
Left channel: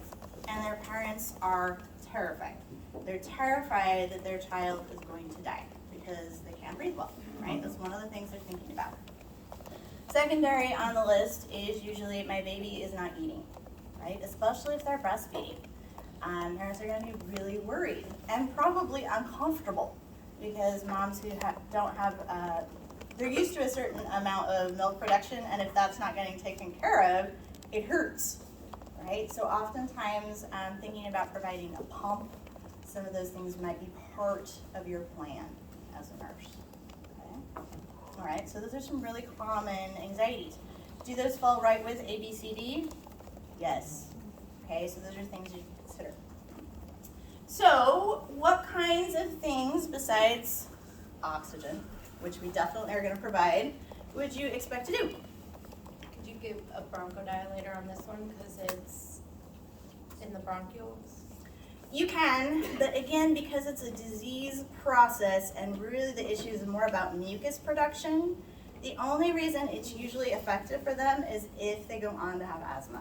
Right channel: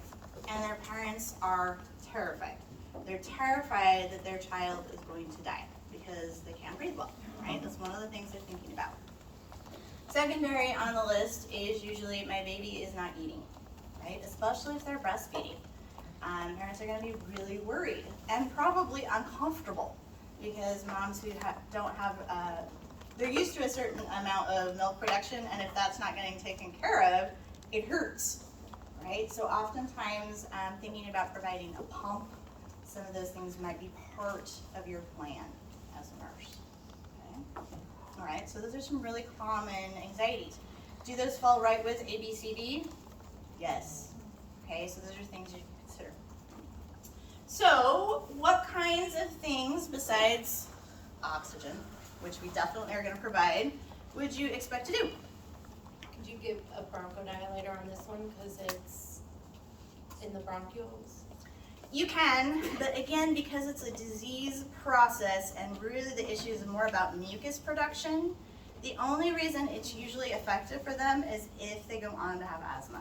and their parents are terrified. They're terrified that their child is going to die because they can't breathe well, right? That's one of the things they're thinking about. Secondary on the list is usually my baby is not eating, right? Especially if they're breastfeeding. Parents are going to be really worried and probably uncomfortable because moms who don't have, they're used to a certain amount of milk production, and if that's not getting taken care of, it hurts, right? So oftentimes thinking about providing a pump, some of those things might be part of your plan as a nurse. Okay? All right, so those are some really common anxieties. Do those fall right with A, B, C, D? Yes. Okay, so those are things you consider. So what kinds of things besides oxygen, which we definitely are going to provide, would you expect to do? Could you give a bronchodilator on this one because it's in the bronchioles? You can, but again, because it's a disease process and really the issue is more about mucus production, the only reason it's usually effective for them is if they go on to have asthma.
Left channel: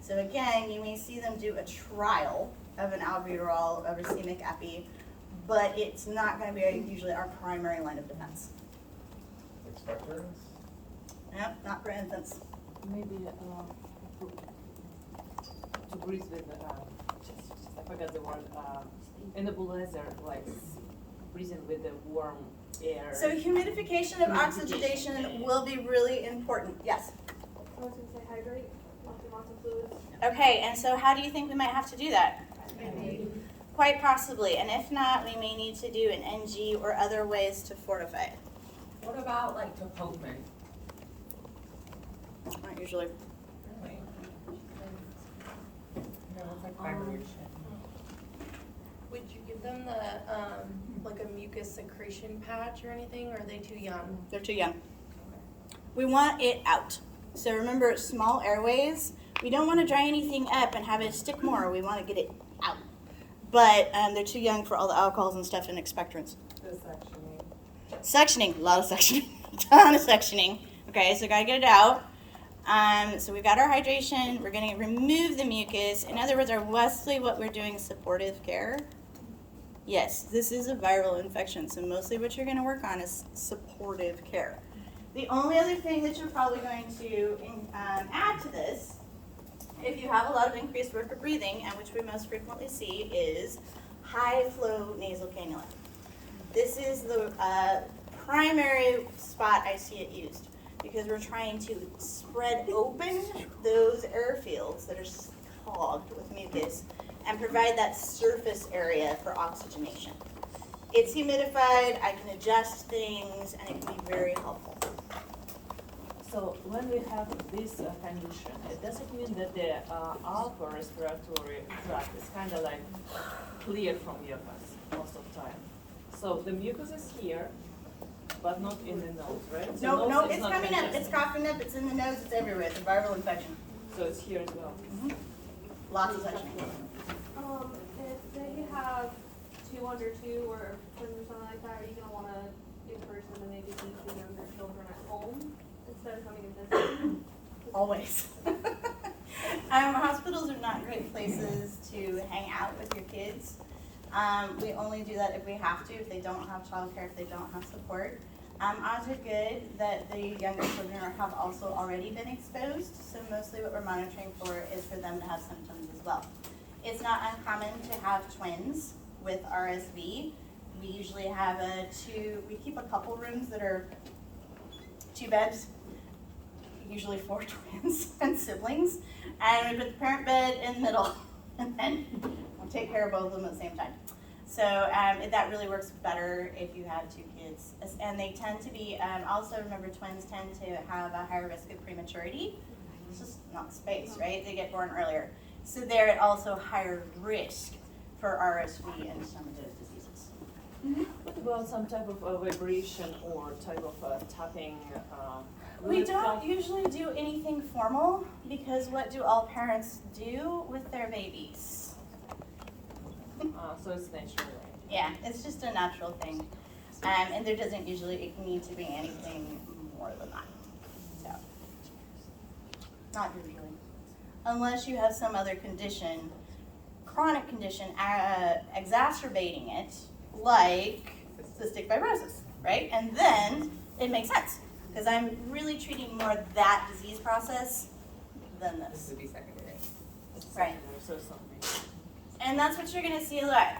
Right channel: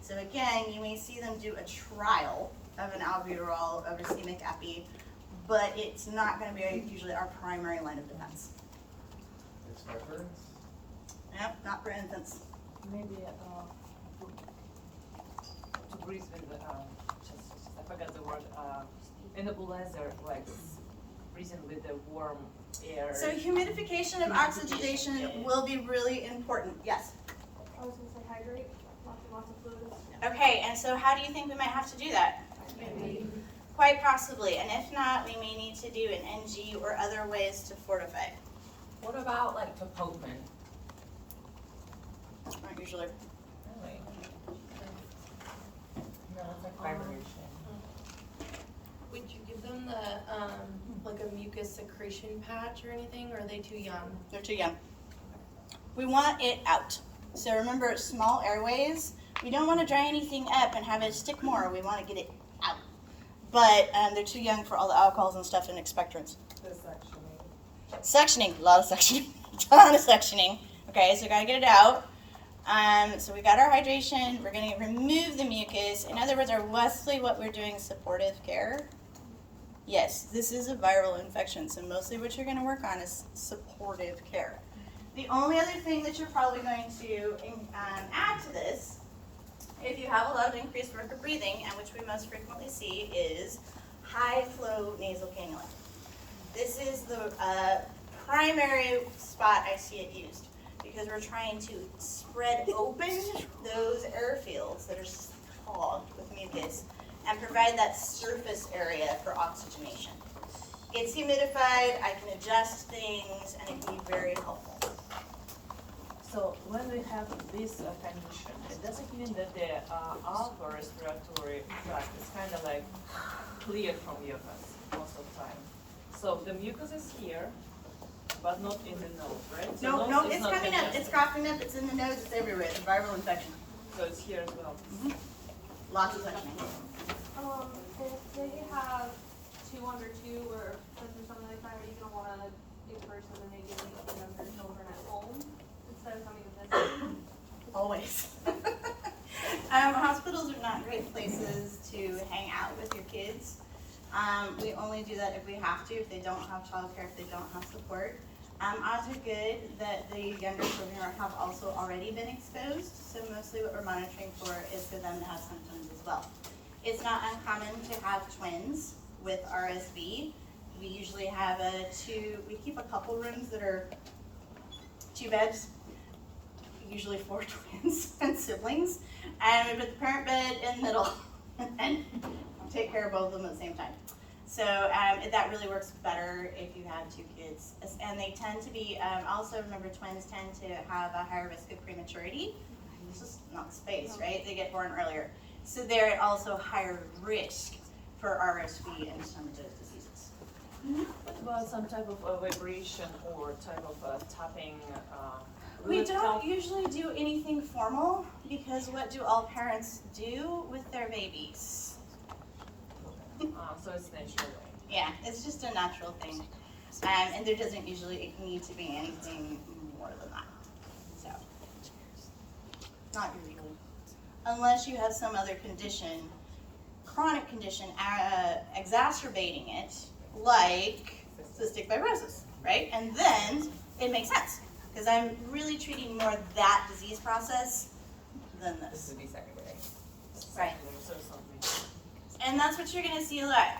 So again, you may see them do a trial of an albuterol, of a racemic epi, but it's not going to be usually our primary line of defense. Expectorants? Yeah, not for infants. Maybe to breathe with I forgot the word, a nebulizer, like breathing with the warm air. So humidification of oxygenation will be really important. Yes? I was gonna say hydrate, lots of fluids. Okay, and so how do you think we might have to do that? Quite possibly, and if not, we may need to do an NG or other ways to fortify. What about like Topopman? Not usually. Really? No, it's like vibration. Would you give them the, like a mucus secretion patch or anything, or are they too young? They're too young. We want it out. So remember, small airways, we don't want to dry anything up and have it stick more. We want to get it out. But they're too young for all the alcohols and stuff and expectorants. Sectioning, a lot of sectioning, a ton of sectioning. Okay, so gotta get it out. So we got our hydration. We're gonna remove the mucus. In other words, mostly what we're doing is supportive care. Yes, this is a viral infection, so mostly what you're gonna work on is supportive care. The only other thing that you're probably going to add to this, if you have a lot of increased work of breathing, and which we most frequently see, is high flow nasal cannula. This is the primary spot I see it used because we're trying to spread open those airfields that are clogged with mucus and provide that surface area for oxygenation. It's humidified, I can adjust things, and it can be very helpful. So when we have this condition, it doesn't mean that the upper respiratory tract is kind of like clear from mucus most of the time. So the mucus is here, but not in the nose, right? So No, nose is it's not coming up, congested. it's coughing up, it's in the nose, it's everywhere, it's a viral infection. So it's here as well. Lots of sectioning. If they have 2 under 2 or twins or something like that, are you gonna wanna encourage them to maybe leave the younger children at home instead of coming and visiting? Always. Hospitals are not great places to hang out with your kids. We only do that if we have to, if they don't have childcare, if they don't have support. Odds are good that the younger children have also already been exposed, so mostly what we're monitoring for is for them to have symptoms as well. It's not uncommon to have twins with RSV. We usually have we keep a couple rooms that are 2 beds, usually 4 twins and siblings, and we put the parent bed in the middle, and then we'll take care of both of them at the same time. So that really works better if you have 2 kids. And they tend to be, also remember twins tend to have a higher risk of prematurity. It's just not space, right? They get born earlier. So they're at also higher risk for RSV and some of those diseases. What about some type of vibration or type of tapping We Will it don't help? usually do anything formal because what do all parents do with their babies? So it's natural, right? Yeah, it's just a natural thing. And there doesn't usually need to be anything more than that. So, not usually. Unless you have some other condition, chronic condition, exacerbating it, like cystic fibrosis, right? And then it makes sense, because I'm really treating more that disease process than This this. would be secondary. Right. So it's not major. And that's what you're gonna see a lot.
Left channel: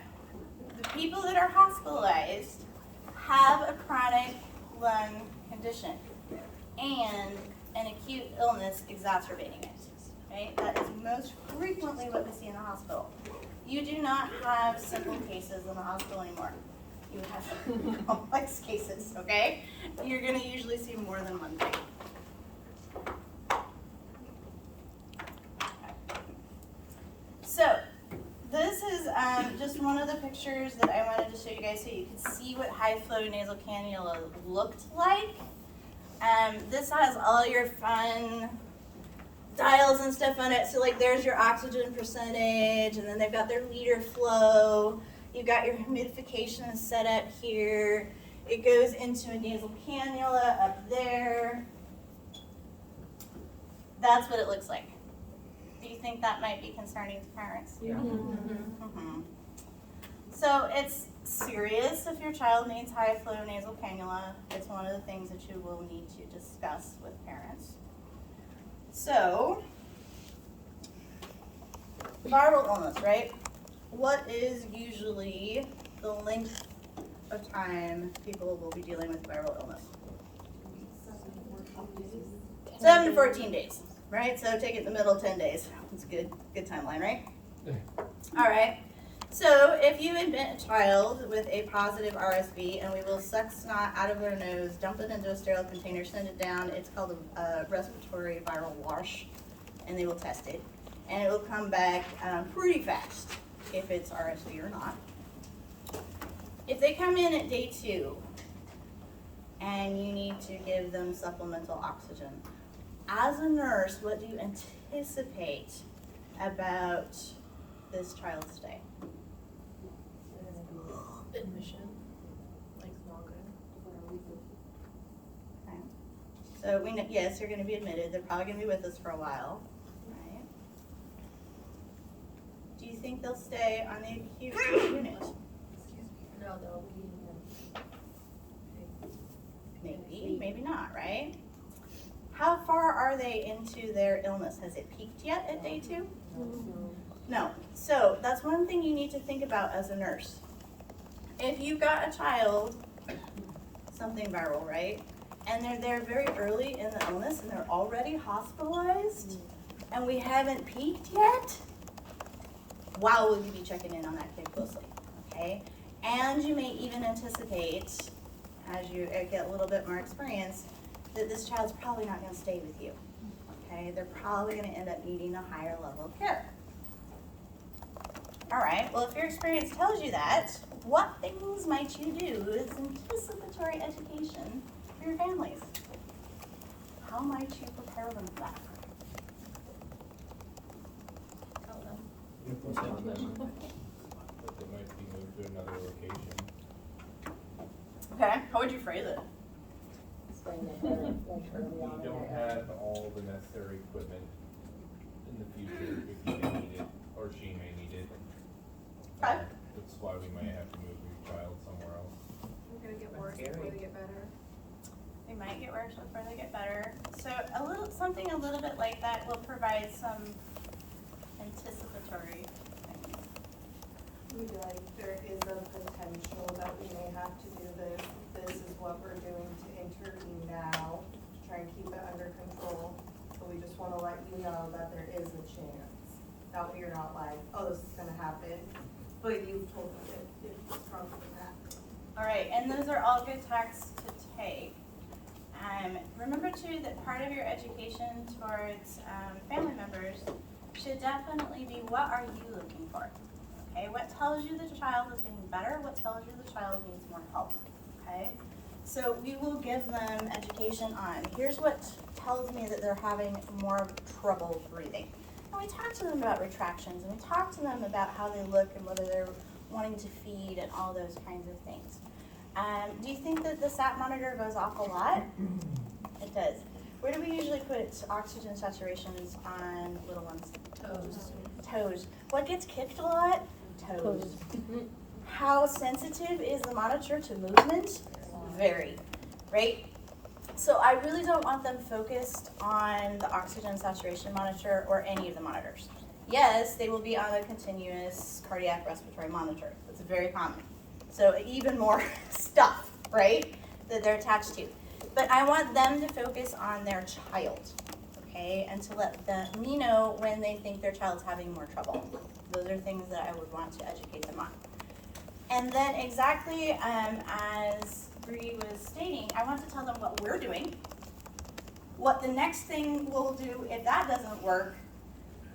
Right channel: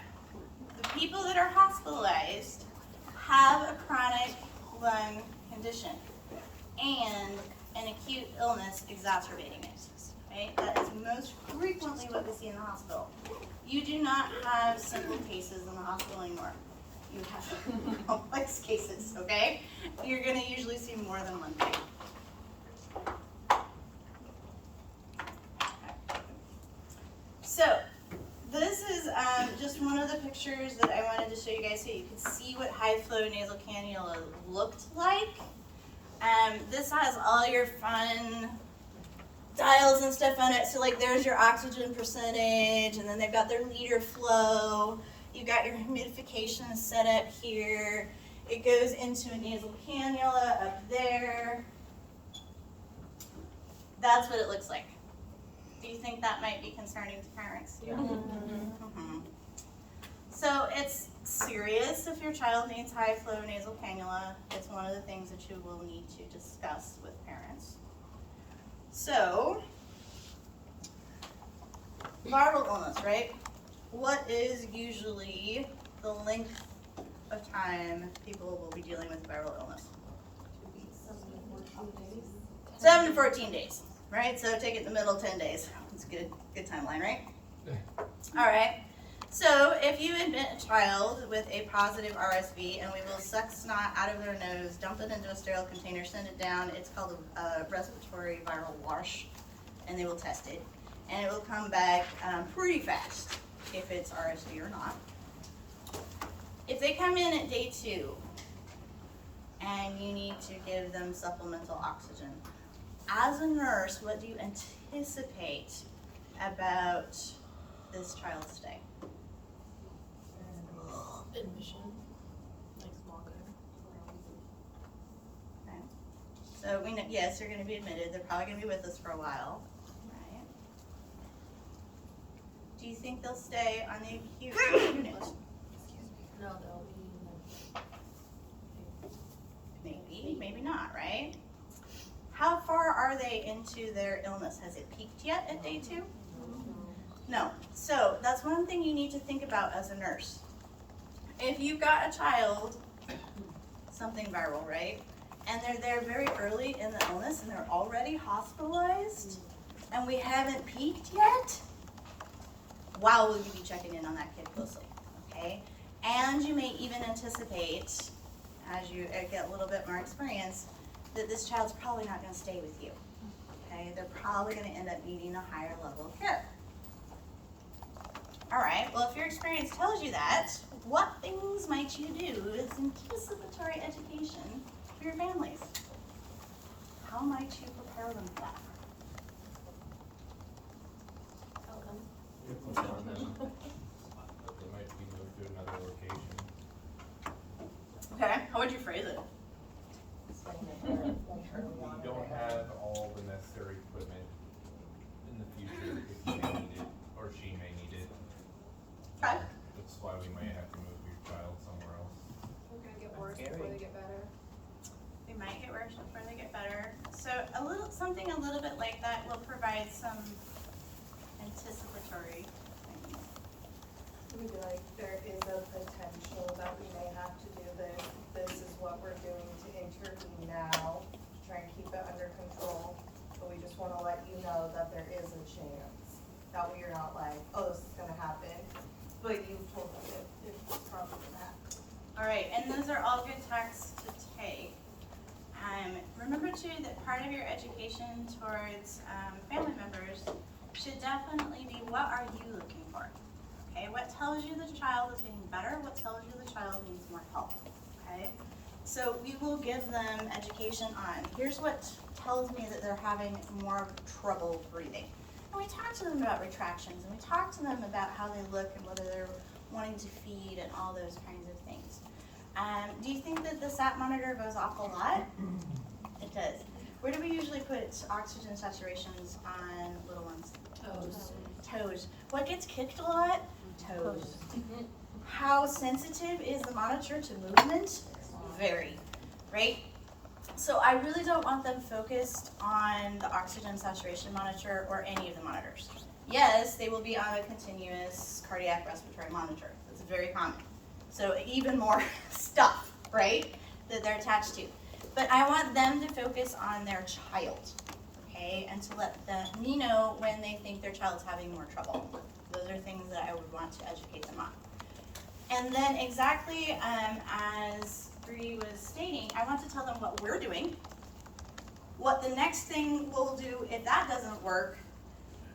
The people that are hospitalized have a chronic lung condition and an acute illness exacerbating it, right? That is most frequently what we see in the hospital. You do not have simple cases in the hospital anymore. You have complex cases, okay? You're gonna usually see more than one thing. So, this is just one of the pictures that I wanted to show you guys so you can see what high flow nasal cannula looked like. This has all your fun dials and stuff on it. So like there's your oxygen percentage, and then they've got their liter flow. You've got your humidification set up here. It goes into a nasal cannula up there. That's what it looks like. Do you think that might be concerning to parents? Yeah. Mhm. So it's serious if your child needs high flow nasal cannula. It's one of the things that you will need to discuss with parents. So, viral illness, right? What is usually the length of time people will be dealing with viral illness? 7 to 14 days, right? So take it in the middle, 10 days. It's a good timeline, right? All right. So if you admit a child with a positive RSV, and we will suck snot out of their nose, dump it into a sterile container, send it down. It's called a respiratory viral wash, and they will test it. And it will come back pretty fast if it's RSV or not. If they come in at day 2, and you need to give them supplemental oxygen, as a nurse, what do you anticipate about this child's stay? Admission, like longer. Okay. So we know, yes, they're gonna be admitted, they're probably gonna be with us for a while, right? Do you think they'll stay on the acute unit? No, they'll be Maybe, maybe not, right? How far are they into their illness? Has it peaked yet at day 2? No. So that's one thing you need to think about as a nurse. If you've got a child, something viral, right? And they're there very early in the illness and they're already hospitalized and we haven't peaked yet, wow, will you be checking in on that kid closely, okay? And you may even anticipate, as you get a little bit more experience, that this child's probably not gonna stay with you, okay? They're probably gonna end up needing a higher level of care. All right, well, if your experience tells you that, what things might you do as anticipatory education for your families? How might you prepare them for that? Inform them that they might be moved to another location. Okay, how would you phrase it? We don't have all the necessary equipment in the future if you may need it, or she may need it. Okay. That's why we might have to move your child somewhere else. They're gonna get That's worse scary. before they get better. They might get worse before they get better. So something a little bit like that will provide some anticipatory things. Maybe like there is a potential that we may have to do this. This is what we're doing to intervene now, to try and keep it under control. But we just wanna let you know that there is a chance that we are not like, oh, this is gonna happen. But you've told us it's probably gonna happen. All right, and those are all good tacks to take. Remember too that part of your education towards family members should definitely be, what are you looking for? Okay, what tells you the child is getting better? What tells you the child needs more help? Okay, So we will give them education on, here's what tells me that they're having more trouble breathing. And we talk to them about retractions, and we talk to them about how they look and whether they're wanting to feed and all those kinds of things. Do you think that the SAT monitor goes off a lot? It does. Where do we usually put oxygen saturations on little ones? Toes. What gets kicked a lot? Toes. How sensitive is the monitor to movement? Very, right? So I really don't want them focused on the oxygen saturation monitor or any of the monitors. Yes, they will be on a continuous cardiac respiratory monitor. That's very common. So even more stuff, right, that they're attached to. But I want them to focus on their child, okay, and to let me know when they think their child's having more trouble. Those are things that I would want to educate them on. And then exactly as Bree was stating, I want to tell them what we're doing, what the next thing we'll do if that doesn't work,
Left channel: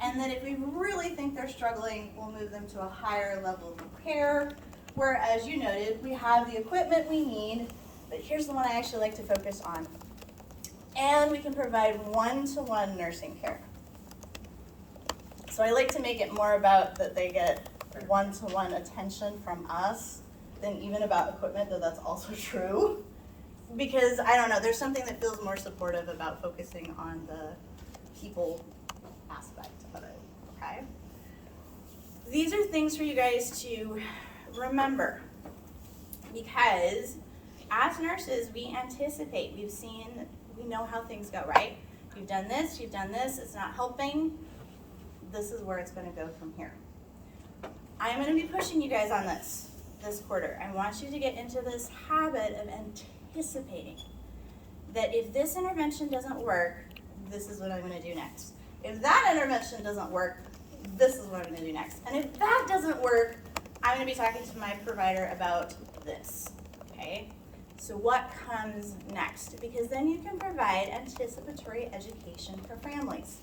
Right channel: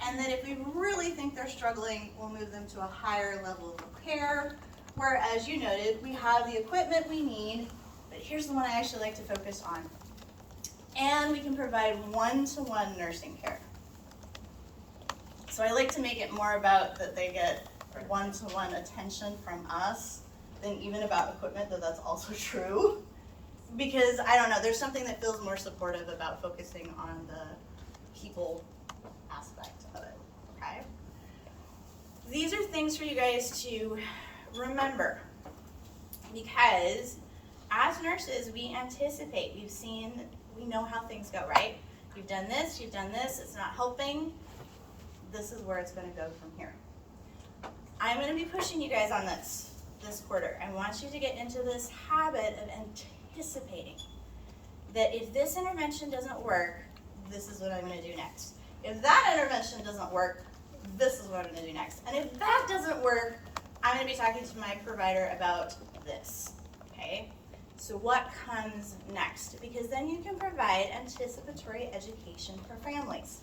and then if we really think they're struggling, we'll move them to a higher level of care, where, as you noted, we have the equipment we need, but here's the one I actually like to focus on. And we can provide one-to-one nursing care. So I like to make it more about that they get one-to-one attention from us than even about equipment, though that's also true. Because, I don't know, there's something that feels more supportive about focusing on the people aspect of it, okay? These are things for you guys to remember, because as nurses, we anticipate, we know how things go, right? You've done this, it's not helping. This is where it's gonna go from here. I'm gonna be pushing you guys on this quarter. I want you to get into this habit of anticipating that if this intervention doesn't work, this is what I'm gonna do next. If that intervention doesn't work, this is what I'm gonna do next. And if that doesn't work, I'm gonna be talking to my provider about this, okay? So what comes next? Because then you can provide anticipatory education for families.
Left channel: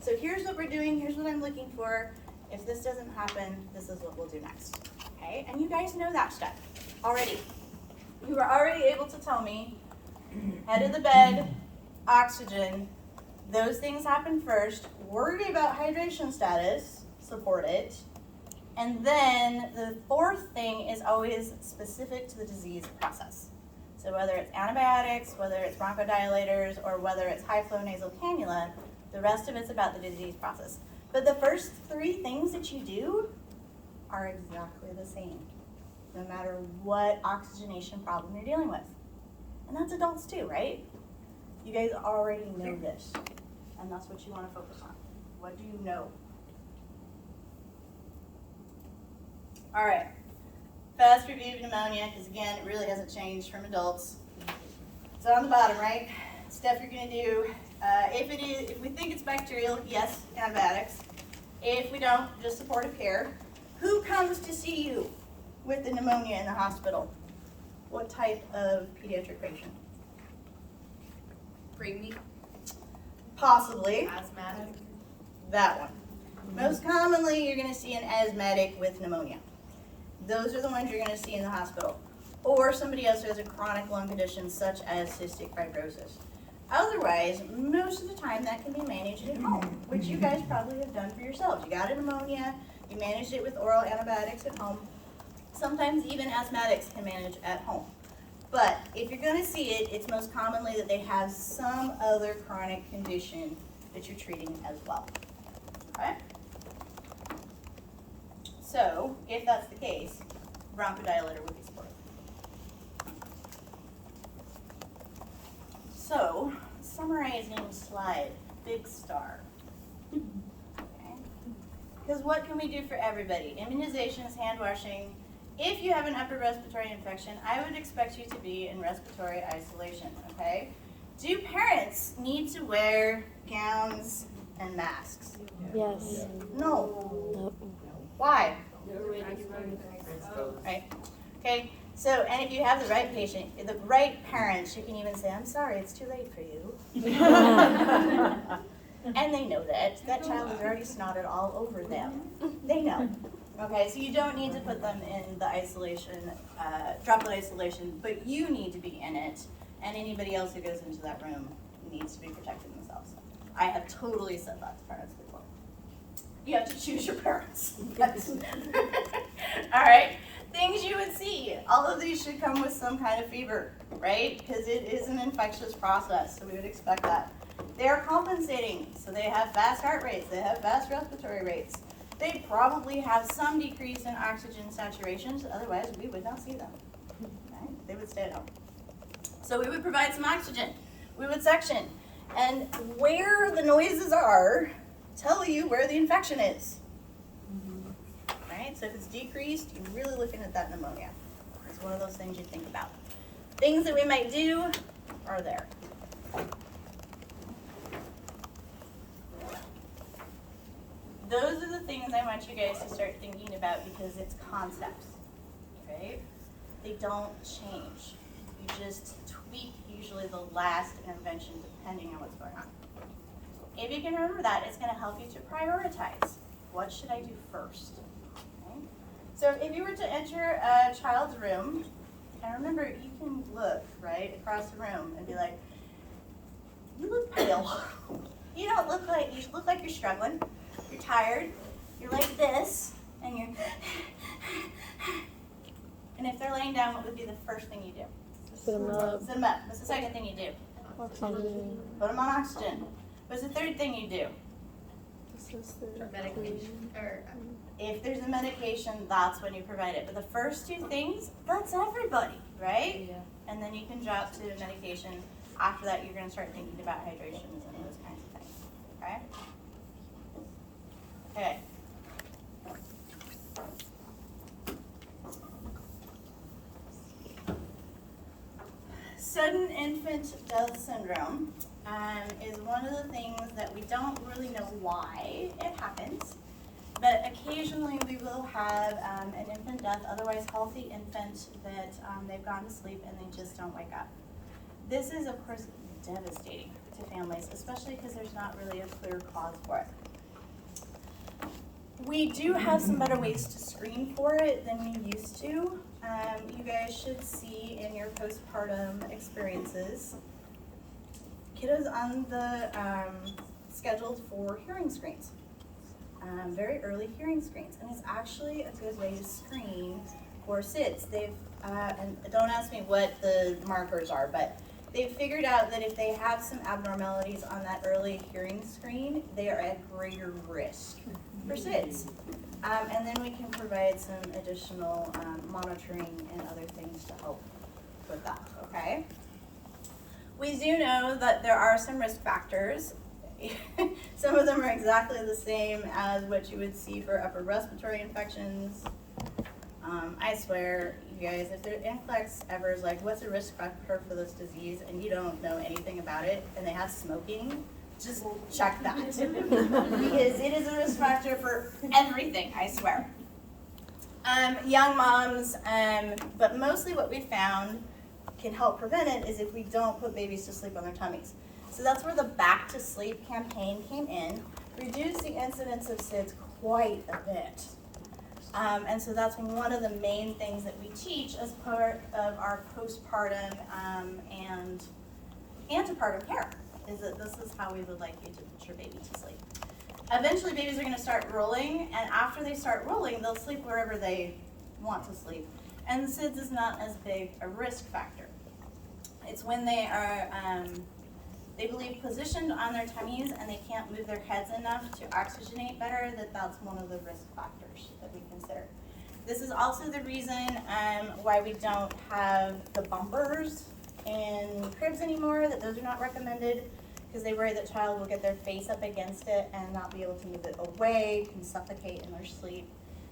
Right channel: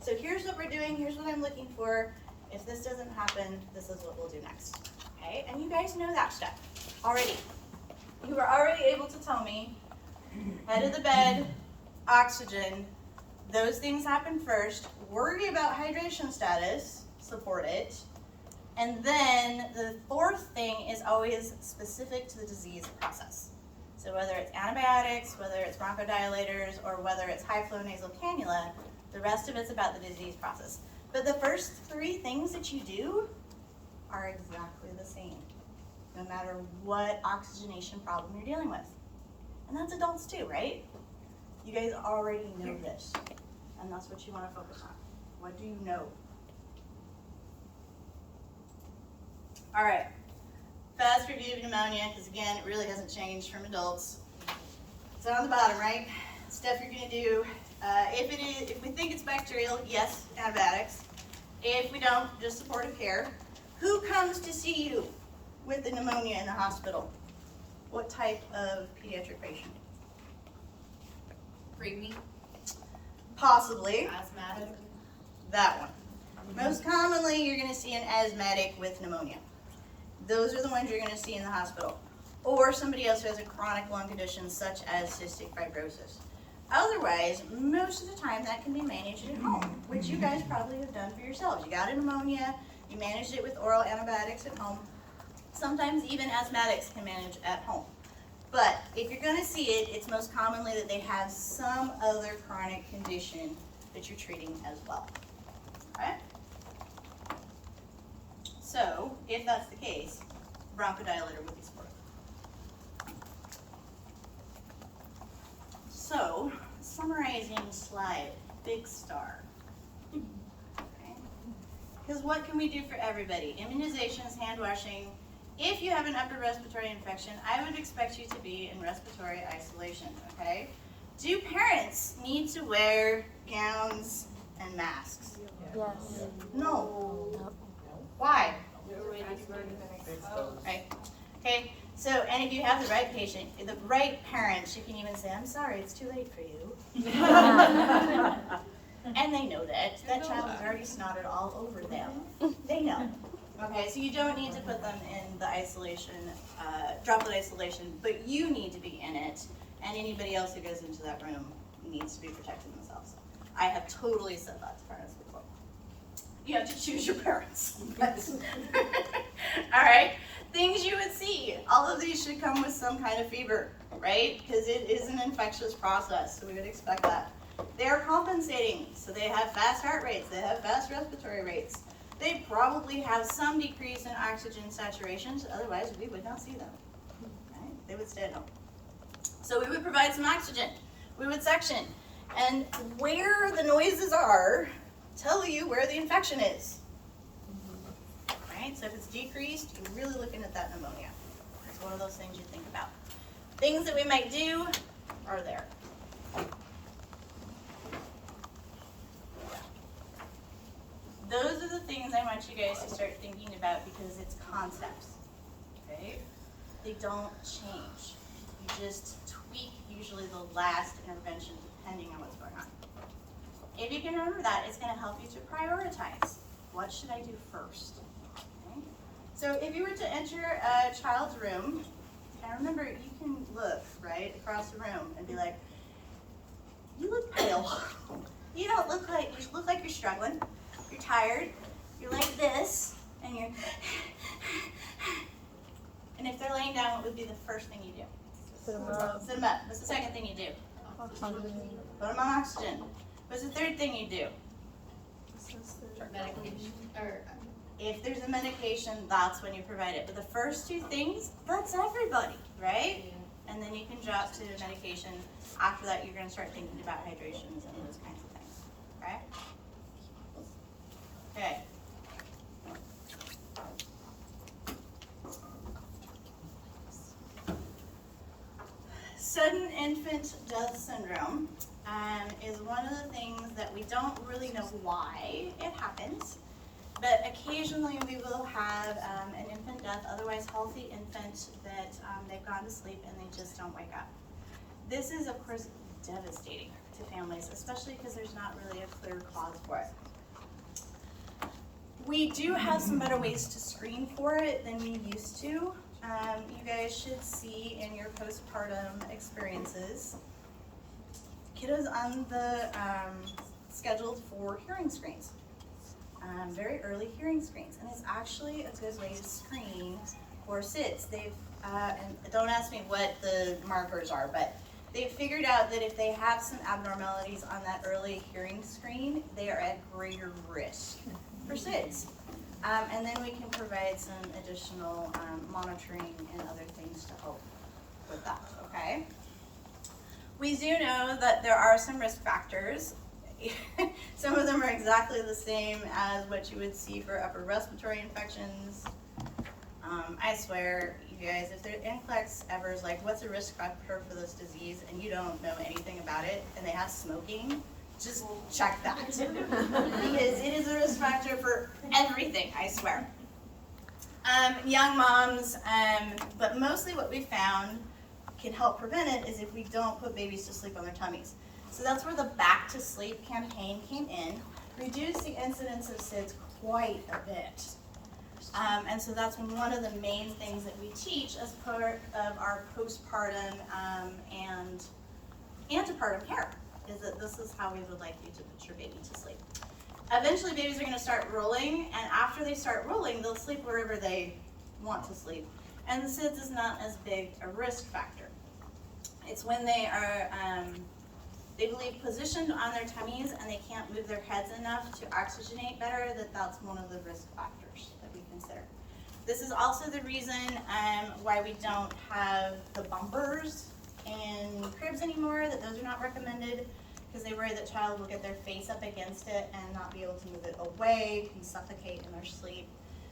So here's what we're doing, here's what I'm looking for. If this doesn't happen, this is what we'll do next, okay? And you guys know that stuff already. You are already able to tell me, head of the bed, oxygen, those things happen first. Worry about hydration status, support it. And then the fourth thing is always specific to the disease process. So whether it's antibiotics, whether it's bronchodilators, or whether it's high flow nasal cannula, the rest of it's about the disease process. But the first three things that you do are exactly the same, no matter what oxygenation problem you're dealing with. And that's adults too, right? You guys already know this, and that's what you want to focus on. What do you know? All right, fast review of pneumonia, because again, it really hasn't changed from adults. It's on the bottom, right? Stuff you're gonna do. If we think it's bacterial, yes, antibiotics. If we don't, just supportive care. Who comes to see you with the pneumonia in the hospital? What type of pediatric patient? Preemie. Possibly. Asthmatic. That one. Most commonly, you're gonna see an asthmatic with pneumonia. Those are the ones you're gonna see in the hospital. Or somebody else who has a chronic lung condition such as cystic fibrosis. Otherwise, most of the time that can be managed at home, which you guys probably have done for yourselves. You got a pneumonia, you managed it with oral antibiotics at home. Sometimes even asthmatics can manage at home. But if you're gonna see it, it's most commonly that they have some other chronic condition that you're treating as well, okay? So, if that's the case, bronchodilator would be supportive. So, summarizing slide, big star. Okay. Because what can we do for everybody? Immunizations, hand washing. If you have an upper respiratory infection, I would expect you to be in respiratory isolation, okay? Do parents need to wear gowns and masks? Yes. No. Why? Right. Okay. So, and if you have the right patient, the right parents, you can even say, "I'm sorry, it's too late for you." And they know that. That child has already snotted all over them. They know. Okay, so you don't need to put them in the isolation, droplet isolation, but you need to be in it, and anybody else who goes into that room needs to be protecting themselves. I have totally said that to parents before. You have to choose your parents. All right, things you would see. All of these should come with some kind of fever, right? Because it is an infectious process, so we would expect that. They are compensating, so they have fast heart rates, they have fast respiratory rates. They probably have some decrease in oxygen saturations, otherwise we would not see them. Right? They would stay at home. So we would provide some oxygen, we would suction, and where the noises are tell you where the infection is. Right? So if it's decreased, you're really looking at that pneumonia. It's one of those things you think about. Things that we might do are there. Those are the things I want you guys to start thinking about because it's concepts, okay? They don't change. You just tweak usually the last intervention depending on what's going on. If you can remember that, it's gonna help you to prioritize. What should I do first? Okay? So if you were to enter a child's room, and remember you can look, right, across the room and be like, you look pale. You don't look like, you look like you're struggling. You're tired, you're like this, and you're, and if they're laying down, what would be the first thing you do? Sit them up. Sit them up. What's the second thing you do? Oxygen. Put them on oxygen. What's the third thing you do? Medication, or If there's a medication, that's when you provide it. But the first two things, that's everybody, right? Yeah. And then you can drop to medication. After that, you're gonna start thinking about hydrations and those kinds of things, okay? Okay. Sudden infant death syndrome is one of the things that we don't really know why it happens, but occasionally we will have an infant death, otherwise healthy infant that they've gone to sleep and they just don't wake up. This is, of course, devastating to families, especially because there's not really a clear cause for it. We do have some better ways to screen for it than we used to. You guys should see in your postpartum experiences, kiddos on the scheduled for hearing screens, very early hearing screens, and it's actually a good way to screen for SIDS. They've, and don't ask me what the markers are, but they've figured out that if they have some abnormalities on that early hearing screen, they are at greater risk for SIDS. And then we can provide some additional monitoring and other things to help with that, okay? We do know that there are some risk factors. Some of them are exactly the same as what you would see for upper respiratory infections. I swear, you guys, if their NCLEX ever is like, what's a risk factor for this disease, and you don't know anything about it, and they have smoking, just check that. Because it is a risk factor for everything, I swear. Young moms, but mostly what we found can help prevent it is if we don't put babies to sleep on their tummies. So that's where the Back to Sleep campaign came in, reduced the incidence of SIDS quite a bit. And so that's one of the main things that we teach as part of our postpartum and antepartum care, is that this is how we would like you to put your baby to sleep. Eventually babies are gonna start rolling, and after they start rolling, they'll sleep wherever they want to sleep. And SIDS is not as big a risk factor. It's when they are, they believe positioned on their tummies and they can't move their heads enough to oxygenate better, that's one of the risk factors that we consider. This is also the reason why we don't have the bumpers in cribs anymore, that those are not recommended, because they worry that child will get their face up against it and not be able to move it away, can suffocate in their sleep.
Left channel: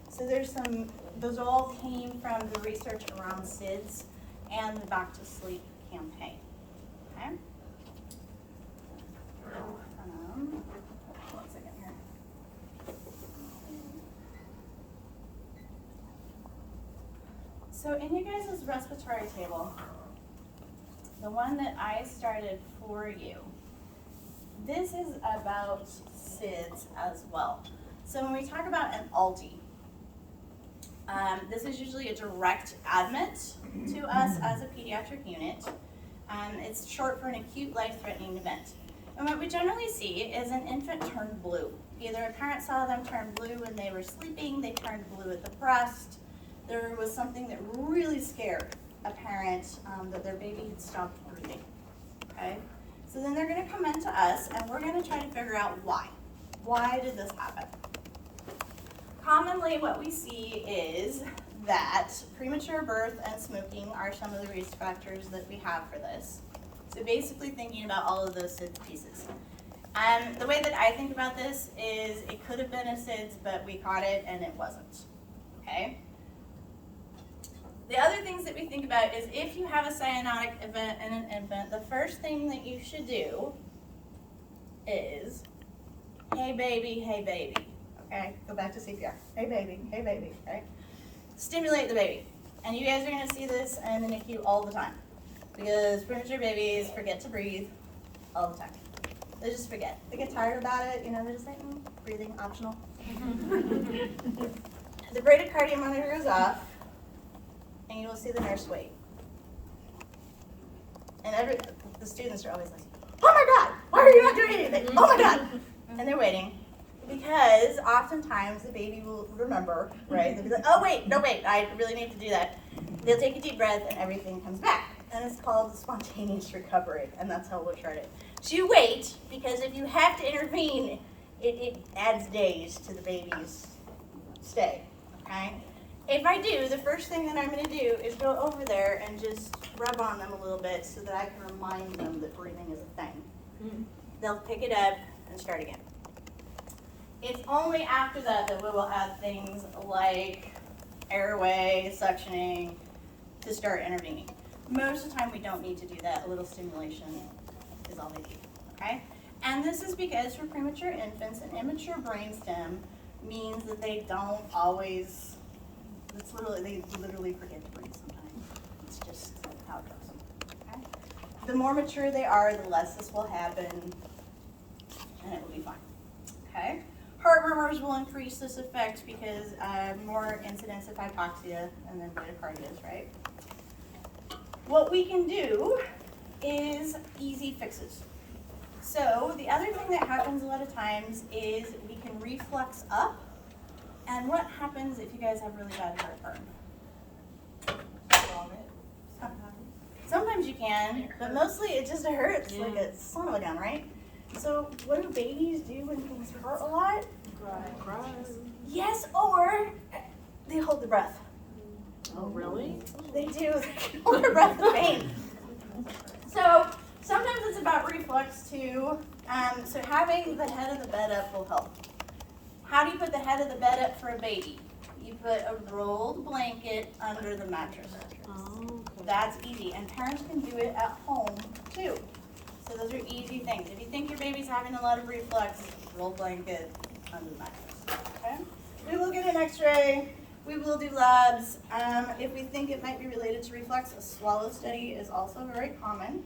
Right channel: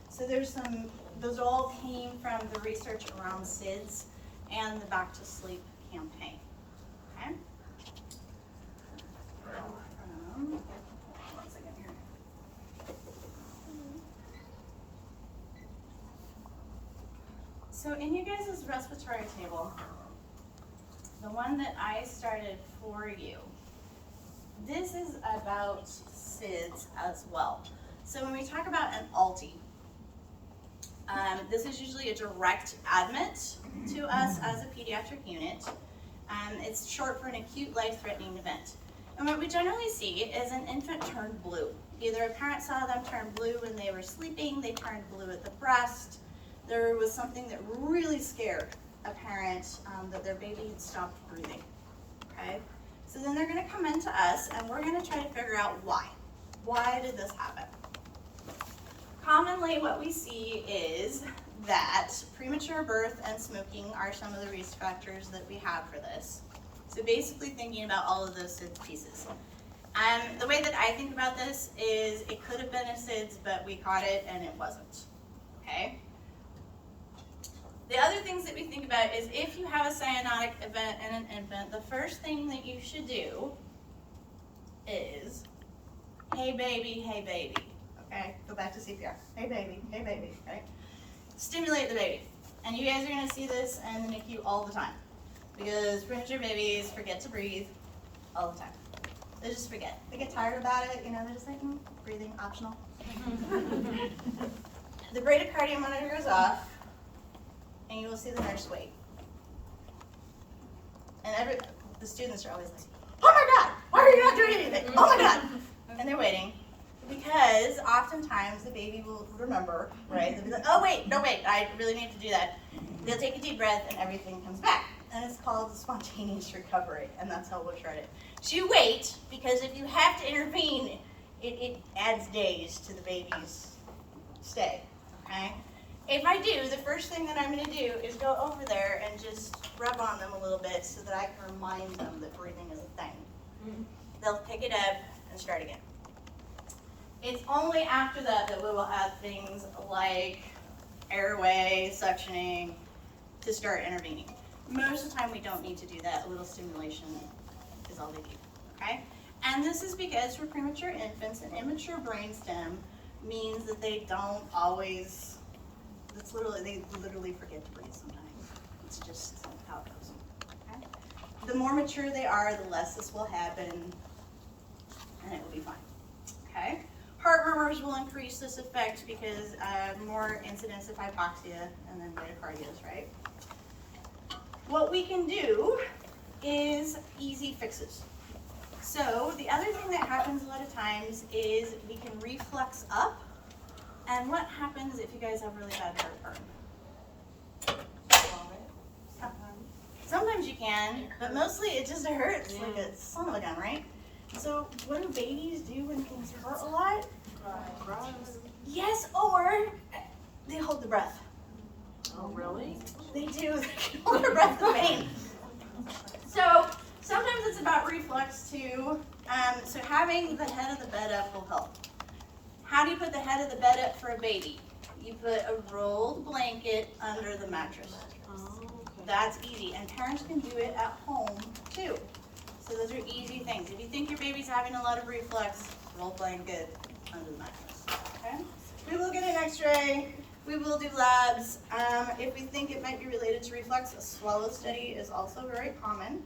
So there's some, those all came from the research around SIDS and the Back to Sleep campaign, okay? One second here. So in you guys' respiratory table, the one that I started for you, this is about SIDS as well. So when we talk about an ALTI, This is usually a direct admit to us as a pediatric unit. It's short for an acute life-threatening event. And what we generally see is an infant turned blue. Either a parent saw them turn blue when they were sleeping, they turned blue at the breast. There was something that really scared a parent that their baby had stopped breathing, okay? So then they're gonna come into us and we're gonna try to figure out why. Why did this happen? Commonly what we see is that premature birth and smoking are some of the risk factors that we have for this. So basically thinking about all of those SIDS pieces. The way that I think about this is it could have been a SIDS, but we caught it and it wasn't, okay? The other things that we think about is if you have a cyanotic event in an infant, the first thing that you should do is, hey baby, okay? Go back to CPR. Hey baby, right? Stimulate the baby. And you guys are gonna see this in the NICU all the time because premature babies forget to breathe all the time. They just forget. They get tired about it, you know, they're just like, breathing optional. The bradycardia monitor is off, and you will see the nurse wait. And the students are always like, oh my God, why are you not doing anything? Oh my God. And they're waiting because oftentimes the baby will remember, right? They'll be like, oh wait, no wait, I really need to do that. They'll take a deep breath and everything comes back. And it's called spontaneous recovery, and that's how we'll chart it. So you wait, because if you have to intervene, it adds days to the baby's stay, okay? If I do, the first thing that I'm gonna do is go over there and just rub on them a little bit so that I can remind them that breathing is a thing. They'll pick it up and start again. It's only after that that we will add things like airway, suctioning, to start intervening. Most of the time we don't need to do that. A little stimulation is all they do, okay? And this is because for premature infants, an immature brainstem means that they don't always, they literally forget to breathe sometimes. It's just how it goes, okay? The more mature they are, the less this will happen, and it will be fine, okay? Heart murmurs will increase this effect because more incidence of hypoxia and then bradycardias, right? What we can do is easy fixes. So the other thing that happens a lot of times is we can reflux up. And what happens if you guys have really bad heartburn? Sometimes you can, but mostly it just hurts like a son of a gun, right? So what do babies do when things hurt a lot? Cry. Yes, or they hold their breath. Oh, really? They do. They hold their breath in pain. So sometimes it's about reflux too. So having the head of the bed up will help. How do you put the head of the bed up for a baby? You put a rolled blanket under the mattress. That's easy, and parents can do it at home too. So those are easy things. If you think your baby's having a lot of reflux, roll blanket under the mattress. Okay? We will get an X-ray. We will do labs. If we think it might be related to reflux, a swallow study is also very common.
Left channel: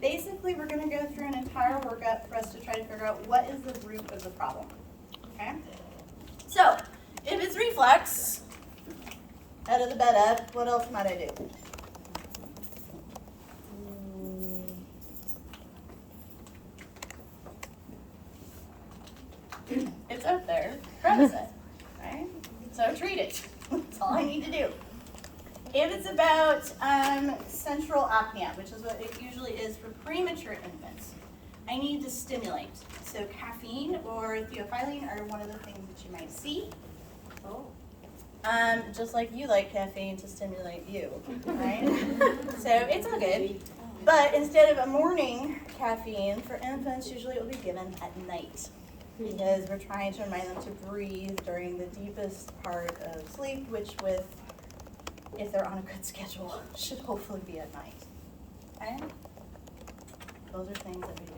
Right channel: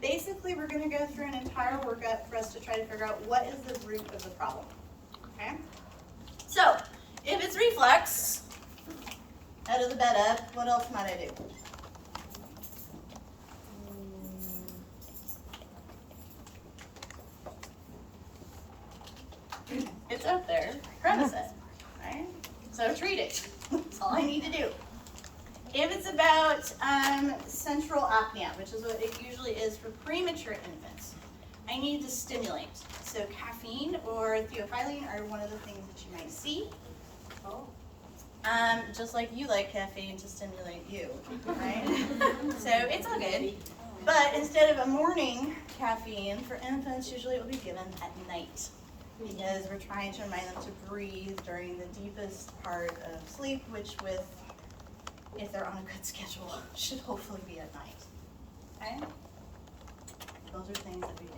Basically, we're going to go through an entire workup for us to try to figure out what is the root of the problem. Okay? So, if it's reflux, head of the bed up, what else might I do? It's up there. Premise it, right? So treat it. That's all I need to do. If it's about central apnea, which is what it usually is for premature infants, I need to stimulate. So caffeine or theophylline are one of the things that you might see. Just like you like caffeine to stimulate you, right? So it's all good. But instead of a morning caffeine, for infants, usually it will be given at night, because we're trying to remind them to breathe during the deepest part of sleep, which if they're on a good schedule, should hopefully be at night. Okay? Those are things that we do.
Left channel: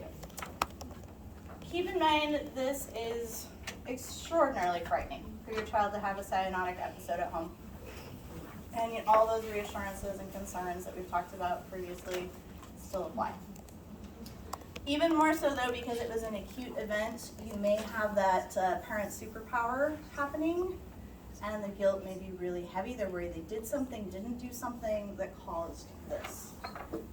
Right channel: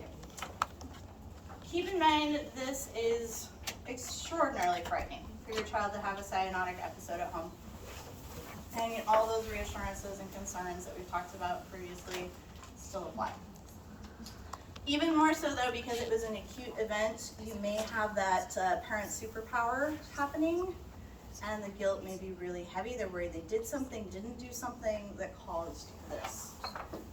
Keep in mind this is extraordinarily frightening for your child to have a cyanotic episode at home. And all those reassurances and concerns that we've talked about previously still apply. Even more so though, because it was an acute event, you may have that parent superpower happening. and the guilt may be really heavy. They're worried they did something, didn't do something that caused this.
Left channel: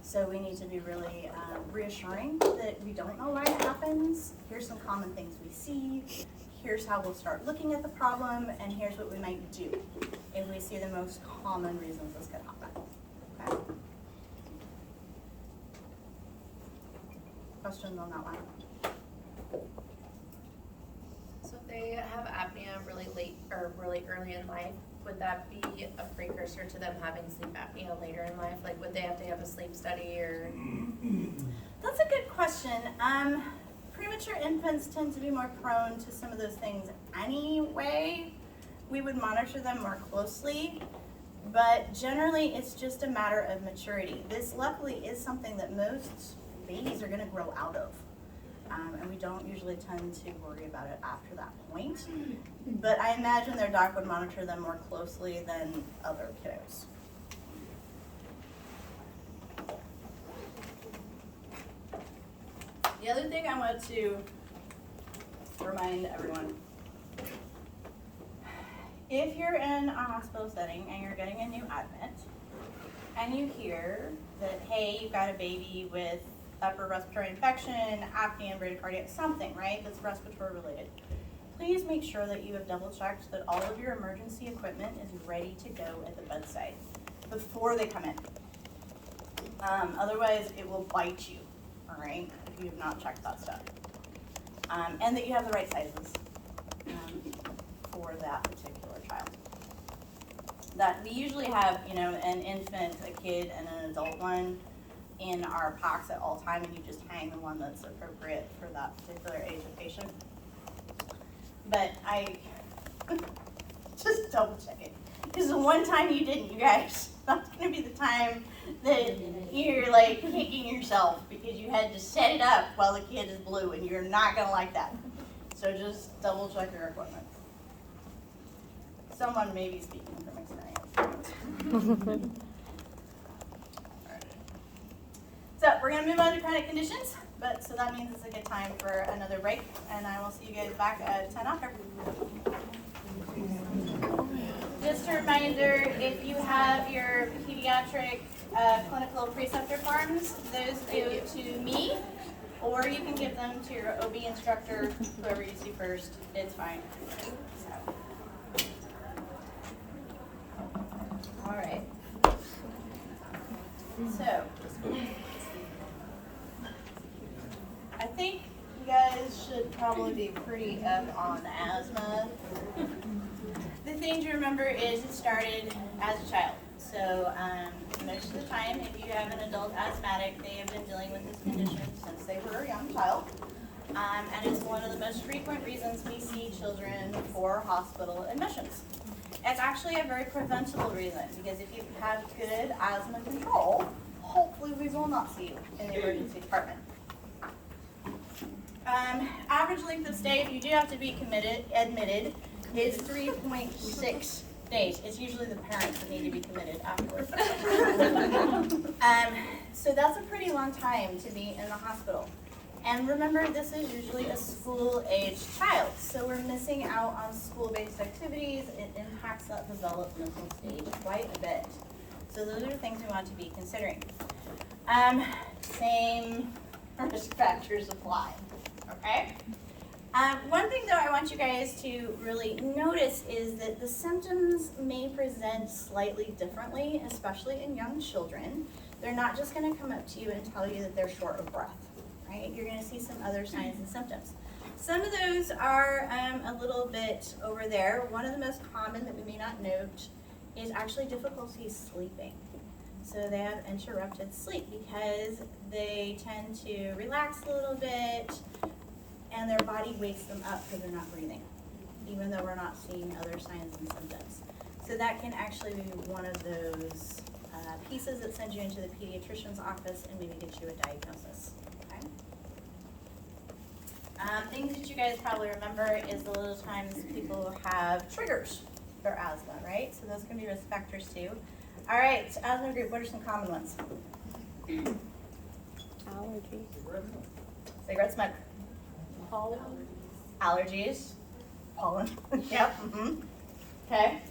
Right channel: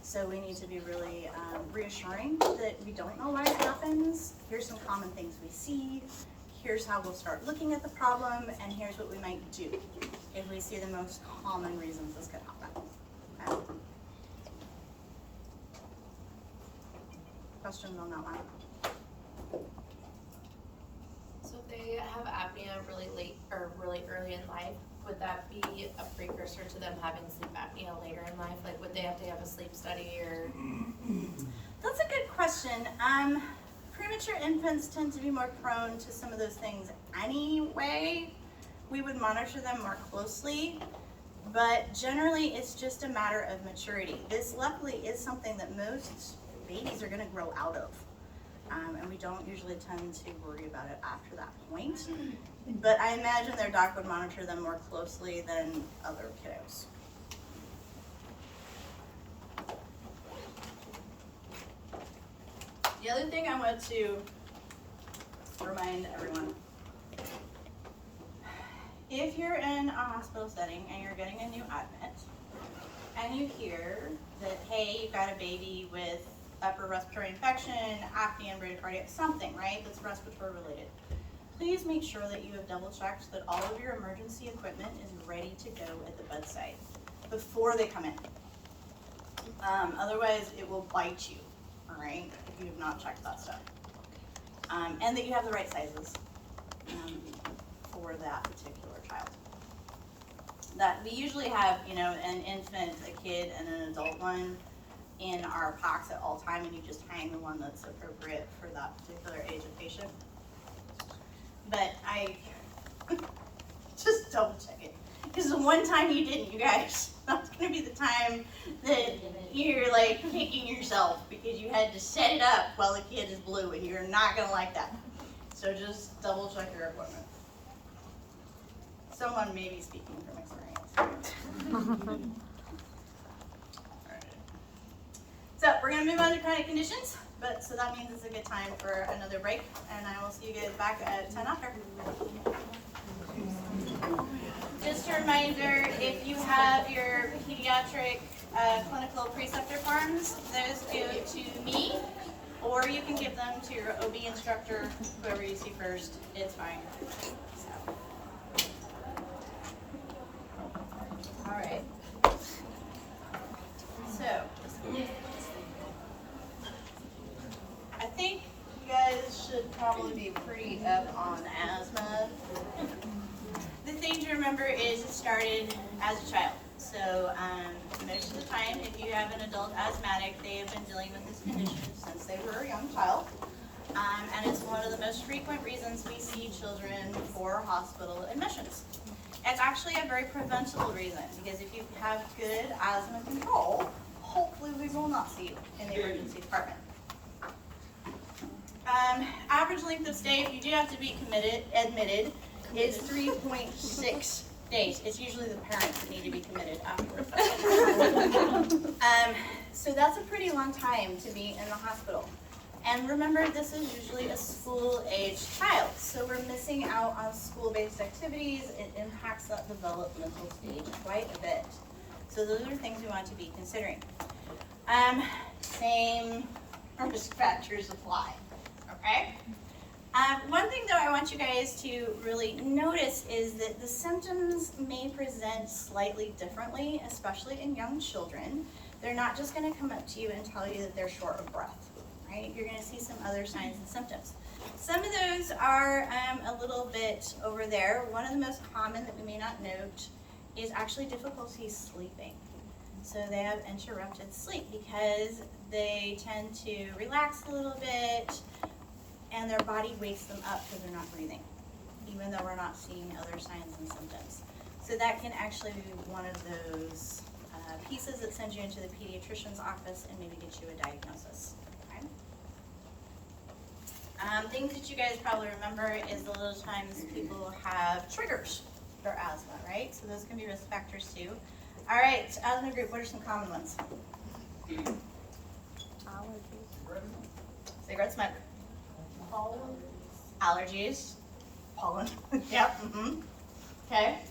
So we need to be really reassuring that we don't know why it happens. Here's some common things we see. Here's how we'll start looking at the problem, and here's what we might do if we see the most common reasons this could happen. Okay? Questions on that one? So if they have apnea really late or really early in life, would that be a precursor to them having sleep apnea later in life? Like, would they have to have a sleep study or? That's a good question. Premature infants tend to be more prone to some of those things anyway. We would monitor them more closely, but generally it's just a matter of maturity. This luckily is something that most babies are going to grow out of, and we don't usually tend to worry about it after that point. But I imagine their doc would monitor them more closely than other kiddos. The other thing I want to remind everyone, if you're in a hospital setting and you're getting a new admit, and you hear that, hey, you've got a baby with upper respiratory infection, apnea, bradycardia, something, right, that's respiratory related, please make sure that you have double checked that all of your emergency equipment is ready to go at the bedside before they come in. Otherwise, it will bite you, all right, if you have not checked that stuff. And that you have the right sizes for that particular child. That we usually have, you know, an infant, a kid, and an adult one in our packs at all time, and you just hang the one that's appropriate for that particular age of patient. But I just double check it. Because the one time you didn't, you guys, that's gonna be the time that you're like kicking yourself because you had to set it up while the kid is blue, and you're not gonna like that. So just double check your equipment. Someone may be speaking from experience. So we're gonna move on to chronic conditions, but so that means it's a good time for another break, and I will see you guys back at 10 after. Just a reminder, if you have your pediatric clinical preceptor forms, those go to me, or you can give them to your OB instructor, whoever you see first, it's fine. All right. So, I think you guys should probably be pretty up on asthma. The thing to remember is it started as a child. So most of the time, if you have an adult asthmatic, they have been dealing with this condition since they were a young child. And it's one of the most frequent reasons we see children for hospital admissions. It's actually a very preventable reason, because if you have good asthma control, hopefully we will not see you in the emergency department. Average length of stay, if you do have to be admitted, is 3.6 days. It's usually the parents that need to be committed afterwards. So that's a pretty long time to be in the hospital. And remember, this is usually a school-aged child, so we're missing out on school-based activities. It impacts that developmental stage quite a bit. So those are things we want to be considering. Same risk factors apply, okay? One thing that I want you guys to really notice is that the symptoms may present slightly differently, especially in young children. They're not just going to come up to you and tell you that they're short of breath, right? You're going to see some other signs and symptoms. Some of those are a little bit over there. One of the most common that we may not note is actually difficulty sleeping. So they have interrupted sleep because they tend to relax a little bit, and their body wakes them up because they're not breathing, even though we're not seeing other signs and symptoms. So that can actually be one of those pieces that sends you into the pediatrician's office and maybe get you a diagnosis. Okay? Things that you guys probably remember is the little times people have triggers for asthma, right? So those can be risk factors too. All right, asthma group, what are some common ones? Allergies. Cigarette smoke. Allergies. Pollen. Yep. Okay?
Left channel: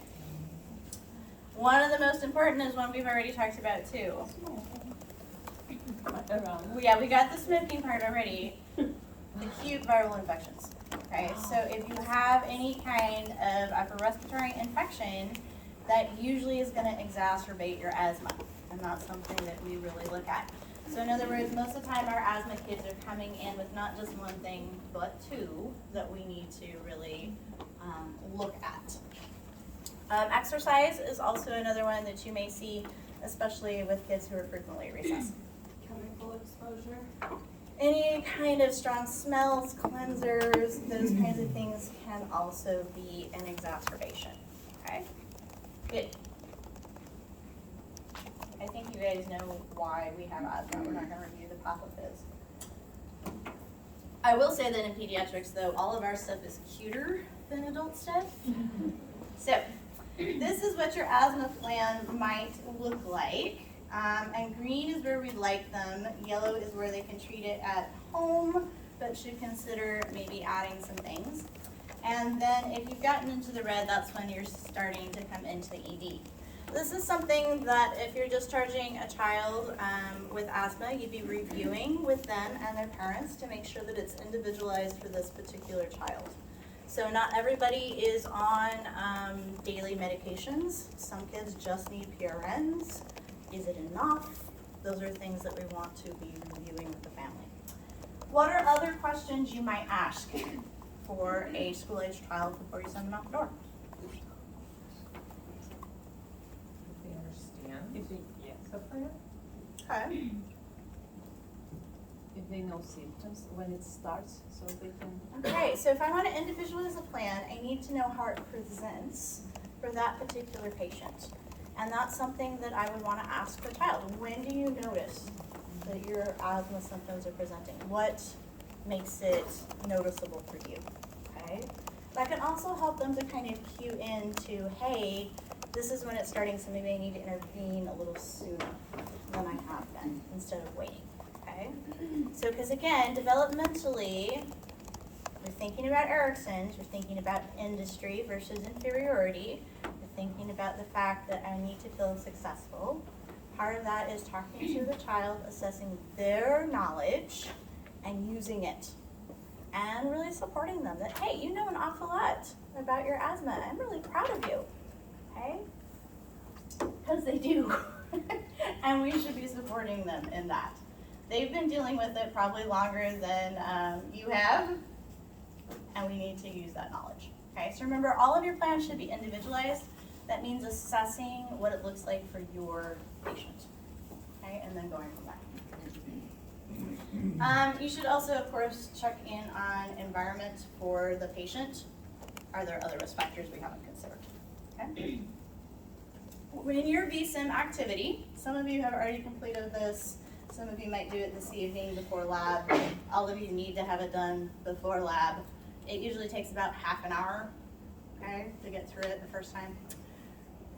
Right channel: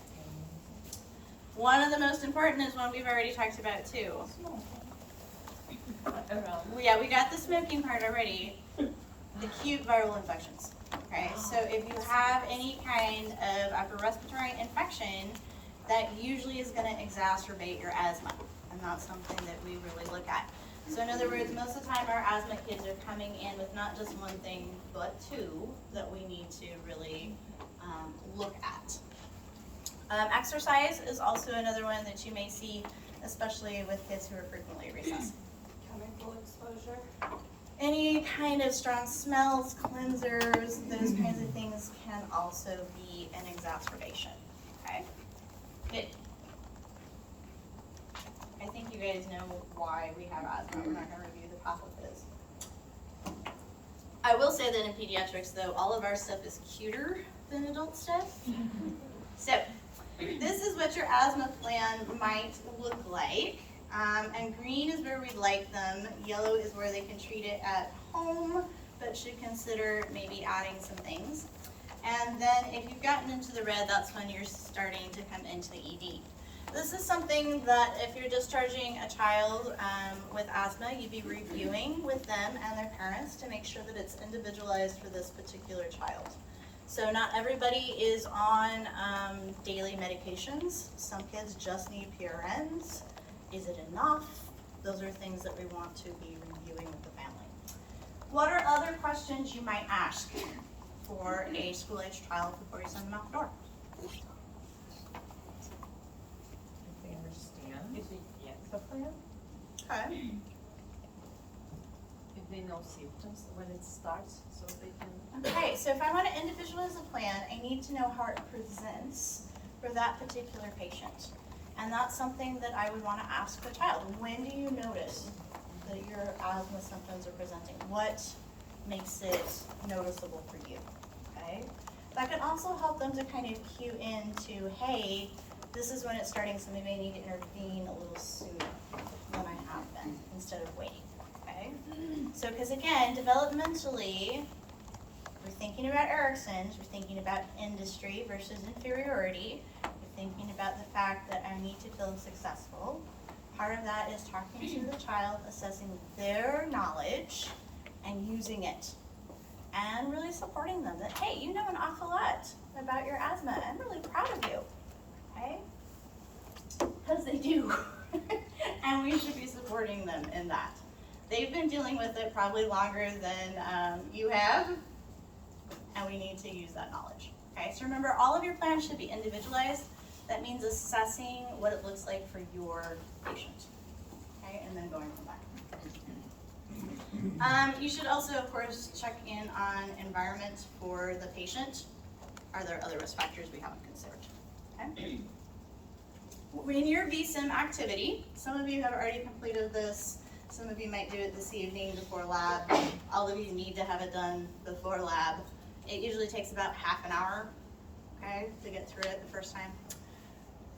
One of the most important is one we've already talked about too. Yeah, we got the smoking part already. Acute viral infections. Okay, so if you have any kind of upper respiratory infection, that usually is going to exacerbate your asthma, and not something that we really look at. So in other words, most of the time our asthma kids are coming in with not just one thing, but two that we need to really look at. Exercise is also another one that you may see, especially with kids who are frequently at recess. Chemical exposure. Any kind of strong smells, cleansers, those kinds of things can also be an exacerbation. Okay? Good. I think you guys know why we have asthma. We're not going to review the pathophys. I will say that in pediatrics, though, all of our stuff is cuter than adult stuff. So, this is what your asthma plan might look like. And green is where we'd like them. Yellow is where they can treat it at home, but should consider maybe adding some things. And then if you've gotten into the red, that's when you're starting to come into the ED. This is something that if you're discharging a child with asthma, you'd be reviewing with them and their parents to make sure that it's individualized for this particular child. So not everybody is on daily medications. Some kids just need PRNs. Is it enough? Those are things that we want to be reviewing with the family. What are other questions you might ask for a school-age child before you send them out the door? If they understand the plan? Okay. If they know symptoms when it starts, so they can. Okay, so if I want to individualize a plan, I need to know how it presents for that particular patient. And that's something that I would want to ask the child. When do you notice that your asthma symptoms are presenting? What makes it noticeable for you? Okay? That can also help them to kind of cue into, hey, this is when it's starting, so maybe I need to intervene a little sooner than I have been, instead of waiting. Okay? So, because again, developmentally, you're thinking about Erickson's, you're thinking about industry versus inferiority. Thinking about the fact that I need to feel successful. Part of that is talking to the child, assessing their knowledge and using it. And really supporting them that, hey, you know an awful lot about your asthma. I'm really proud of you. Okay? Because they do. And we should be supporting them in that. They've been dealing with it probably longer than you have, and we need to use that knowledge. Okay, so remember, all of your plans should be individualized. That means assessing what it looks like for your patient, okay, and then going from there. You should also, of course, check in on environment for the patient. Are there other risk factors we haven't considered? Okay. In your VSIM activity, some of you have already completed this. Some of you might do it this evening before lab. All of you need to have it done before lab. It usually takes about half an hour, okay, to get through it the first time.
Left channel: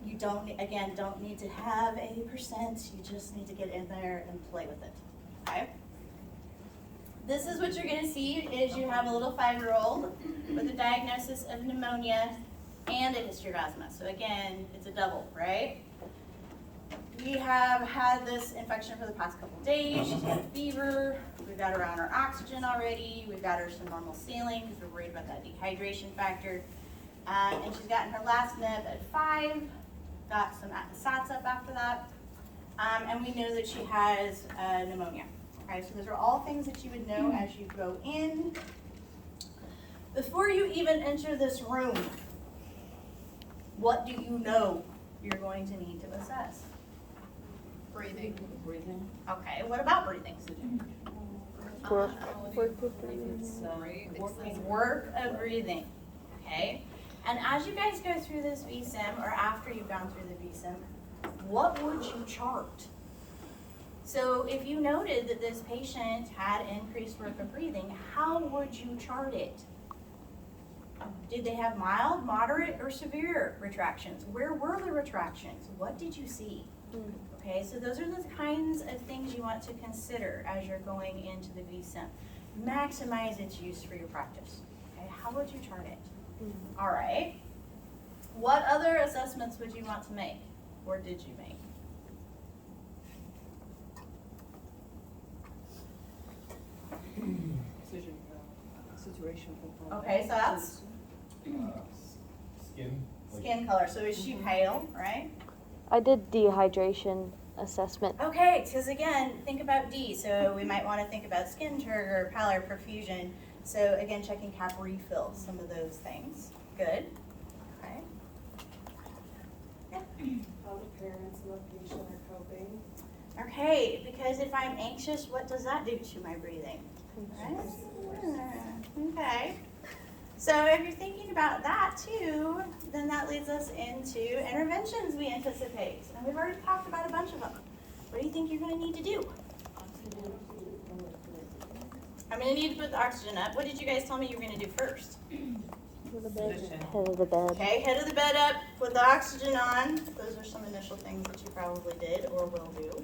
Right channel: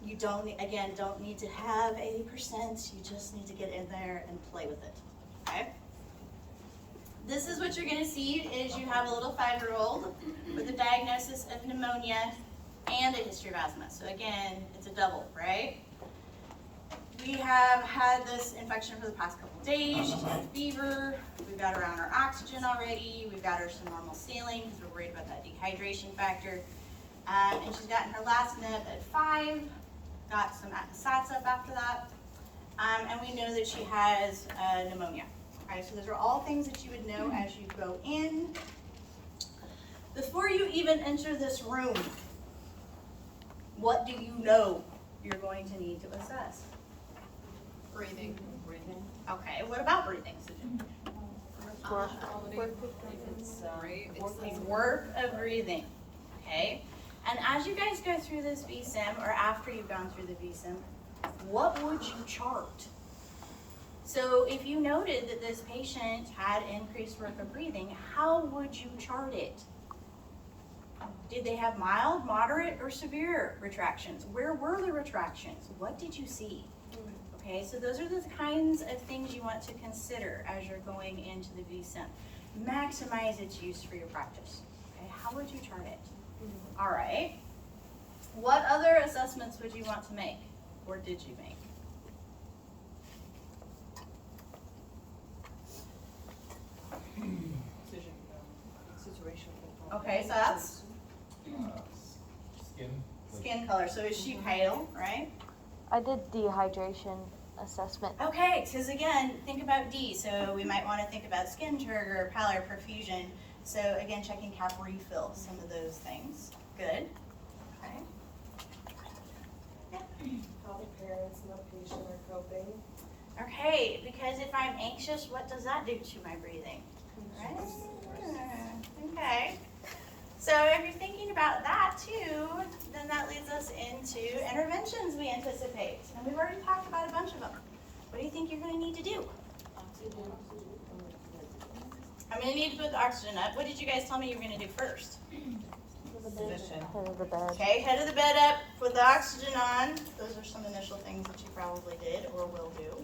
You don't need to have 80%, you just need to get in there and play with it, okay? This is what you're gonna see is you have a little 5-year-old with a diagnosis of pneumonia and a history of asthma. So again, it's a double, right? We have had this infection for the past couple of days. She's got a fever. We've got her on her oxygen already. We've got her some normal saline because we're worried about that dehydration factor. And she's gotten her last nib at 5. Got some SATs up after that. And we know that she has pneumonia. Okay, so those are all things that you would know as you go in. Before you even enter this room, what do you know you're going to need to assess? Breathing. Okay, what about breathing? Work of breathing. Okay, and as you guys go through this VSIM, or after you've gone through the VSIM, what would you chart? So if you noted that this patient had increased work of breathing, how would you chart it? Did they have mild, moderate, or severe retractions? Where were the retractions? What did you see? Okay, so those are the kinds of things you want to consider as you're going into the VSIM. Maximize its use for your practice. Okay, how would you chart it? All right. What other assessments would you want to make, or did you make? Saturation component. Okay, so that's Skin. skin color. So is she pale, right? I did dehydration assessment. Okay, because again, think about D. So we might want to think about skin turgor, pallor, perfusion. So again, checking cap refill, some of those things. Good. Okay. How the parents and the patient are coping. Okay, because if I'm anxious, what does that do to my breathing? Right? Okay. So if you're thinking about that too, then that leads us into interventions we anticipate. And we've already talked about a bunch of them. What do you think you're going to need to do? I'm going to need to put the oxygen up. What did you guys tell me you were going to do first? Head of the bed. Okay, head of the bed up, put the oxygen on. Those are some initial things that you probably did or will do.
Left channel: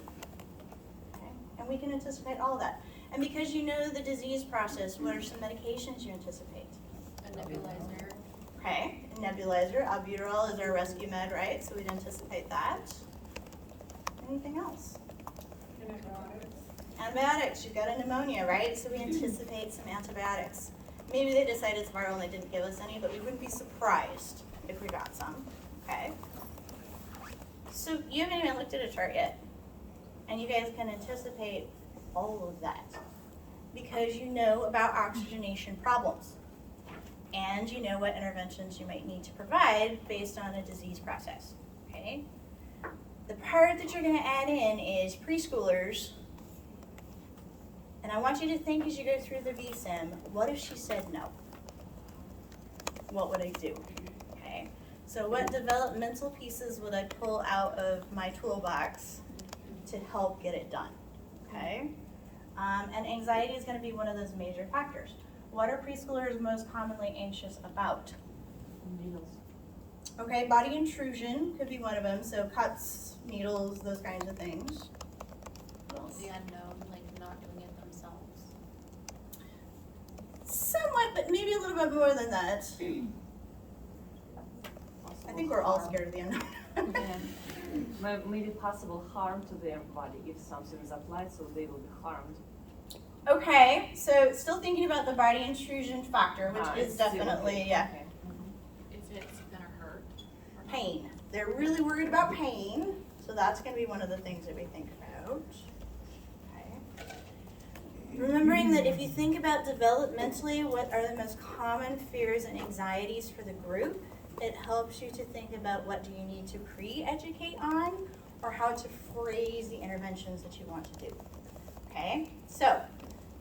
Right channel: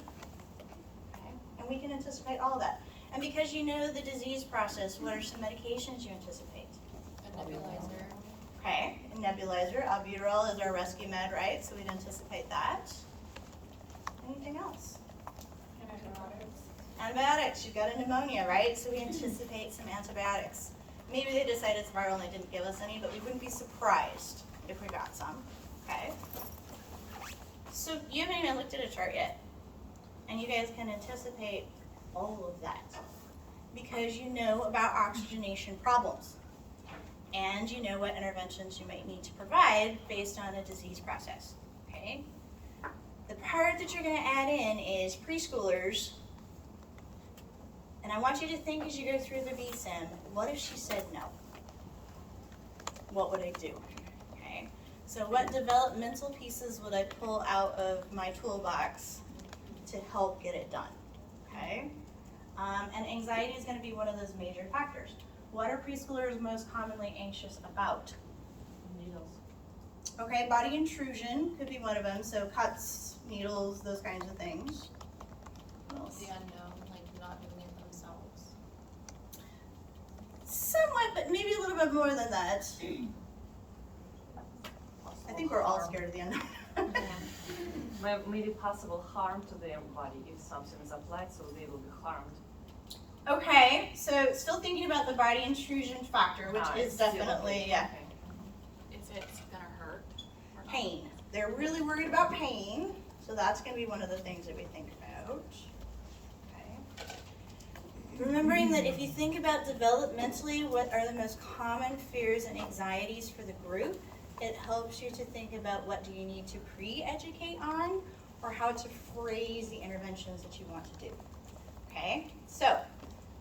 Okay, and we can anticipate all of that. And because you know the disease process, what are some medications you anticipate? A nebulizer. Okay, a nebulizer. Albuterol is our rescue med, right? So we'd anticipate that. Anything else? Antibiotics. You've got a pneumonia, right? So we anticipate some antibiotics. Maybe they decided it's viral and they didn't give us any, but we wouldn't be surprised if we got some. Okay. So you haven't even looked at a chart yet. And you guys can anticipate all of that because you know about oxygenation problems. And you know what interventions you might need to provide based on the disease process. Okay? The part that you're going to add in is preschoolers. And I want you to think as you go through the VSIM, what if she said no? What would I do? Okay. So what developmental pieces would I pull out of my toolbox to help get it done? Okay. And anxiety is going to be one of those major factors. What are preschoolers most commonly anxious about? Needles. Okay, body intrusion could be one of them. So cuts, needles, those kinds of things. What else? The unknown, like not doing it themselves. Somewhat, but maybe a little bit more than that. I think we're all scared of the unknown. Maybe possible harm to their body if something is applied, so they will be harmed. Okay, so still thinking about the body intrusion factor, which is definitely, yeah, Is it gonna hurt? or not? pain. They're really worried about pain, so that's gonna be one of the things that we think about. Okay. Remembering that if you think about developmentally, what are the most common fears and anxieties for the group, it helps you to think about what do you need to pre-educate on or how to phrase the interventions that you want to do. Okay, so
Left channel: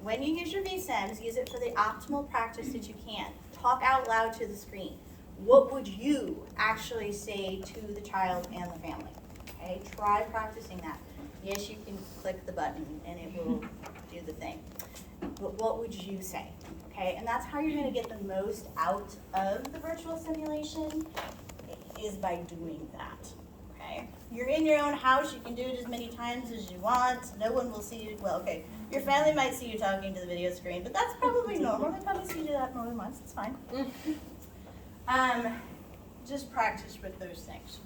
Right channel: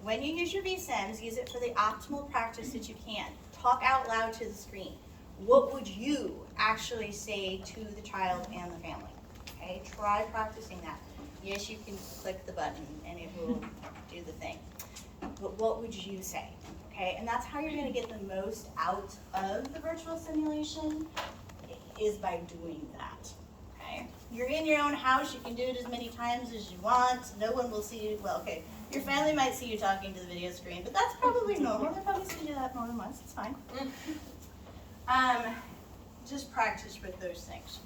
when you use your VSIMs, use it for the optimal practice that you can. Talk out loud to the screen. What would you actually say to the child and the family? Okay, try practicing that. Yes, you can click the button and it will do the thing. But what would you say? Okay, and that's how you're gonna get the most out of the virtual simulation is by doing that. Okay, you're in your own house, you can do it as many times as you want. No one will see you, well, okay, your family might see you talking to the video screen, but that's probably normal. They probably see you do that more than once, it's fine. Just practice with those things.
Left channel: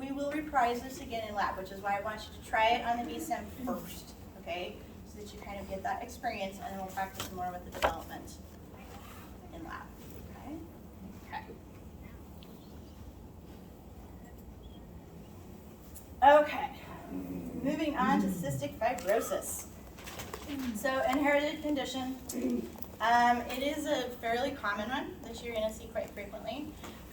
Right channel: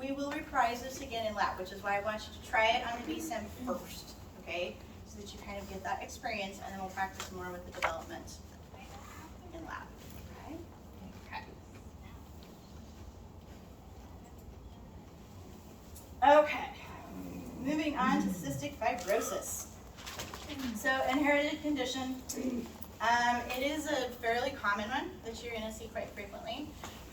We will reprise this again in lab, which is why I want you to try it on the VSIM first, okay? So that you kind of get that experience, and then we'll practice more with the development in lab, okay? Okay. Okay, moving on to cystic fibrosis. So inherited condition, it is a fairly common one that you're gonna see quite frequently.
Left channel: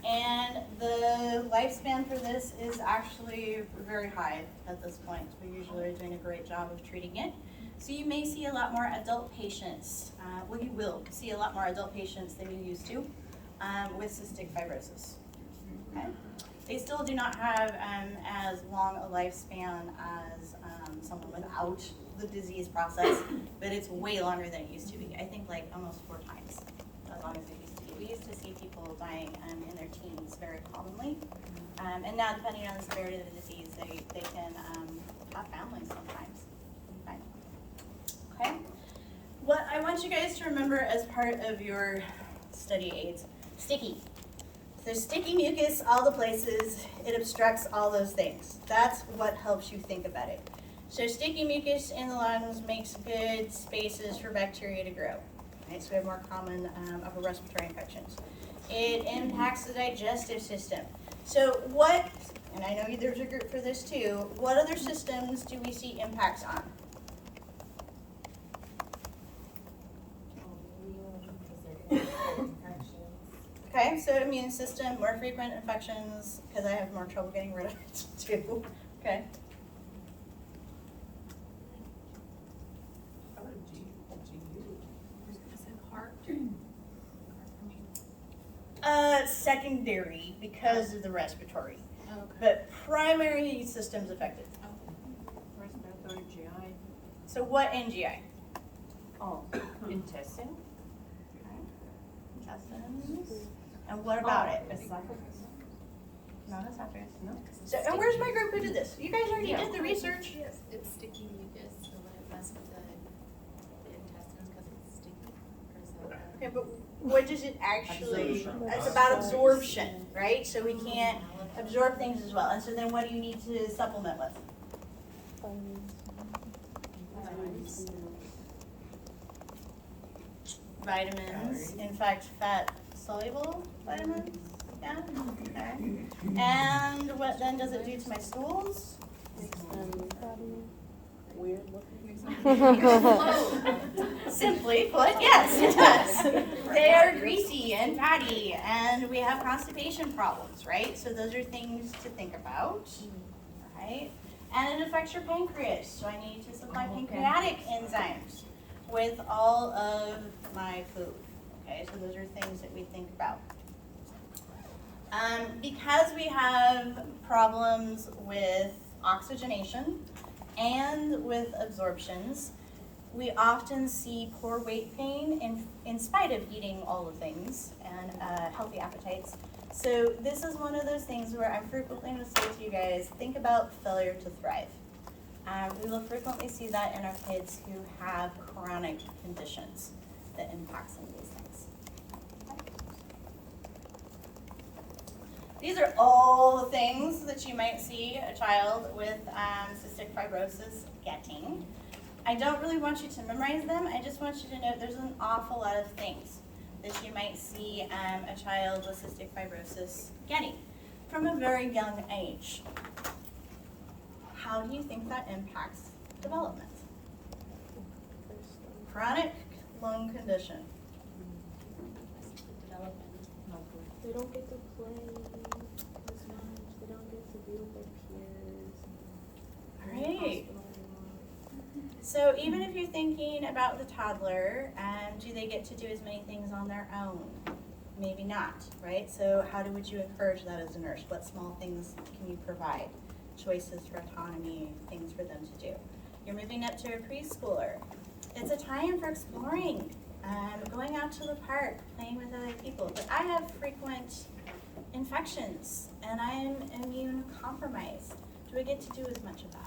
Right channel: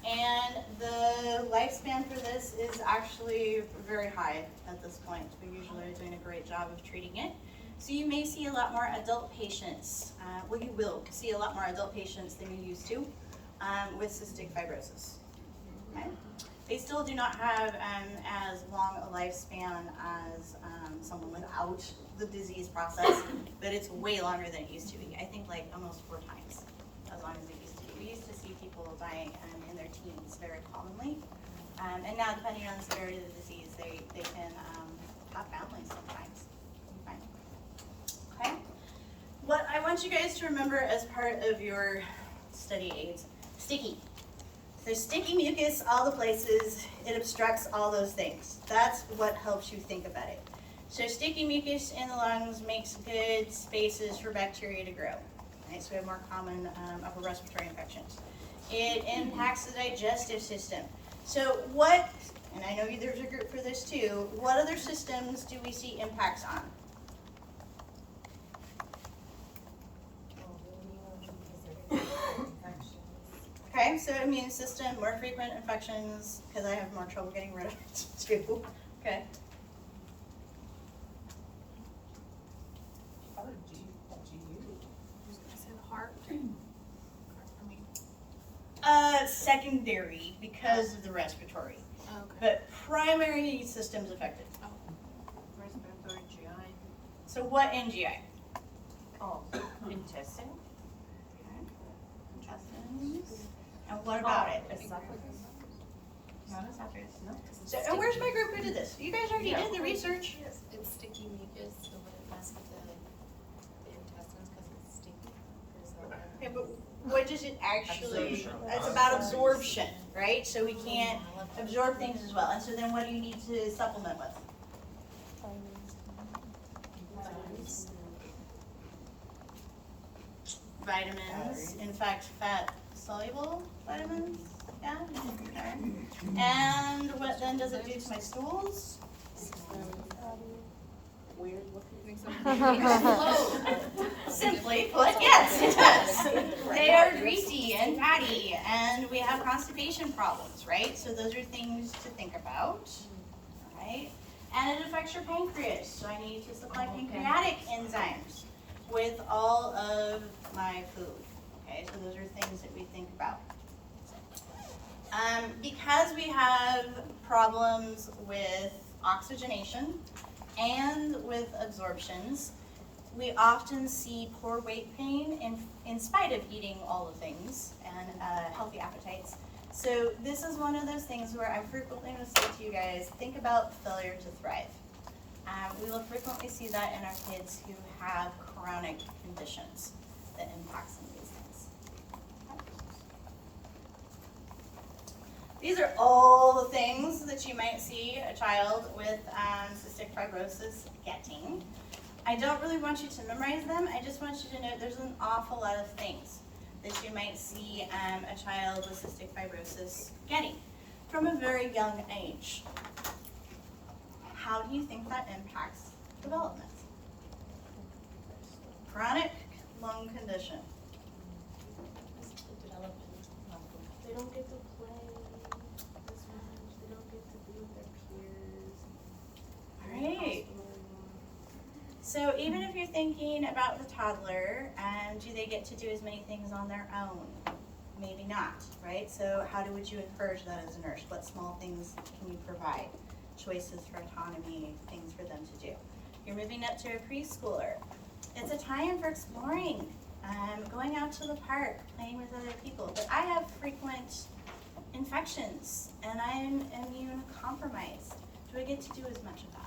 And the lifespan for this is actually very high at this point. We usually are doing a great job of treating it. So you may see a lot more adult patients, well you will see a lot more adult patients than you used to with cystic fibrosis. Okay? They still do not have as long a lifespan as someone without the disease process, but it's way longer than it used to be. I think like almost 4 times as long as it used to be. We used to see people dying in their teens very commonly. And now depending on the severity of the disease, they can have families sometimes. Okay. Okay. What I want you guys to remember as part of your study aids, sticky. So sticky mucus, all the places, it obstructs all those things. That's what helps you think about it. So sticky mucus in the lungs makes good spaces for bacteria to grow. Right? So we have more common upper respiratory infections. It impacts the digestive system. So what, and I know there's a group for this too, what other systems do we see impacts on? Okay, so immune system, more frequent infections, because I have more trouble getting rid of it too. Okay. Probably GU. Just gonna say the heart. Secondary because of the respiratory, Okay. but primary systems affected. Respiratory, GI. So what in GI? Oh, intestine. Intestines. And what about it? Esophagus. Not esophagus. No. So, and where's my group who did this? You guys already did the research. It's sticky mucus, so when it messes with the intestines, because it's sticky, or is that? Okay, but what does it actually? Absorption. It's about absorption, right? So we can't absorb things as well. And so then what do you need to supplement with? Vitamins. In fact, fat soluble vitamins. Yeah. Okay. And what then does it do to my stools? Weird Makes Simply put, yes, it does. They are greasy and fatty, and we have constipation problems, right? So those are things to think about, right? And it affects your pancreas, so I need to supply pancreatic enzymes with all of my food. Okay, so those are things that we think about. Because we have problems with oxygenation and with absorptions, we often see poor weight gain in spite of eating all the things and healthy appetites. So this is one of those things where I frequently will say to you guys, think about failure to thrive. We will frequently see that in our kids who have chronic conditions that impact some of these things. These are all the things that you might see a child with cystic fibrosis getting. I don't really want you to memorize them. I just want you to know there's an awful lot of things that you might see a child with cystic fibrosis getting from a very young age. How do you think that impacts development? Chronic lung condition. They don't get to play as much. They don't get to be with their peers. All right. So even if you're thinking about the toddler, do they get to do as many things on their own? Maybe not, right? So would you encourage that as a nurse? What small things can you provide? Choices for autonomy, things for them to do. You're moving up to a preschooler. It's a time for exploring, going out to the park, playing with other people. But I have frequent infections and I'm immune compromised. Do I get to do as much of that?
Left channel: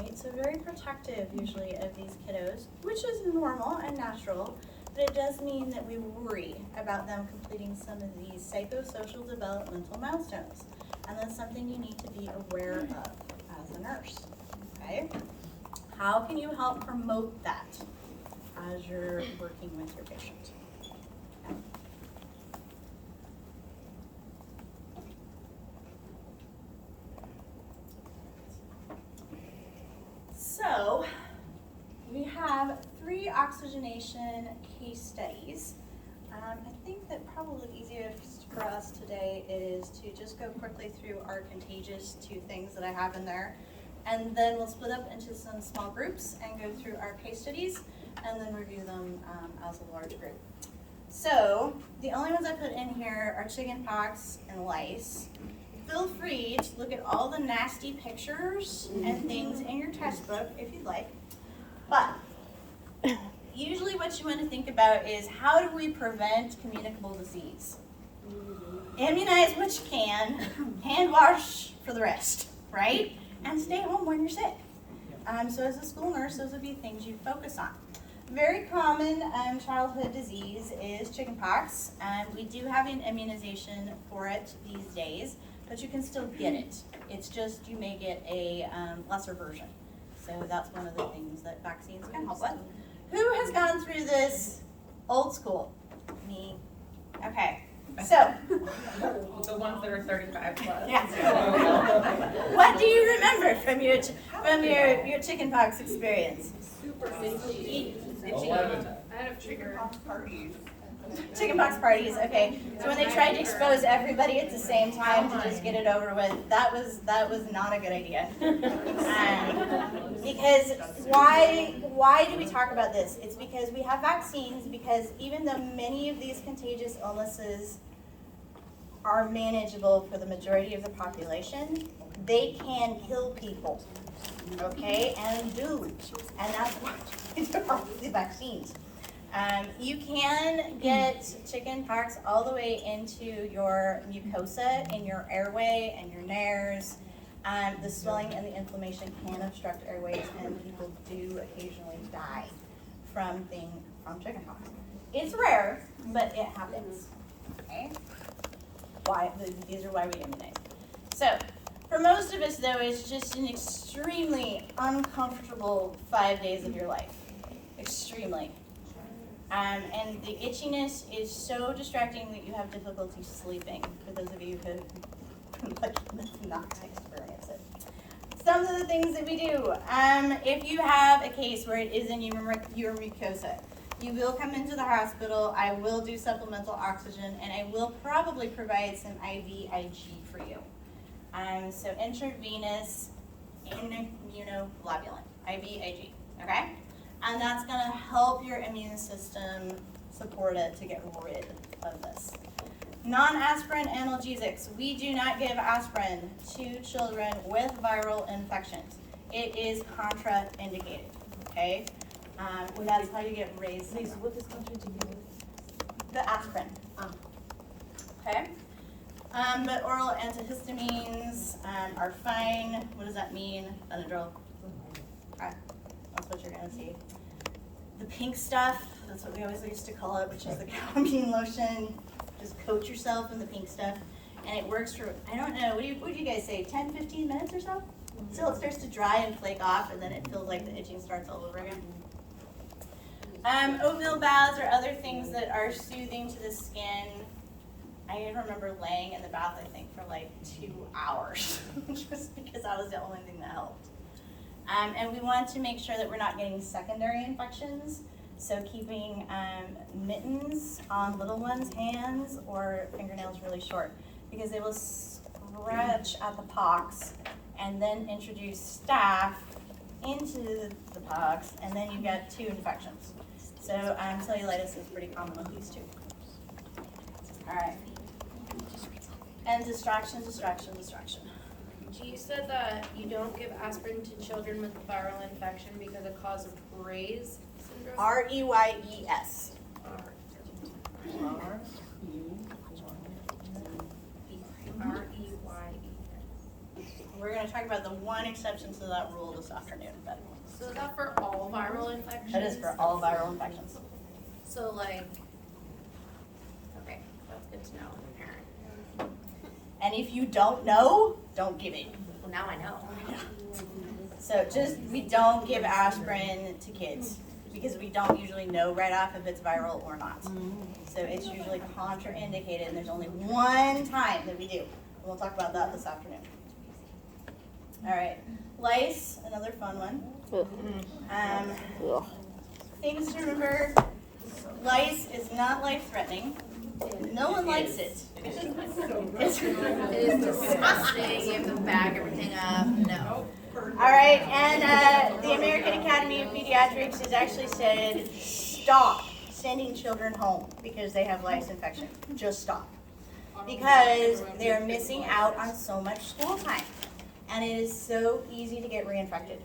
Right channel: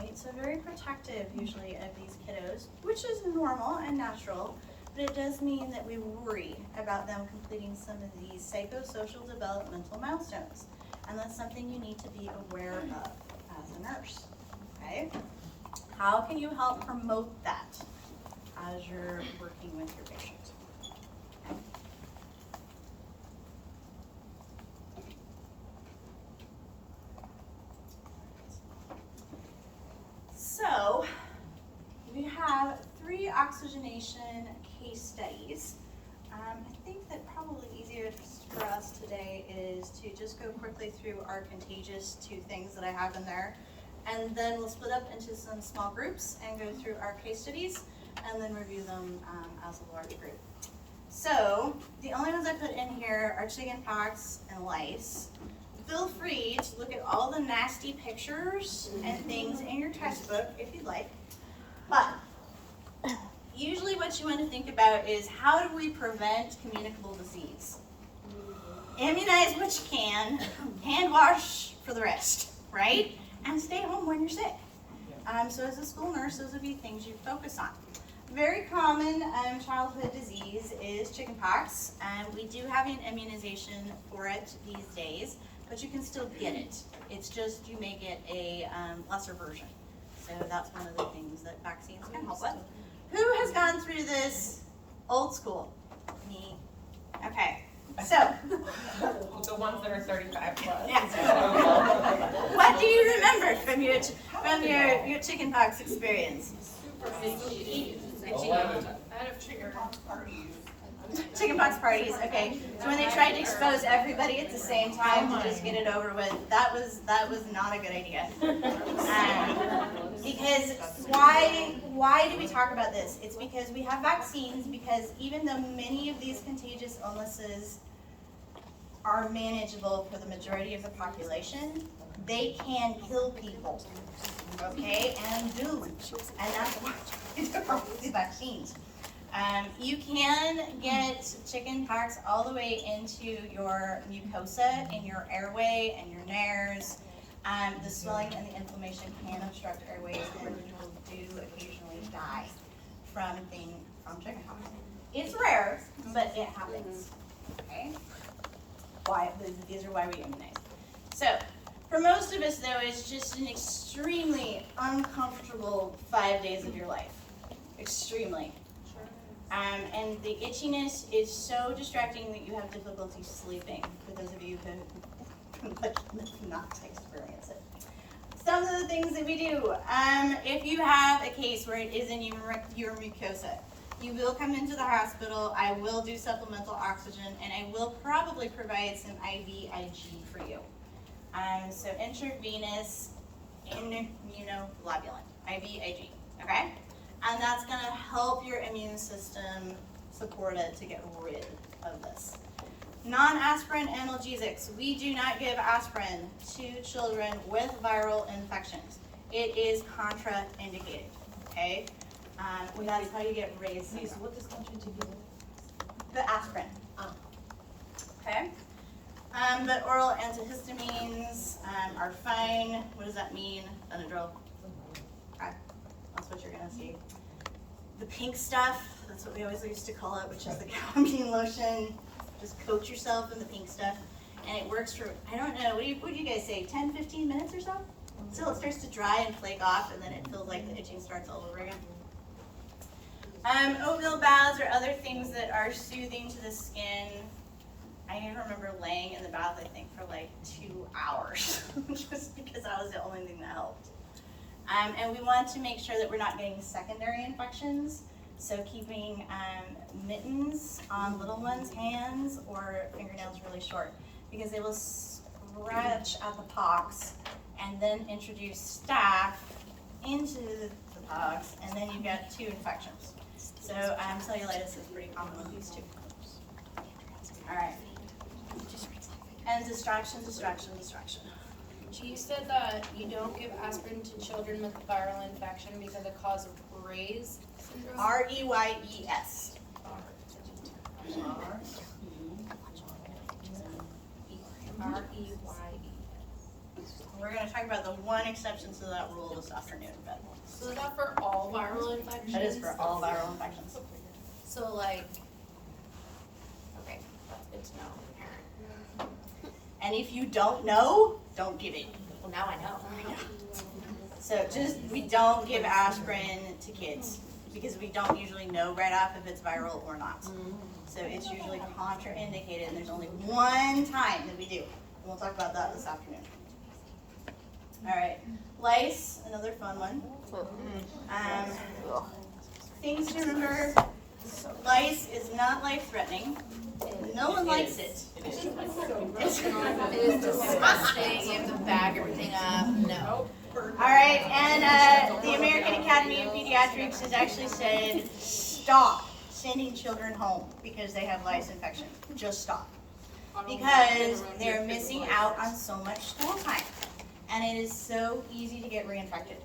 Right? So very protective usually of these kiddos, which is normal and natural, but it does mean that we worry about them completing some of these psychosocial developmental milestones. And that's something you need to be aware of as a nurse, okay? How can you help promote that as you're working with your patient? So, we have 3 oxygenation case studies. I think that probably easiest for us today is to just go quickly through our contagious 2 things that I have in there. And then we'll split up into some small groups and go through our case studies and then review them as a large group. So, the only ones I put in here are chickenpox and lice. Feel free to look at all the nasty pictures and things in your textbook if you'd like. But usually what you want to think about is how do we prevent communicable disease? Immunize what you can, hand wash for the rest, right? And stay home when you're sick. So as a school nurse, those would be things you focus on. very common childhood disease is chickenpox, and we do have an immunization for it these days, but you can still get it. It's just you may get a lesser version. So that's one of the things that vaccines can help with. Who has gone through this old school? Me. Okay. So, The ones that are 35 plus. yes. What do you remember from your chickenpox experience? I had chickenpox parties. Chickenpox parties, okay. So when they tried to expose everybody at the same time to just get it over with, that was not a good idea. Because why do we talk about this? It's because we have vaccines, because even though many of these contagious illnesses are manageable for the majority of the population, they can kill people, okay, and do. And that's why we are with the vaccines. You can get chickenpox all the way into your mucosa, in your airway and your nares. The swelling and the inflammation can obstruct airways, and people do occasionally die from chickenpox. It's rare, but it happens. Okay. These are why we immunize. So, for most of us, though, it's just an extremely uncomfortable 5 days of your life. Extremely. And the itchiness is so distracting that you have difficulty sleeping, for those of you who are lucky enough not to experience it. Some of the things that we do, if you have a case where it is in your mucosa, you will come into the hospital. I will do supplemental oxygen, and I will probably provide some IVIG for you. So intravenous immunoglobulin, IVIG, okay? And that's gonna help your immune system support it to get rid of this. Non-aspirin analgesics. We do not give aspirin to children with viral infections. It is contraindicated, okay? That's how you get raised. Please, what is contraindicated? The aspirin. Okay? But oral antihistamines are fine. What does that mean? Benadryl. Okay. That's what you're gonna see. The pink stuff, that's what we always used to call it, which is the calamine lotion. Just coat yourself in the pink stuff. And it works for, I don't know, what do you guys say, 10, 15 minutes or so? Until it starts to dry and flake off, and then it feels like the itching starts all over again. Oatmeal baths or other things that are soothing to the skin. I remember laying in the bath, I think, for like 2 hours, just because that was the only thing that helped. And we want to make sure that we're not getting secondary infections. So keeping mittens on little ones' hands or fingernails really short, because they will scratch at the pox and then introduce staph into the pox, and then you've got 2 infections. So cellulitis is pretty common with these 2. All right. And distraction. You said that you don't give aspirin to children with a viral infection because of cause of Reyes syndrome? R-E-Y-E-S. R-E-Y-E. We're going to talk about the one exception to that rule this afternoon, but So is that for all viral infections? it is for all viral infections. So like, okay, that's good to know, parent. And if you don't know, don't give it. Well, now I know. So we don't give aspirin to kids because we don't usually know right off if it's viral or not. So it's usually contraindicated, and there's only one time that we do. And we'll talk about that this afternoon. All right, lice, another fun one. Things to remember, lice is not life-threatening. No one likes it. It is disgusting, you have to bag everything up, no. All right, and the American Academy of Pediatrics has actually said, stop sending children home because they have lice infection. Just stop. Because they're missing out on so much school time. And it is so easy to get reinfected.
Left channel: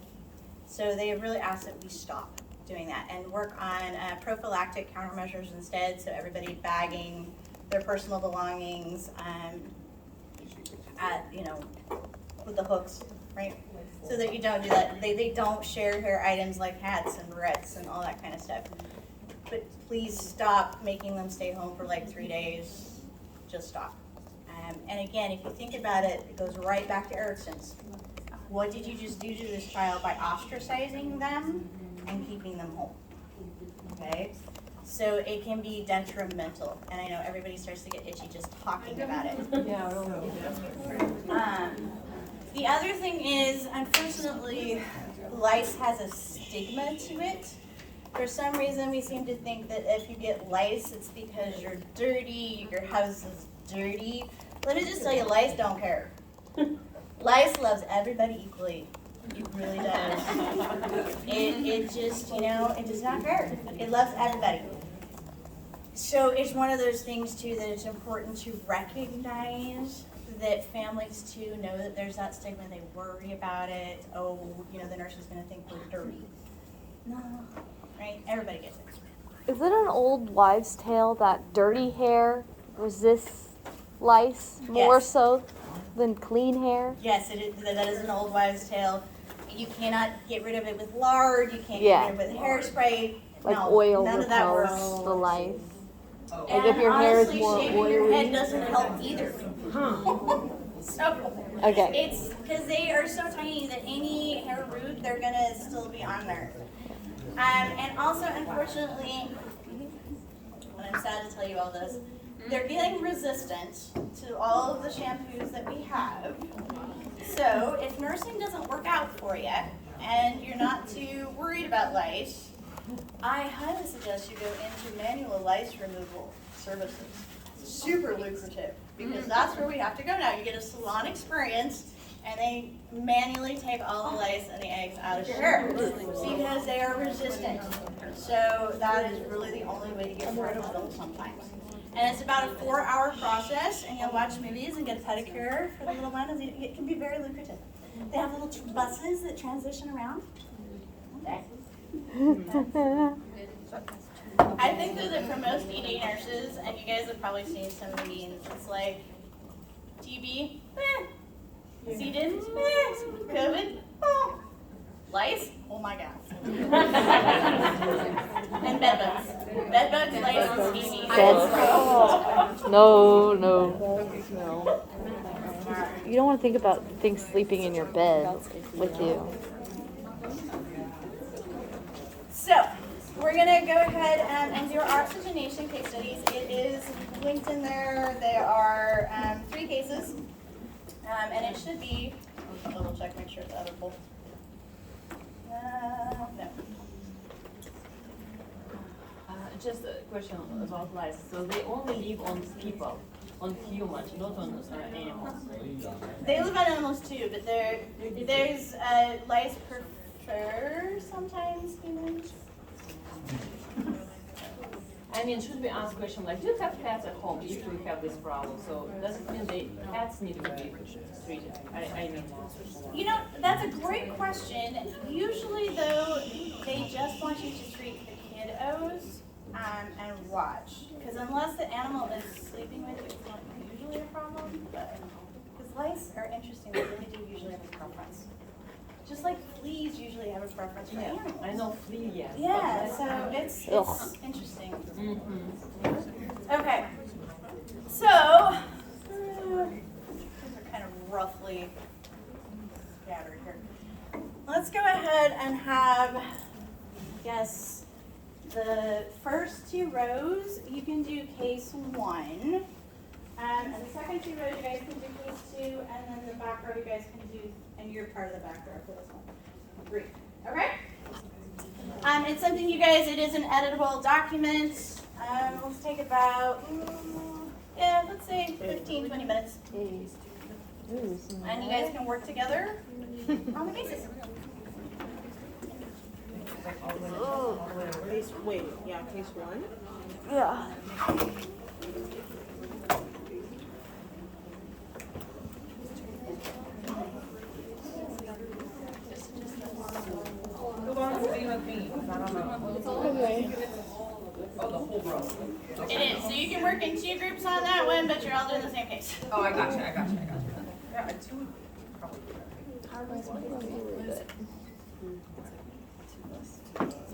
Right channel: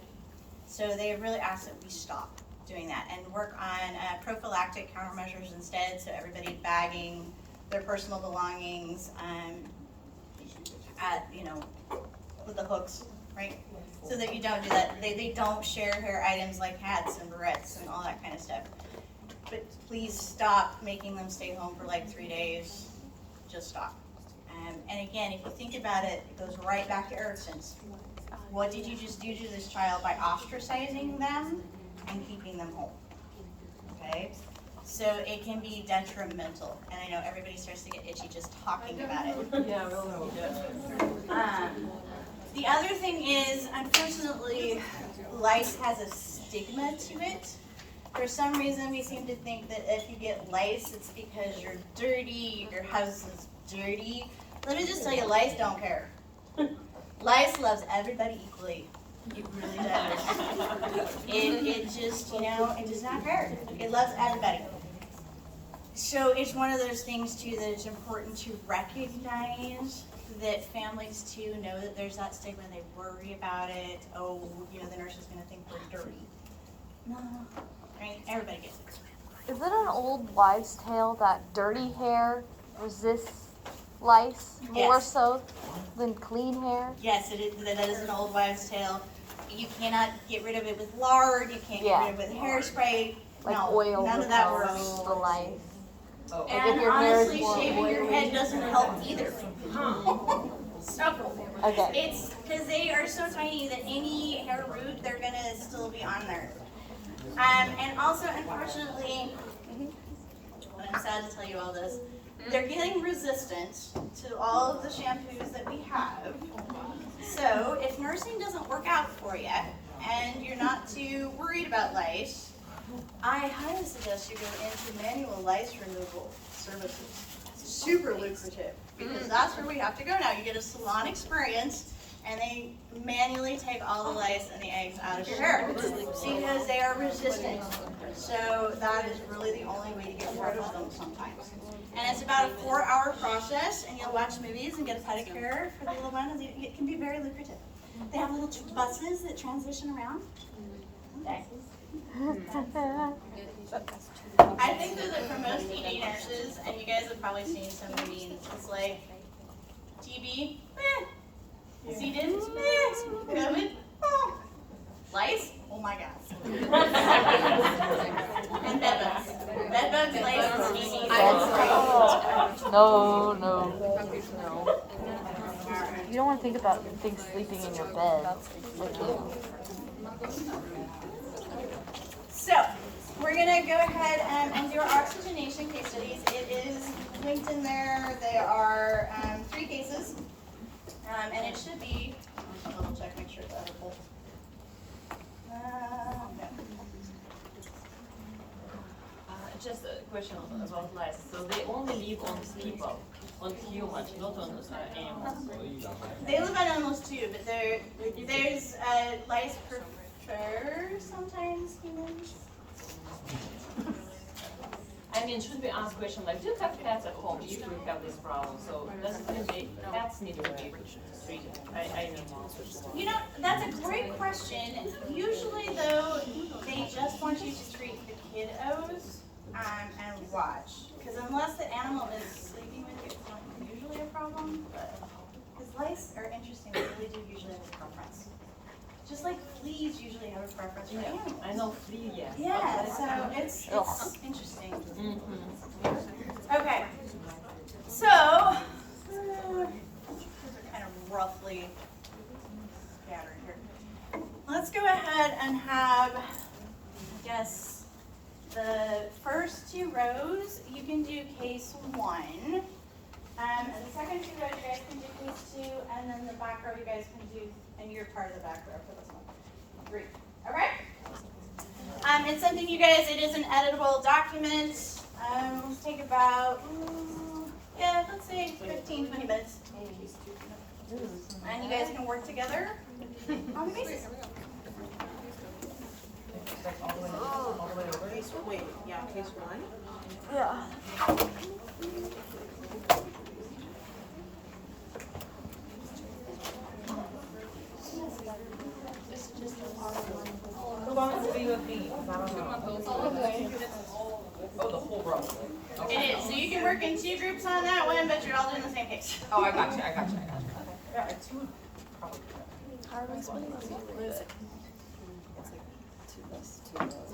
So they have really asked that we stop doing that and work on prophylactic countermeasures instead, so everybody bagging their personal belongings with the hooks, right? So so that you don't do that. They don't share hair items like hats and barrettes and all that kind of stuff. But please stop making them stay home for like 3 days. Just stop. And again, if you think about it, it goes right back to Erickson's. What did you just do to this child by ostracizing them and keeping them home? Okay? So it can be detrimental. And I know everybody starts to get itchy just talking about it. Yeah, The other thing is, unfortunately, lice has a stigma to it. For some reason, we seem to think that if you get lice, it's because you're dirty, your house is dirty. Let me just tell you, lice don't care. Lice loves everybody equally. It really does. It just, it does not care. It loves everybody. So it's one of those things too that it's important to recognize that families too know that there's that stigma. They worry about it. Oh, the nurse is going to think we're dirty. No, right? Everybody gets it. Is it an old wives' tale that dirty hair resists lice more Yes. so than clean hair? Yes, it is. That is an old wives' tale. You cannot get rid of it with lard. You can't get rid of it with hairspray. Like no, oil none of that works. repels the lice. Oh. And Like if your hair is honestly, more shaving your oily. head doesn't help either. So, Okay. it's because they are so tiny that any hair root, they're gonna still be on there. And also, unfortunately, and I'm sad to tell you all this, they're getting resistant to all of the shampoos that we have. So, if nursing doesn't work out for you, and you're not too worried about lice, I highly suggest you go into manual lice removal services. Super lucrative, because that's where we have to go now. You get a salon experience, and they manually take all the lice and the eggs out of your hair because they are resistant. So that is really the only way to get rid of them sometimes. And it's about a 4-hour process, and you'll watch movies and get a pedicure for the little one. It can be very lucrative. They have little buses that transition around. I think that for most ED nurses, and you guys have probably seen some of the memes, it's like TB, C. diff, COVID, lice, oh my god. And bed bugs. Bed bugs, lice, and TB. No. You don't want to think about things sleeping in your bed with you. So, we're going to go ahead and do our oxygenation case studies. It is linked in there. They are 3 cases. And it should be, I'll double check, make sure it's editable. No. Just a question about lice. So they only live on people, on humans, not on animals. They live on animals too, but there's lice prefer sometimes humans. I mean, should we ask question like, do you have pets at home if we have this problem? So does it mean the pets need to be treated? I don't know. That's a great question. Usually though, they just want you to treat the kiddos and watch. Because unless the animal is sleeping with you, it's not usually a problem. Because lice are interesting, they really do usually have a preference. Just like fleas usually have a preference for animals. I know flea, yes. Yeah, so it's interesting. Okay, so these are kind of roughly scattered here. Let's go ahead and have, the first 2 rows, you can do case 1. And the second 2 rows, you guys can do case 2, and then the back row, you guys can do, and you're part of the back row for this one. 3. Okay? It's something you guys, it is an editable document. Let's take about, let's say 15, 20 minutes. And you guys can work together on the basis. Like all the way over? Wait, yeah, case 1? Yeah. Who wants to be with me? 'Cause I don't know. Oh, the whole row. It is. So you can work in 2 groups on that one, but you're all doing the same case. Oh, I got you. Okay. Yeah, 2 would probably do that.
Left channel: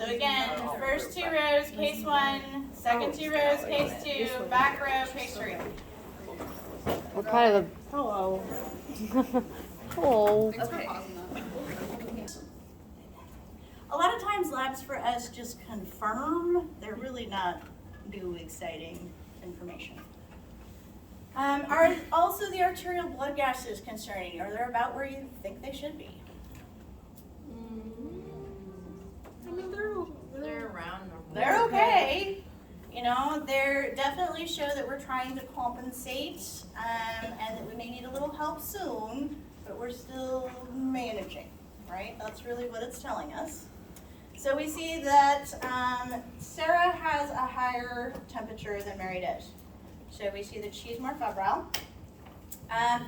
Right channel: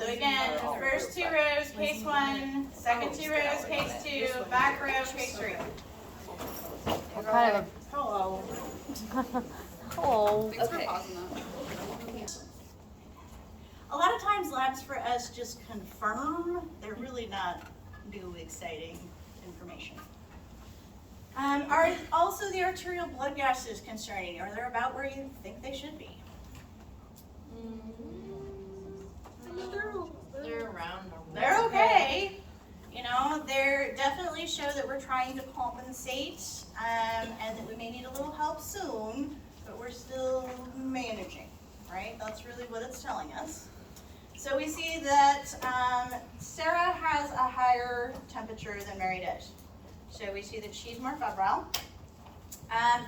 again, first 2 rows, case 1, second 2 rows, case 2, back row, case 3. Hello. Hello. Thanks for pausing that. A lot of times labs for us just confirm, they're really not new exciting information. Are also the arterial blood gases concerning? Are they about where you think they should be? They're around normal. They're okay. You know, they definitely show that we're trying to compensate and that we may need a little help soon, but we're still managing, right? That's really what it's telling us. So we see that Sarah has a higher temperature than Mary does. So we see that she's more febrile.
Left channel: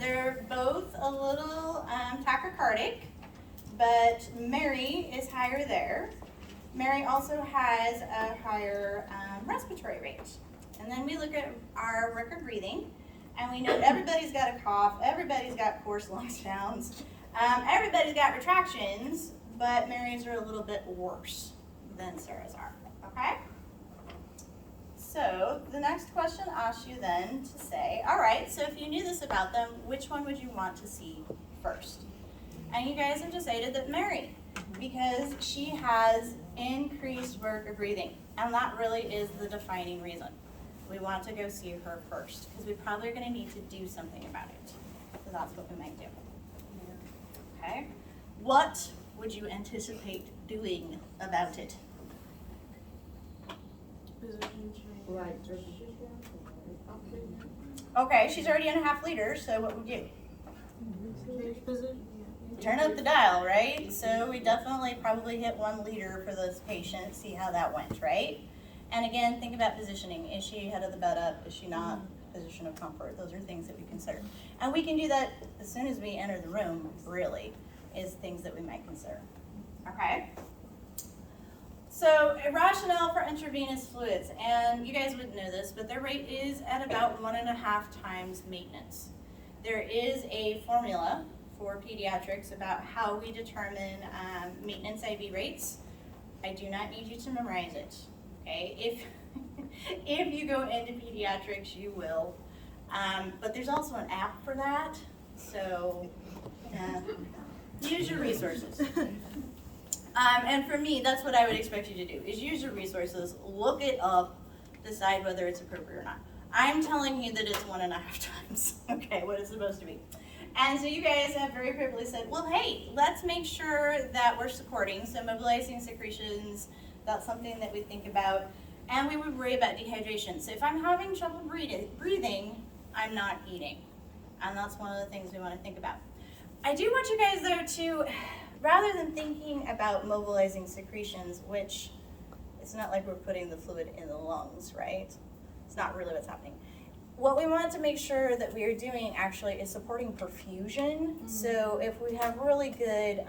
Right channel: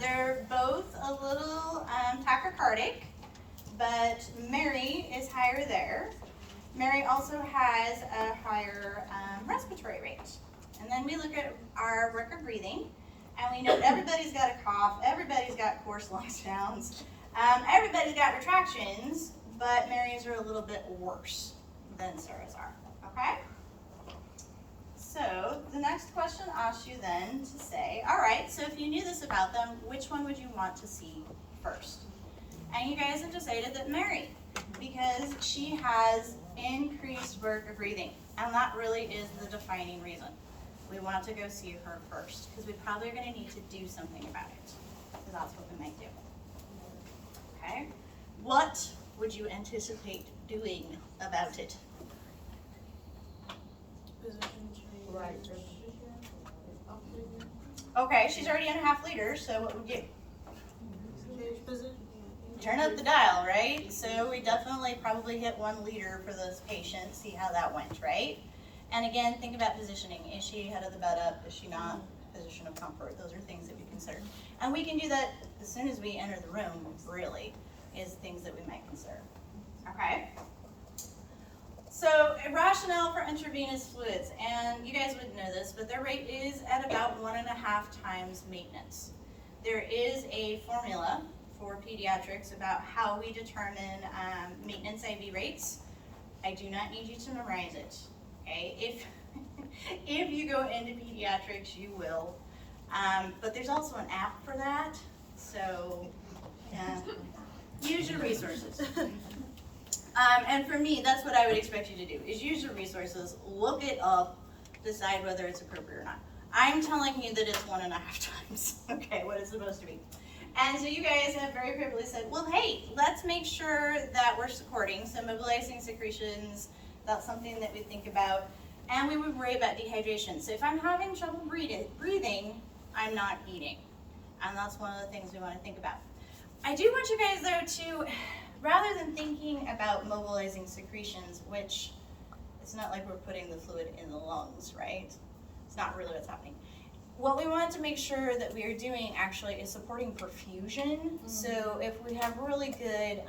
They're both a little tachycardic, but Mary is higher there. Mary also has a higher respiratory rate. And then we look at our record breathing, and we know everybody's got a cough, everybody's got coarse lung sounds, everybody's got retractions, but Mary's are a little bit worse than Sarah's are, okay? So the next question asks you then to say, all right, so if you knew this about them, which one would you want to see first? And you guys have decided that Mary, because she has increased work of breathing, and that really is the defining reason. We want to go see her first, because we probably are going to need to do something about it. So that's what we might do. Okay? What would you anticipate doing about it? Right. Okay, she's already in a half liter, so what would you? Turn up the dial, right? So we definitely probably hit 1 liter for this patient, see how that went, right? And again, think about positioning. Is she head of the bed up? Is she not? Position of comfort. Those are things that we consider. And we can do that as soon as we enter the room, really, is things that we might consider. Okay? So a rationale for intravenous fluids, and you guys would know this, but their rate is at about 1.5 times maintenance. There is a formula for pediatrics about how we determine maintenance IV rates. I do not need you to memorize it, okay? If you go into pediatrics, you will. But there's also an app for that, so use your resources. And for me, that's what I would expect you to do, is use your resources, look it up, decide whether it's appropriate or not. I'm telling you that it's 1.5 times, okay, what it's supposed to be. And so you guys have very appropriately said, well, hey, let's make sure that we're supporting, so mobilizing secretions, that's something that we think about, and we would worry about dehydration. So if I'm having trouble breathing, I'm not eating, and that's one of the things we want to think about. I do want you guys, though, to, rather than thinking about mobilizing secretions, which it's not like we're putting the fluid in the lungs, right? It's not really what's happening. What we want to make sure that we are doing actually is supporting perfusion. So if we have really good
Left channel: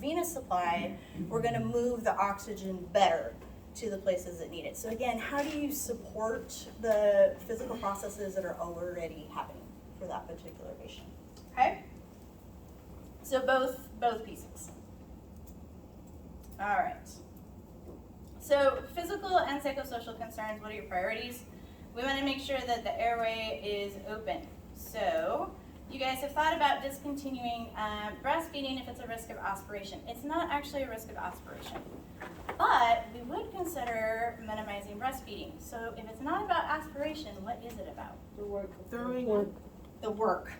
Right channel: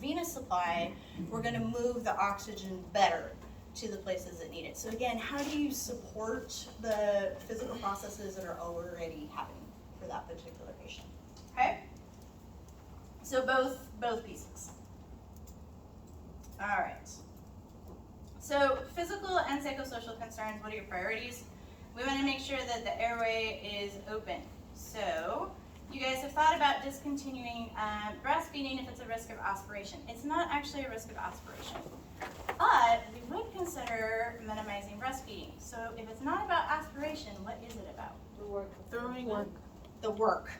venous supply, we're going to move the oxygen better to the places that need it. So again, how do you support the physical processes that are already happening for that particular patient? Okay? So both pieces. All right. So physical and psychosocial concerns, what are your priorities? We want to make sure that the airway is open. So you guys have thought about discontinuing breastfeeding if it's a risk of aspiration. It's not actually a risk of aspiration, but we would consider minimizing breastfeeding. So if it's not about aspiration, what is it about? The work. The work.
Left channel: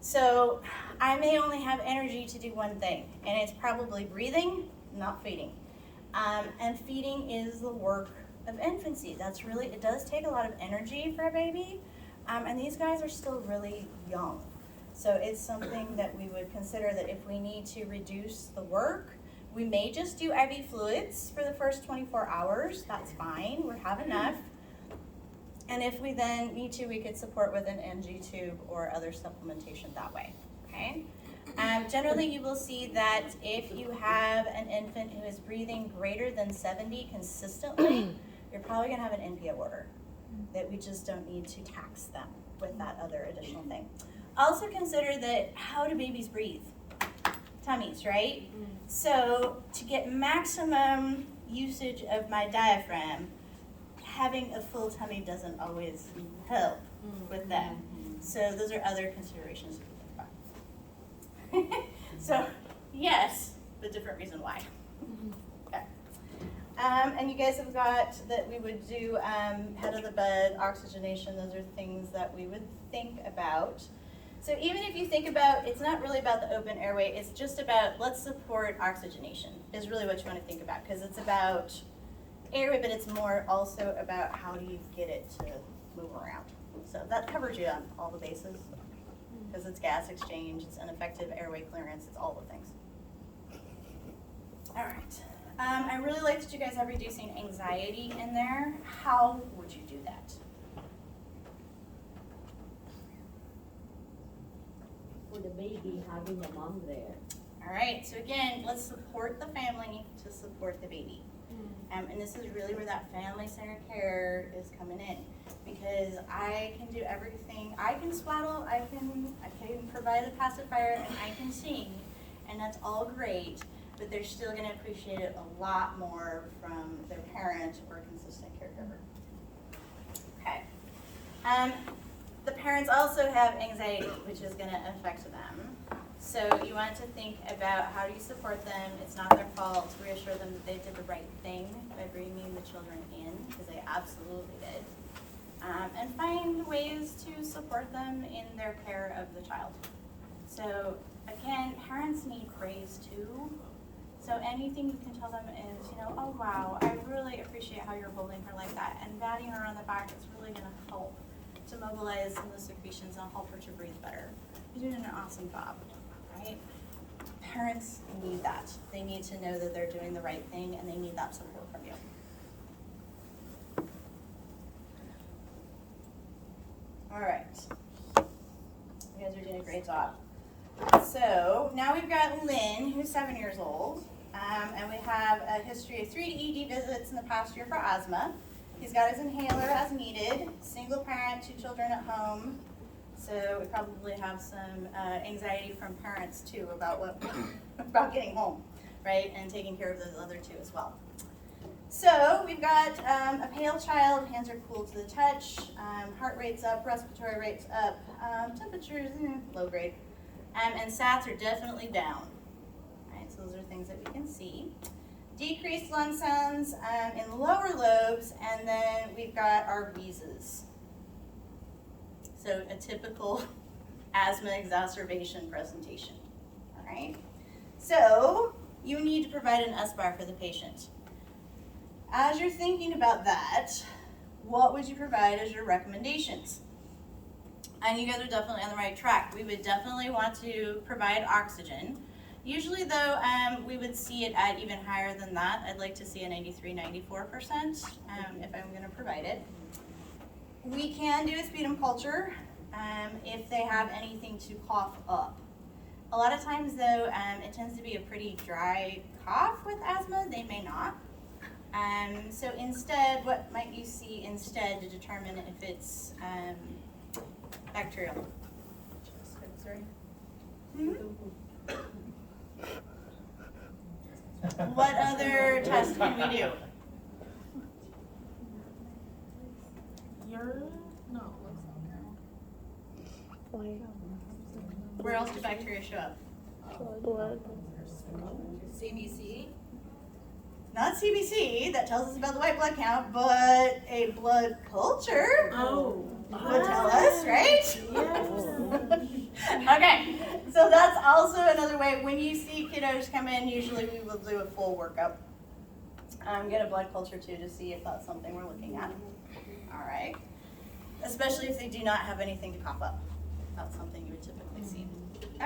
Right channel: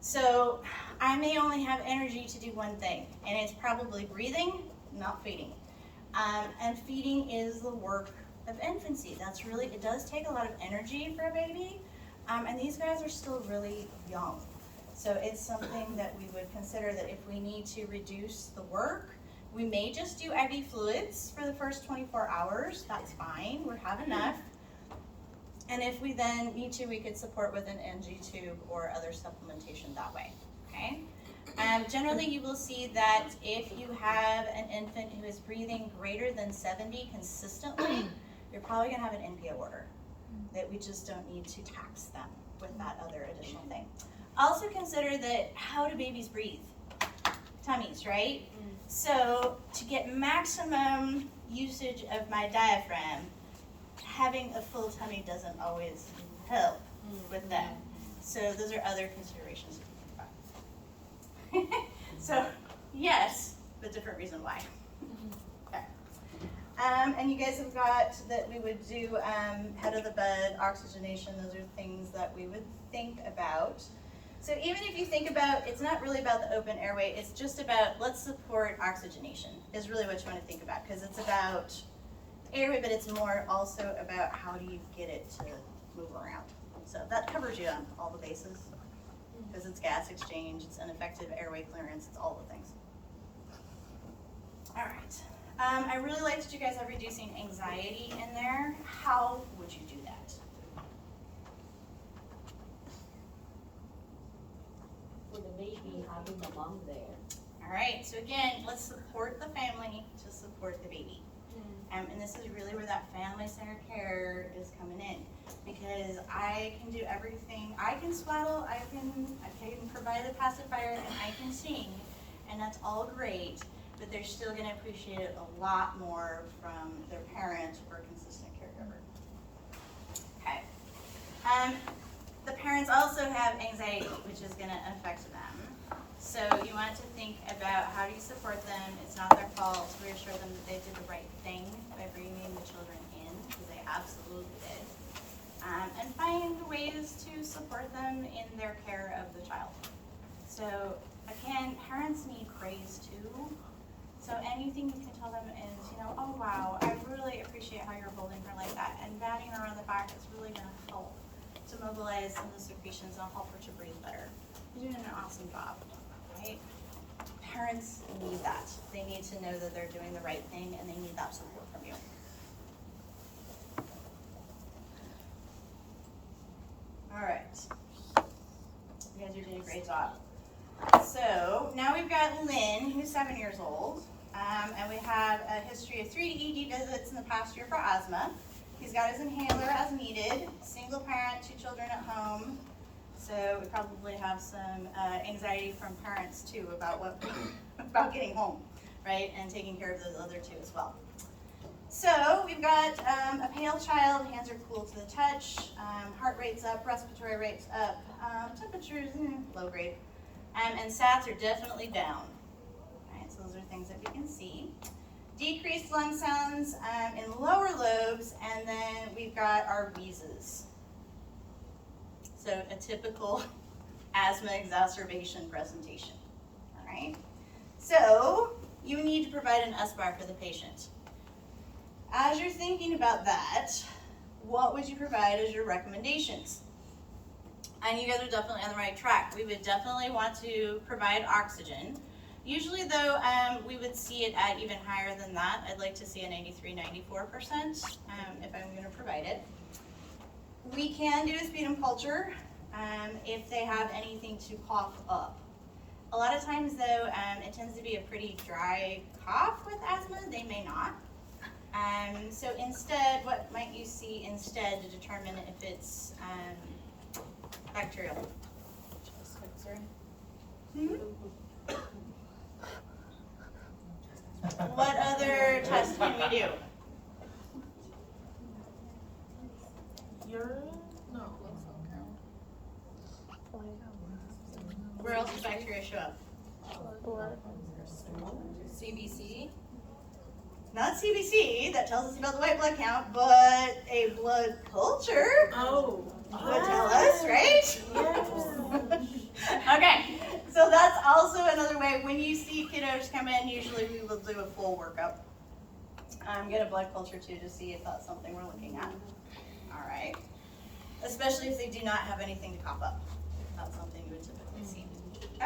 So I may only have energy to do one thing, and it's probably breathing, not feeding. And feeding is the work of infancy. That's really, it does take a lot of energy for a baby, and these guys are still really young. So it's something that we would consider that if we need to reduce the work, we may just do IV fluids for the first 24 hours. That's fine, we have enough. And if we then need to, we could support with an NG tube or other supplementation that way, okay? Generally, you will see that if you have an infant who is breathing greater than 70 consistently, you're probably gonna have an NPO order, that we just don't need to tax them with that other additional thing. Also consider that, how do babies breathe? tummies, right? So to get maximum usage of my diaphragm, having a full tummy doesn't always help with that. So those are other considerations to think about. So yes, but different reason why. Okay. And you guys have got that we would do head of the bed, oxygenation. Those are things that we would think about. So even if you think about, it's not really about the open airway, it's just about let's support oxygenation is really what you want to think about, because it's about airway, but it's more also about how do you get it to move around. So that covers you on all the bases, because it's gas exchange, it's ineffective airway clearance, it's all the things. All right. I really like that you guys have reducing anxiety in there. How would you do that? For the baby, having a mom there. All right, so again, let's support the family to support the baby. And this is really where that family-centered care is coming in, because I can do everything. I can swaddle, I can provide a pacifier, and I can sing, and that's all great, but they're still gonna appreciate it a lot more from their parent or consistent caregiver. Okay. The parents also have anxiety, which is gonna affect them. So you want to think about how do you support them. It's not their fault. Reassure them that they did the right thing by bringing the children in, because they absolutely did. And find ways to support them in their care of the child. So again, parents need praise too. So anything you can tell them is, oh wow, I really appreciate how you're holding her like that. And batting her on the back is really gonna help to mobilize some of the secretions and help her to breathe better. You're doing an awesome job. Right? Parents need that. They need to know that they're doing the right thing, and they need that support from you. All right. You guys are doing a great job. So now we've got Lynn, who's 7 years old, and we have a history of 3 ED visits in the past year for asthma. He's got his inhaler as needed, single parent, 2 children at home. So we probably have some anxiety from parents too about about getting home, right, and taking care of those other 2 as well. So we've got a pale child, hands are cool to the touch, heart rate's up, respiratory rate's up, temperatures low grade, and SATs are definitely down. Right, so those are things that we can see. Decreased lung sounds in lower lobes, and then we've got our wheezes. So a typical asthma exacerbation presentation, all right? So you need to provide an SBAR for the patient. As you're thinking about that, what would you provide as your recommendations? And you guys are definitely on the right track. We would definitely want to provide oxygen. Usually though, we would see it at even higher than that. I'd like to see a 93, 94% if I'm gonna provide it. We can do a sputum culture if they have anything to cough up. A lot of times though, it tends to be a pretty dry cough with asthma. They may not. So instead, what might you see instead to determine if it's bacterial? What other tests can we do? Urine? No, blood cell count. Where else do bacteria show up? Blood. CBC? Not CBC, that tells us about the white blood count, but a blood culture would tell us, right? Okay, so that's also another way. When you see kiddos come in, usually we will do a full workup. Get a blood culture too to see if that's something we're looking at. All right, especially if they do not have anything to cough up. That's something you would typically see.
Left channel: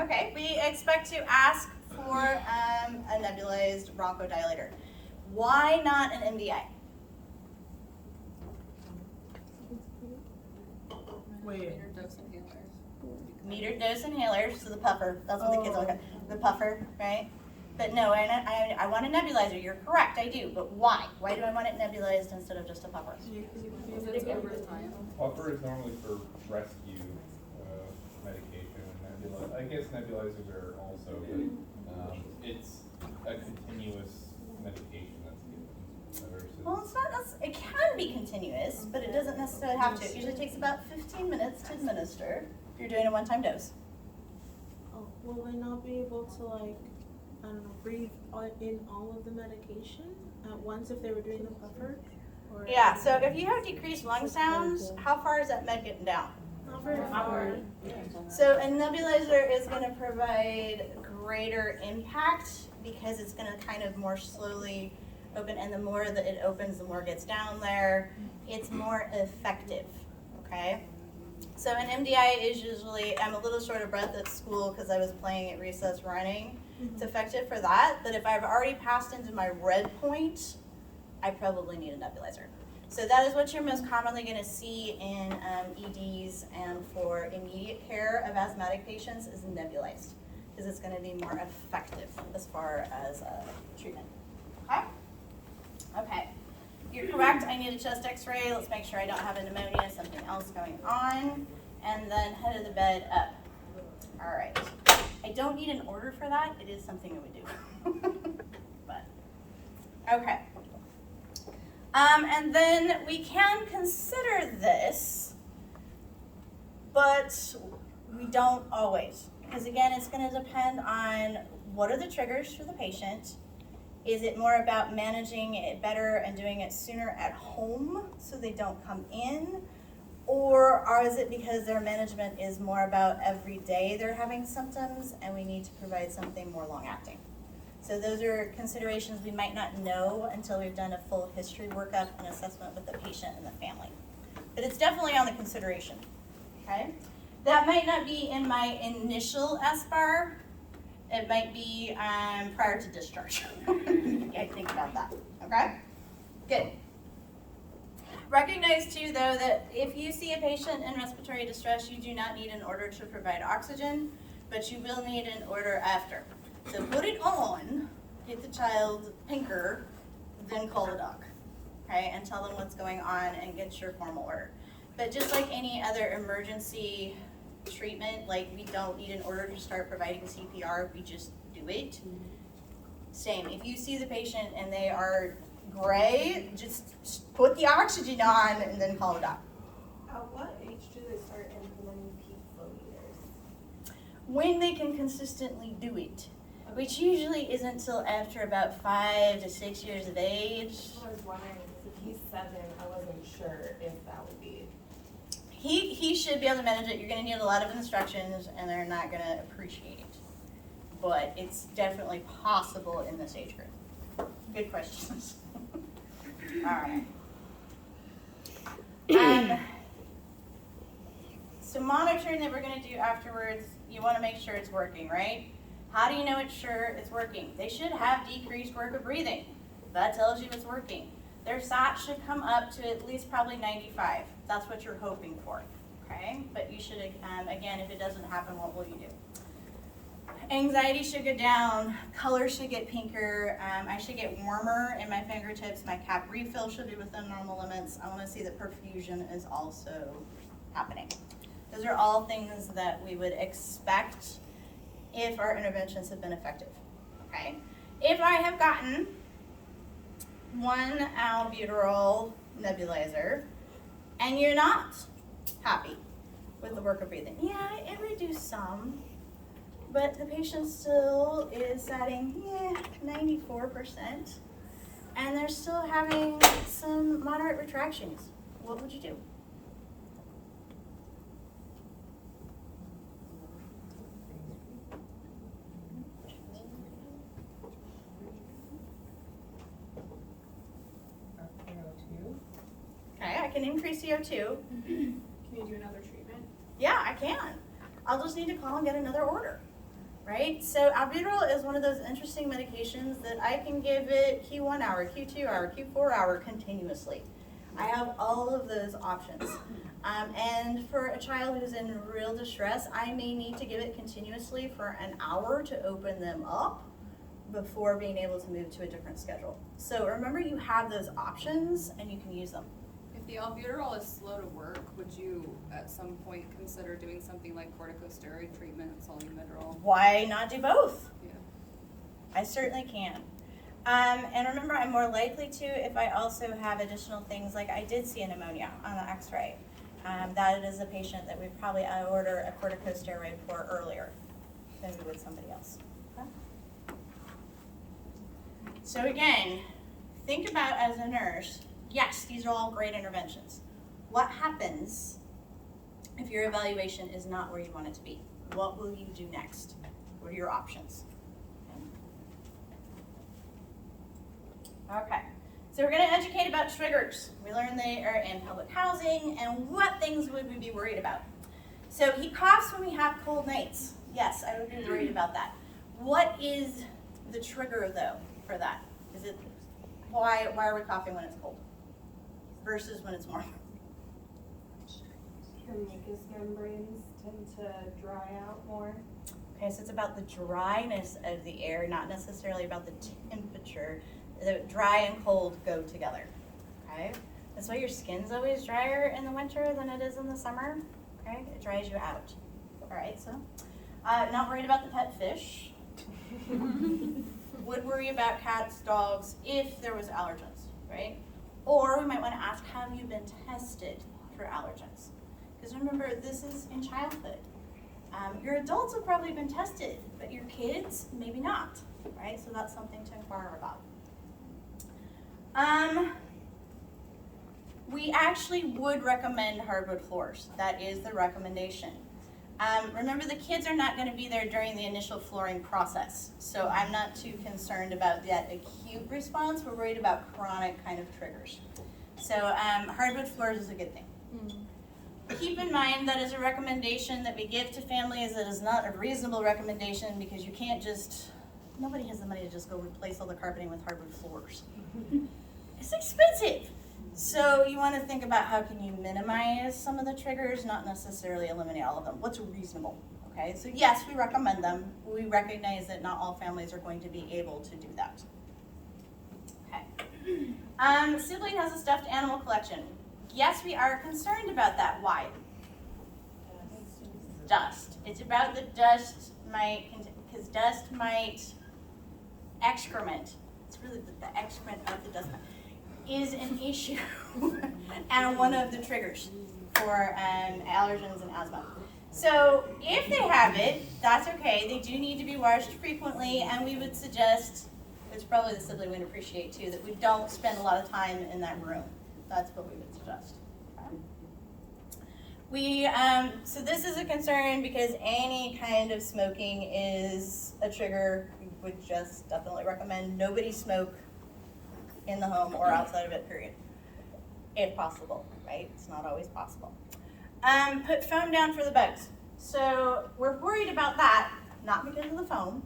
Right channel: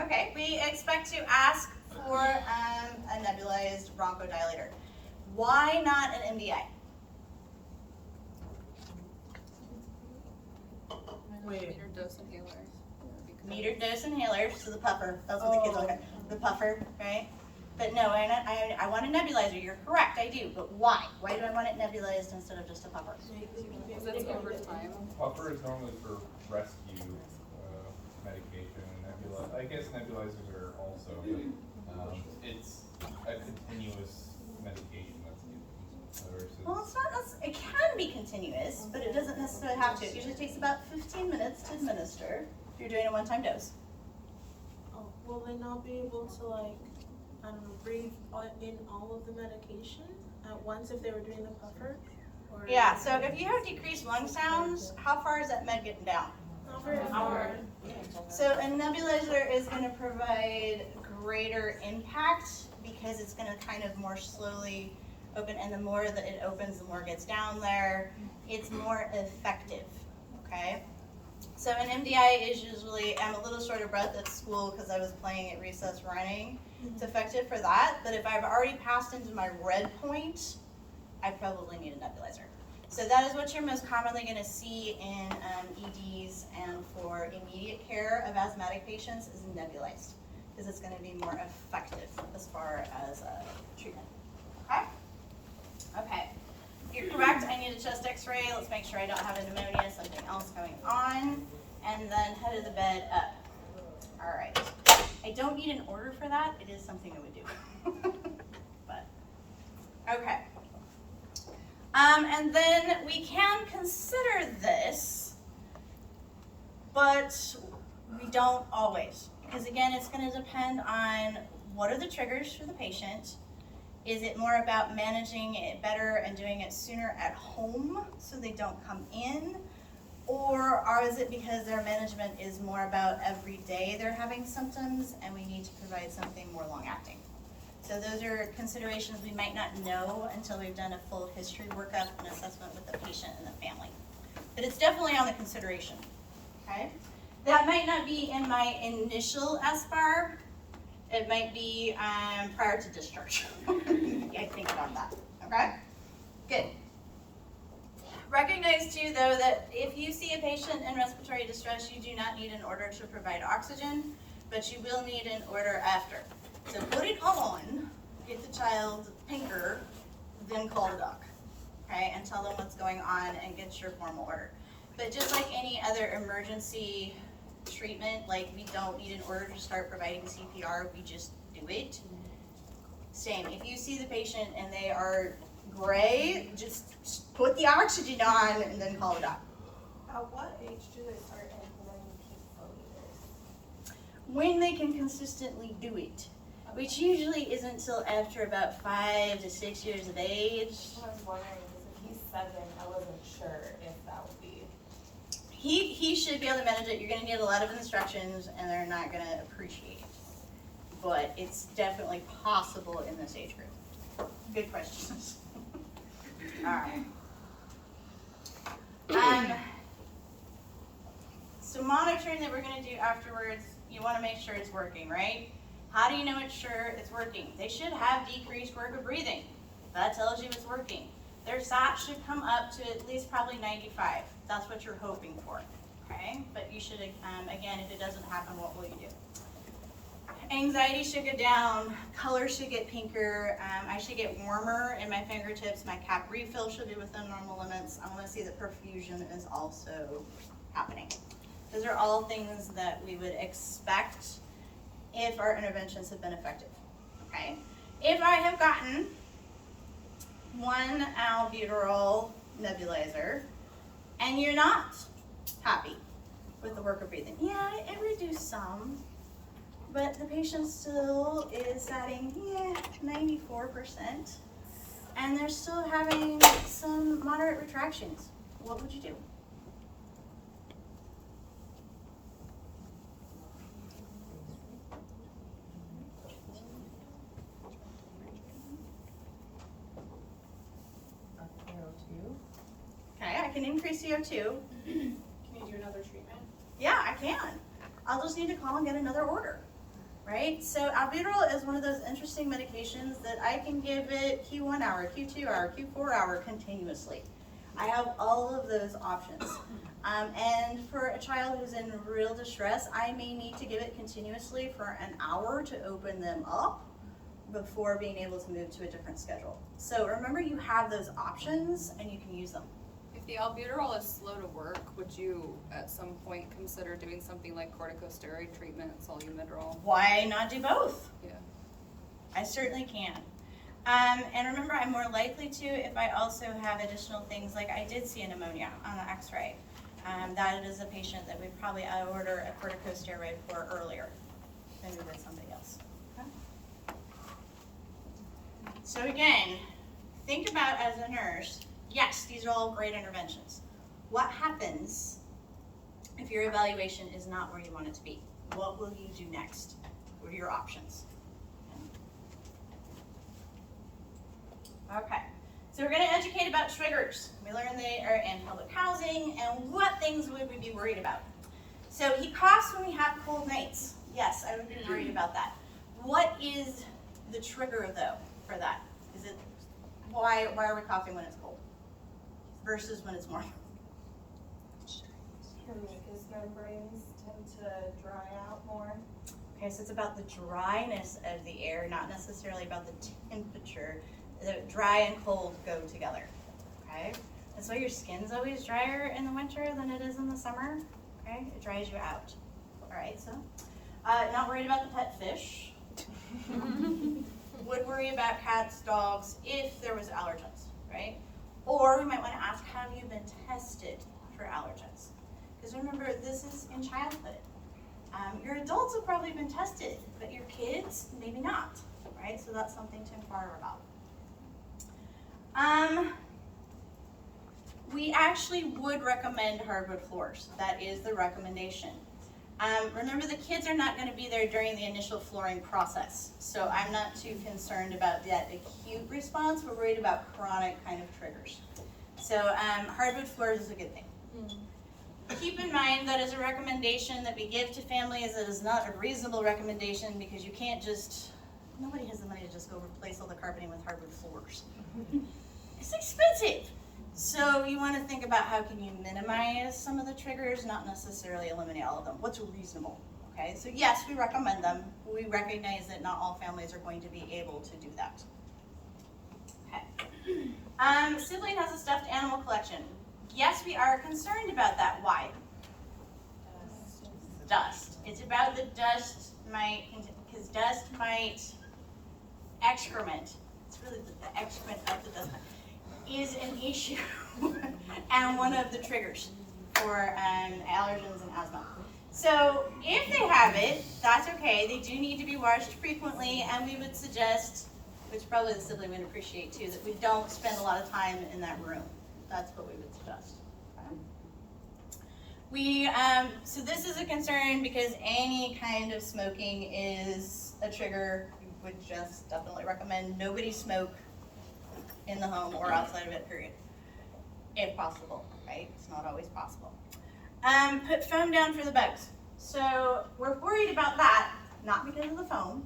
Okay, we expect to ask for a nebulized bronchodilator. Why not an MDI? Metered dose inhalers. Metered dose inhalers, so the puffer, that's what the kids look at, the puffer, right? But no, I want a nebulizer, you're correct, I do, but why? Why do I want it nebulized instead of just a puffer? Because it's over time. Puffer is normally for rescue medication, I guess nebulizers are also, but it's a continuous medication that's given versus. Well, it's not, it can be continuous, but it doesn't necessarily have to. It usually takes about 15 minutes to administer if you're doing a one-time dose. Oh, will they not be able to like, I don't know, breathe in all of the medication at once if they were doing the puffer? Or Yeah, so if you have decreased lung sounds, how far is that med getting down? Hour. So a nebulizer is going to provide greater impact because it's going to kind of more slowly open, and the more that it opens, the more it gets down there. It's more effective, okay? So an MDI is usually, I'm a little short of breath at school because I was playing at recess running. It's effective for that, but if I've already passed into my red point, I probably need a nebulizer. So that is what you're most commonly going to see in EDs and for immediate care of asthmatic patients is nebulized because it's going to be more effective as far as treatment. Okay? Okay. You're correct. I need a chest x-ray. Let's make sure I don't have a pneumonia, something else going on. And then head of the bed up. All right. I don't need an order for that. It is something I would do. But, okay. And then we can consider this, but we don't always. Because again, it's going to depend on what are the triggers for the patient. Is it more about managing it better and doing it sooner at home so they don't come in? Or is it because their management is more about every day they're having symptoms and we need to provide something more long-acting? So those are considerations we might not know until we've done a full history workup and assessment with the patient and the family. But it's definitely on the consideration, okay? That might not be in my initial SBAR. It might be prior to discharge. I think about that, okay? Good. Recognize too, though, that if you see a patient in respiratory distress, you do not need an order to provide oxygen, but you will need an order after. So put it on, get the child pinker, then call the doc, okay? And tell them what's going on and get your formal order. But just like any other emergency treatment, like we don't need an order to start providing CPR, we just do it. Same, if you see the patient and they are gray, just put the oxygen on and then call it up. At what age do they start implementing peak flow meters? When they can consistently do it, which usually isn't until after about 5 to 6 years of age. What I was wondering is if he's 7, I wasn't sure if that would be. He should be able to manage it. You're going to need a lot of instructions and they're not going to appreciate it. But it's definitely possible in this age group. Good questions. All right. So monitoring that we're going to do afterwards, you want to make sure it's working, right? How do you know it's sure it's working? They should have decreased work of breathing. That tells you it's working. Their SAT should come up to at least probably 95. That's what you're hoping for, okay? But you should, again, if it doesn't happen, what will you do? Anxiety should go down, color should get pinker, I should get warmer in my fingertips, my cap refill should be within normal limits. I want to see that perfusion is also happening. Those are all things that we would expect if our interventions have been effective, okay? If I have gotten 1 albuterol nebulizer and you're not happy with the work of breathing, yeah, it reduced some, but the patient still is satting, 94%, and they're still having some moderate retractions. What would you do? Okay, I can increase CO2. Can you do another treatment? Yeah, I can. I'll just need to call and get another order, right? So albuterol is one of those interesting medications that I can give it Q1 hour, Q2 hour, Q4 hour continuously. I have all of those options. And for a child who's in real distress, I may need to give it continuously for an hour to open them up before being able to move to a different schedule. So remember, you have those options and you can use them. If the albuterol is slow to work, would you at some point consider doing something like corticosteroid treatment, solumedrol? Why not do both? Yeah. I certainly can. And remember, I'm more likely to if I also have additional things, like I did see a pneumonia on the x-ray. That is a patient that we'd probably order a corticosteroid for earlier than we would somebody else. Okay? So again, think about as a nurse, yes, these are all great interventions. What happens if your evaluation is not where you want it to be? What will you do next? What are your options? Okay, so we're going to educate about triggers. We learned they are in public housing and what things would we be worried about. So he coughs when we have cold nights. Yes, I would be worried about that. What is the trigger though for that? Is it why are we coughing when it's cold versus when it's warm? Your mucous membranes tend to dry out more. Okay, so it's about the dryness of the air, not necessarily about the temperature. The dry and cold go together, okay? That's why your skin's always drier in the winter than it is in the summer, okay? It dries you out. All right, so not worried about the pet fish. Would worry about cats, dogs, if there was allergens, right? Or we might want to ask, have you been tested for allergens? Because remember, this is in childhood. Your adults have probably been tested, but your kids, maybe not, right? So that's something to inquire about. We actually would recommend hardwood floors. That is the recommendation. Remember, the kids are not going to be there during the initial flooring process, so I'm not too concerned about that acute response. We're worried about chronic kind of triggers. So hardwood floors is a good thing. Keep in mind that is a recommendation that we give to families. That is not a reasonable recommendation because you can't just, nobody has the money to just go replace all the carpeting with hardwood floors. It's expensive. So you want to think about how can you minimize some of the triggers, not necessarily eliminate all of them. What's reasonable, okay? So yes, we recommend them. We recognize that not all families are going to be able to do that. Okay. Sibling has a stuffed animal collection. Yes, we are concerned about that. Why? Dust. It's about the dust mite, because dust mite excrement, it's really the excrement of the dust mite, is an issue and one of the triggers for allergens and asthma. So if they have it, that's okay. They do need to be washed frequently, and we would suggest, which probably the sibling would appreciate too, that we don't spend a lot of time in that room. That's what we would suggest. Okay. So this is a concern because any kind of smoking is a trigger. We would just definitely recommend nobody smoke in the home or outside of it, period. If possible, right? It's not always possible. Put foam down for the bugs. So we're worried about that, not because of the foam,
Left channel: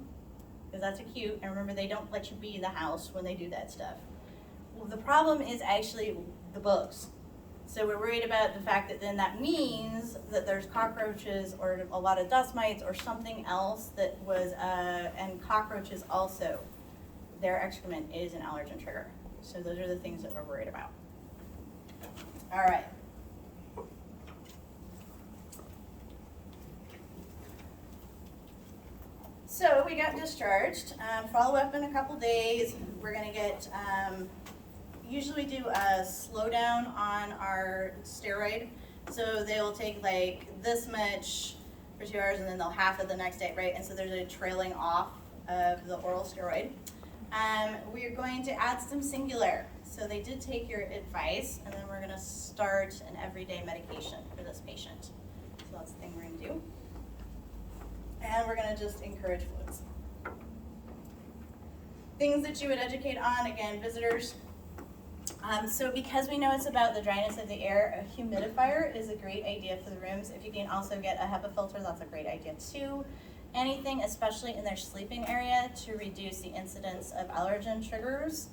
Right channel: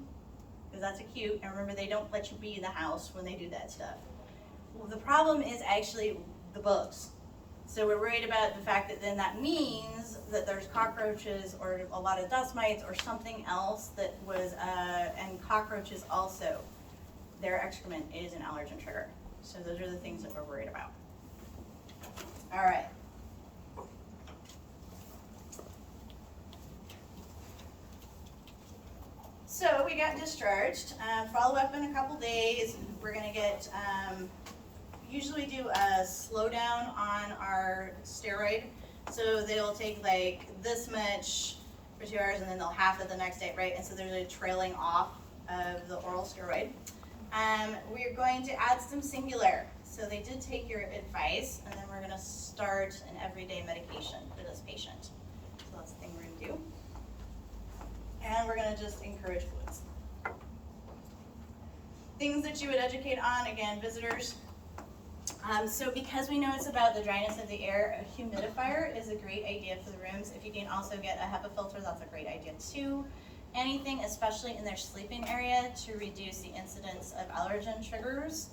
because that's acute. And remember, they don't let you be in the house when they do that stuff. Well, the problem is actually the bugs. So we're worried about the fact that then that means that there's cockroaches or a lot of dust mites or something else that was, and cockroaches also, their excrement is an allergen trigger. So those are the things that we're worried about. All right. So we got discharged. Follow up in a couple days. We're gonna get, usually do a slowdown on our steroid. So they will take like this much for 2 hours and then they'll half it the next day, right? And so there's a trailing off of the oral steroid. We're going to add some singular. So they did take your advice, and then we're gonna start an everyday medication for this patient. So that's the thing we're gonna do. And we're gonna just encourage fluids. Things that you would educate on, again, visitors. So because we know it's about the dryness of the air, a humidifier is a great idea for the rooms. If you can also get a HEPA filter, that's a great idea too. Anything, especially in their sleeping area, to reduce the incidence of allergen triggers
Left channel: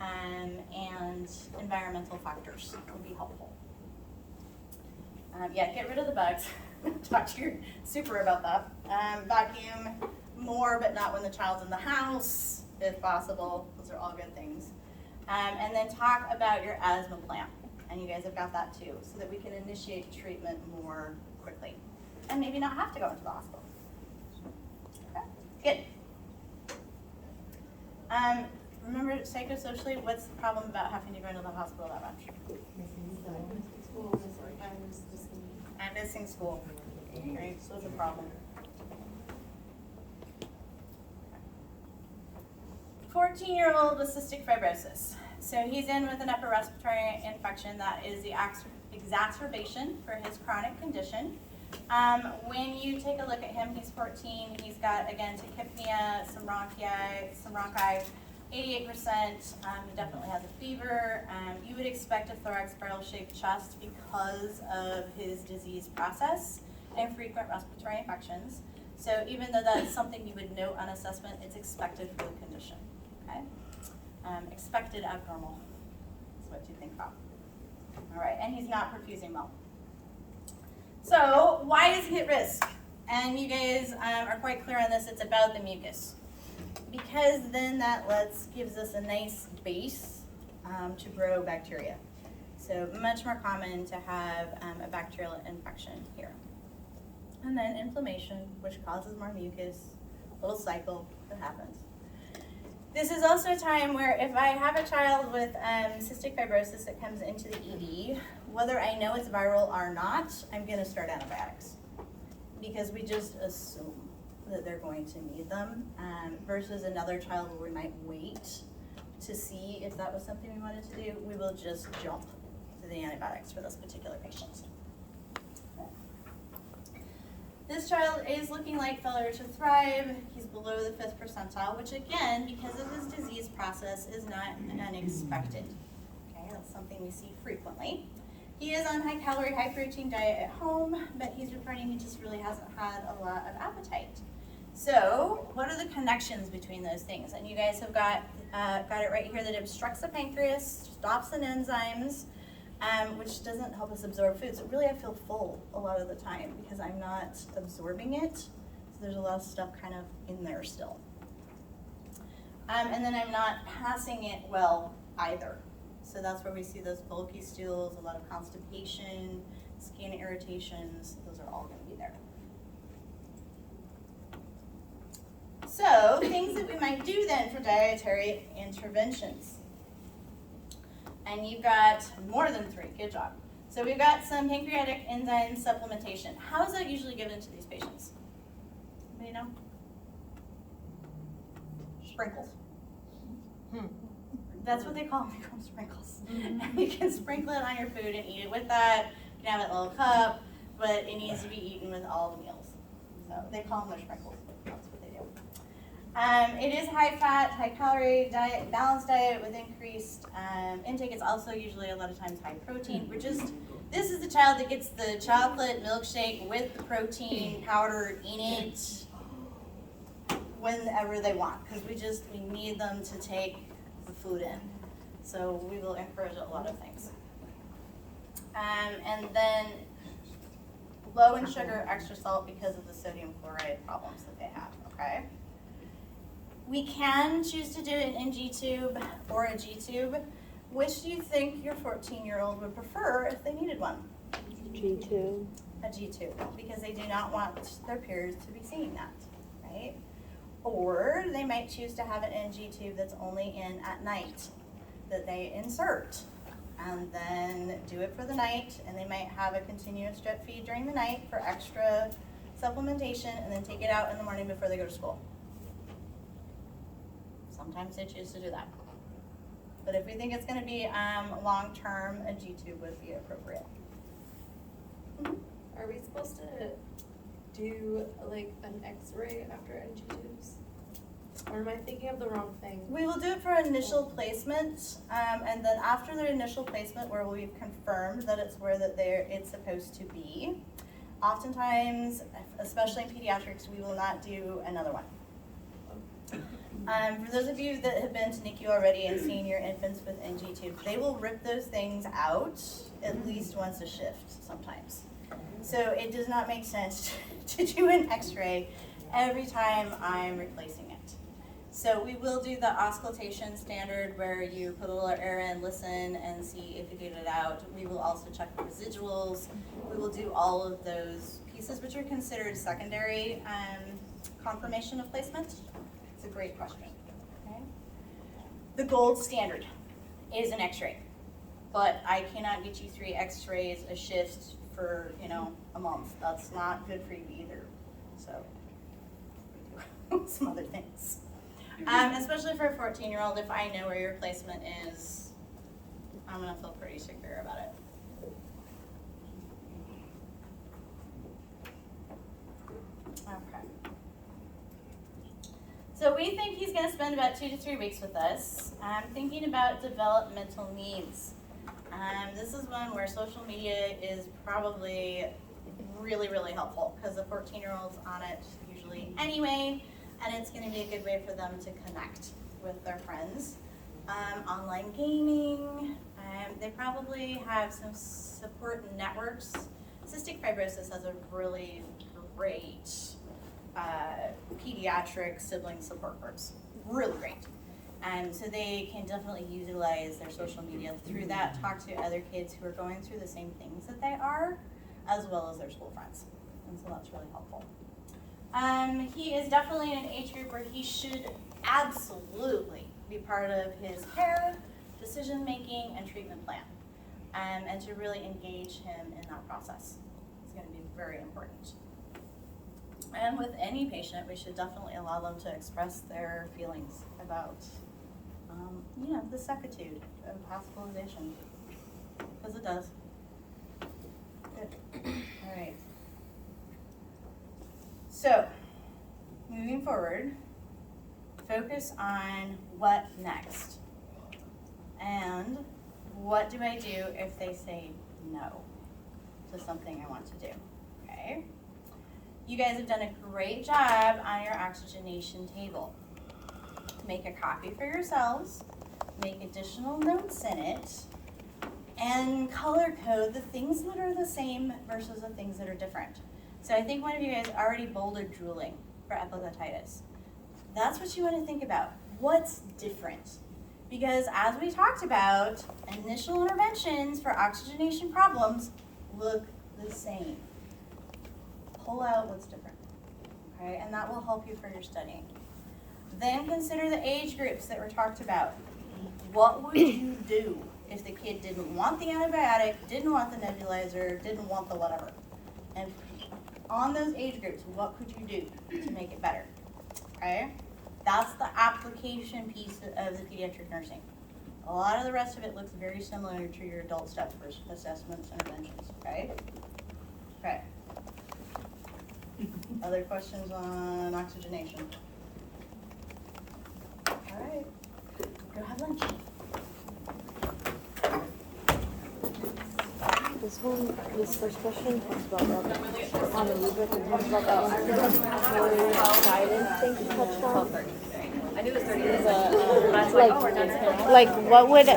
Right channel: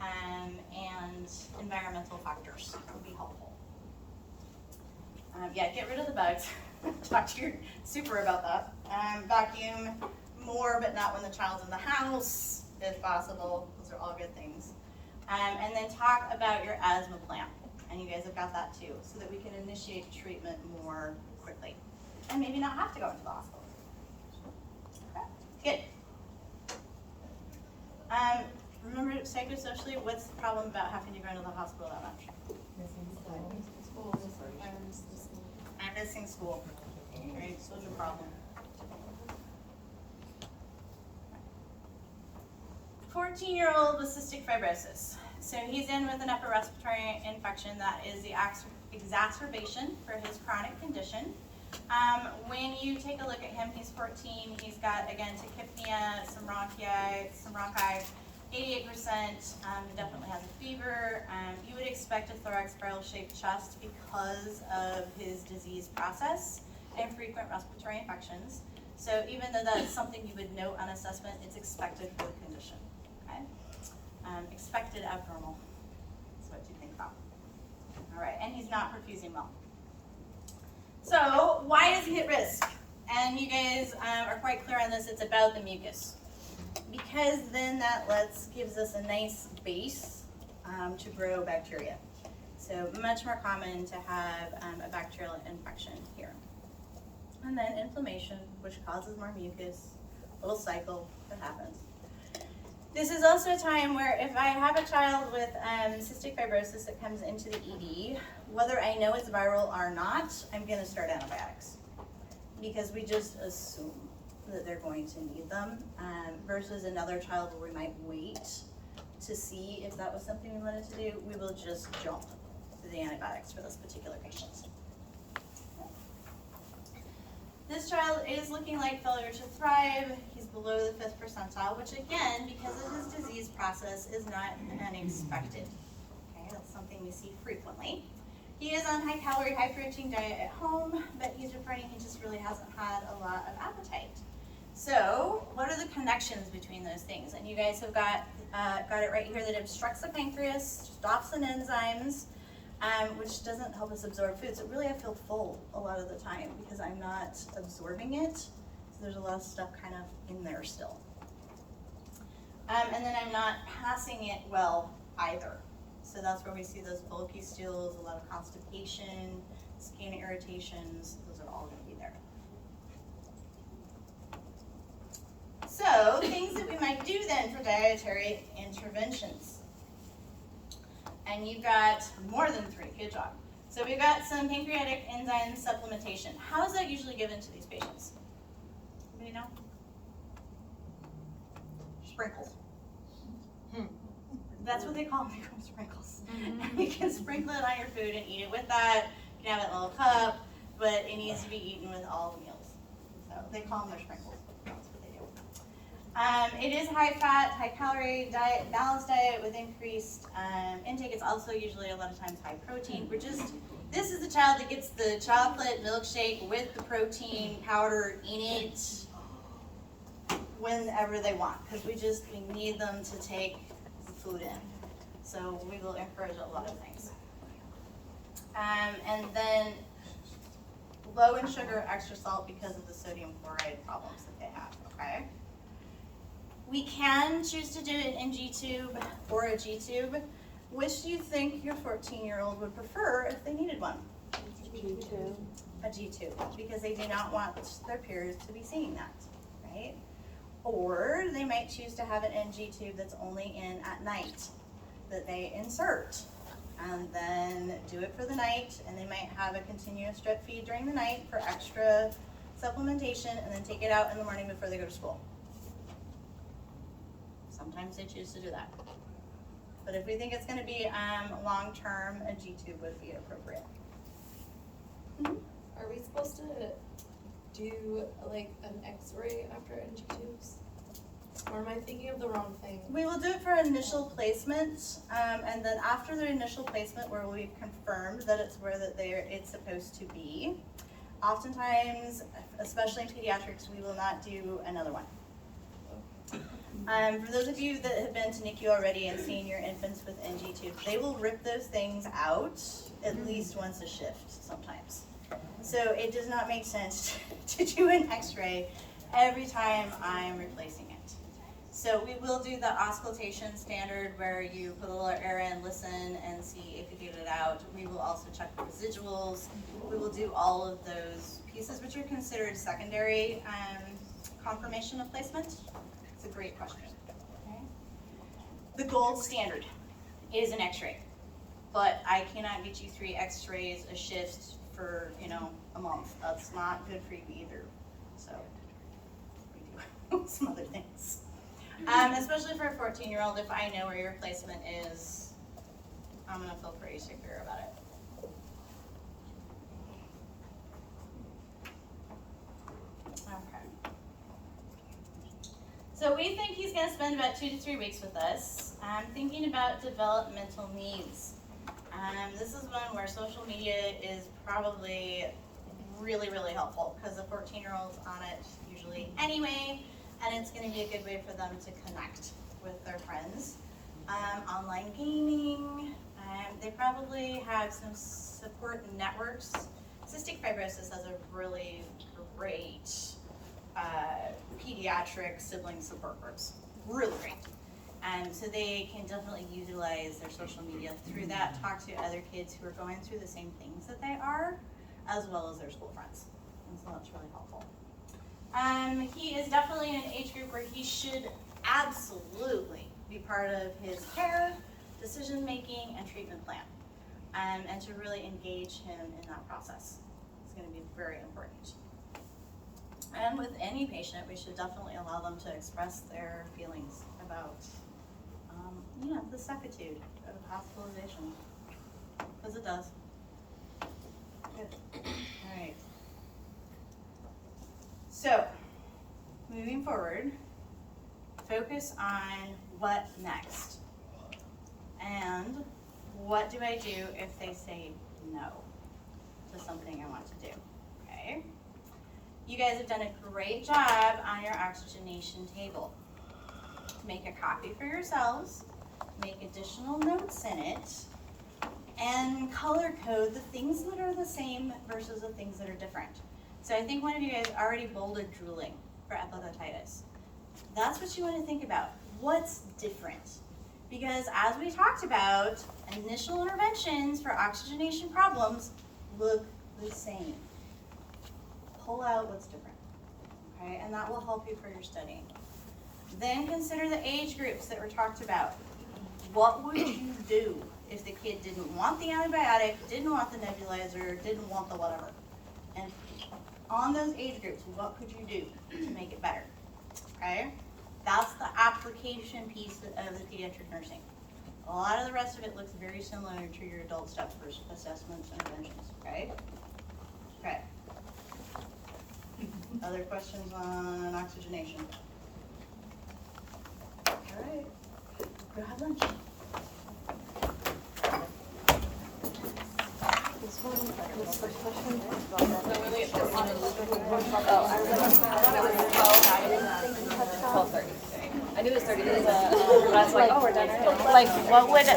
and environmental factors would be helpful. Yeah, get rid of the bugs. Talk to your super about that. Vacuum more, but not when the child's in the house, if possible. Those are all good things. And then talk about your asthma plan. And you guys have got that too, so that we can initiate treatment more quickly. And maybe not have to go into the hospital. Okay, good. Remember psychosocially, what's the problem about having to go into the hospital that much? I'm missing school. Okay, so it's a problem. 14-year-old with cystic fibrosis. So he's in with an upper respiratory infection that is the exacerbation for his chronic condition. When you take a look at him, he's 14. He's got, again, tachypnea, some bronchi, 88%. He definitely has a fever. You would expect a thorax barrel-shaped chest because of his disease process and frequent respiratory infections. So even though that's something you would note on assessment, it's expected for the condition. Okay? Expected abnormal is what you think about. All right, and he's not perfusing well. So why is he at risk? And you guys are quite clear on this. It's about the mucus, because then that gives us a nice base to grow bacteria. So much more common to have a bacterial infection here. And then inflammation, which causes more mucus, little cycle that happens. This is also a time where if I have a child with cystic fibrosis that comes into the ED, whether I know it's viral or not, I'm gonna start antibiotics, because we just assume that they're going to need them, versus another child where we might wait to see if that was something we wanted to do. We will just jump to the antibiotics for this particular patient. This child is looking like failure to thrive. He's below the 5th percentile, which again, because of his disease process, is not unexpected. Okay, that's something we see frequently. He is on high calorie, high protein diet at home, but he's reporting he just really hasn't had a lot of appetite. So what are the connections between those things? And you guys have got it right here that it obstructs the pancreas, stops an enzymes, which doesn't help us absorb food. So really I feel full a lot of the time because I'm not absorbing it. So there's a lot of stuff kind of in there still. And then I'm not passing it well either. So that's where we see those bulky stools, a lot of constipation, skin irritations. Those are all going to be there. So things that we might do then for dietary interventions. And you've got more than 3, good job. So we've got some pancreatic enzyme supplementation. How is that usually given to these patients? Anybody know? Sprinkles. That's what they call them, sprinkles. You can sprinkle it on your food and eat it with that. You can have it in a little cup, but it needs to be eaten with all meals. So they call them sprinkles. That's what they do. It is high fat, high calorie diet, balanced diet with increased intake. It's also usually a lot of times high protein. This is the child that gets the chocolate milkshake with the protein powder in it whenever they want, because we need them to take the food in. So we will encourage a lot of things. And then low in sugar, extra salt because of the sodium chloride problems that they have, okay? We can choose to do an NG tube or a G tube. Which do you think your 14-year-old would prefer if they needed one? G2. A G tube, because they do not want their peers to be seeing that, right? Or they might choose to have an NG tube that's only in at night, that they insert and then do it for the night, and they might have a continuous drip feed during the night for extra supplementation and then take it out in the morning before they go to school. Sometimes they choose to do that. But if we think it's gonna be long-term, a G tube would be appropriate. Are we supposed to do like an x-ray after NG tubes? Or am I thinking of the wrong thing? We will do it for initial placement, and then after the initial placement where we've confirmed that it's where it's supposed to be, oftentimes, especially in pediatrics, we will not do another one. For those of you that have been to NICU already and seen your infants with NG tubes, they will rip those things out at least once a shift sometimes. So it does not make sense to do an x-ray every time I'm replacing it. So we will do the auscultation standard where you put a little air in, listen, and see if you get it out. We will also check the residuals. We will do all of those pieces, which are considered secondary confirmation of placement. It's a great question. Okay. the gold standard is an x-ray. But I cannot get you 3 x-rays a shift for, a month. That's not good for you either. So we do some other things. Especially for a 14-year-old, if I know where your placement is, I'm gonna feel pretty secure about it. Okay. So we think he's gonna spend about 2 to 3 weeks with us. Thinking about developmental needs. This is one where social media is probably really, really helpful because the 14-year-old's on it usually anyway, and it's going to be a good way for them to connect with their friends. Online gaming, they probably have some support networks. Cystic fibrosis has a really great pediatric sibling support groups, really great. So they can definitely utilize their social media through that, talk to other kids who are going through the same things that they are, as well as their school friends. And so that's really helpful. He is definitely in an age group where he should absolutely be part of his care, decision-making, and treatment plan. And to really engage him in that process is going to be very important. And with any patient, we should definitely allow them to express their feelings about the suckitude of hospitalization, because it does. Good. All right. So, moving forward, focus on what next, and what do I do if they say no to something I want to do, okay? You guys have done a great job on your oxygenation table. Make a copy for yourselves, make additional notes in it, and color code the things that are the same versus the things that are different. So I think one of you guys already bolded drooling for epiglottitis. That's what you want to think about. What's different? Because as we talked about, initial interventions for oxygenation problems look the same. Pull out what's different, okay? And that will help you for your studying. Then consider the age groups that were talked about. What would you do if the kid didn't want the antibiotic, didn't want the nebulizer, didn't want the whatever? And on those age groups, what could you do to make it better, okay? That's the application piece of the pediatric nursing. A lot of the rest of it looks very similar to your adult stuff for assessments and interventions, okay? Okay. Other questions on oxygenation? All right, go have lunch. This first question talks about I knew it was 30 minutes. like what would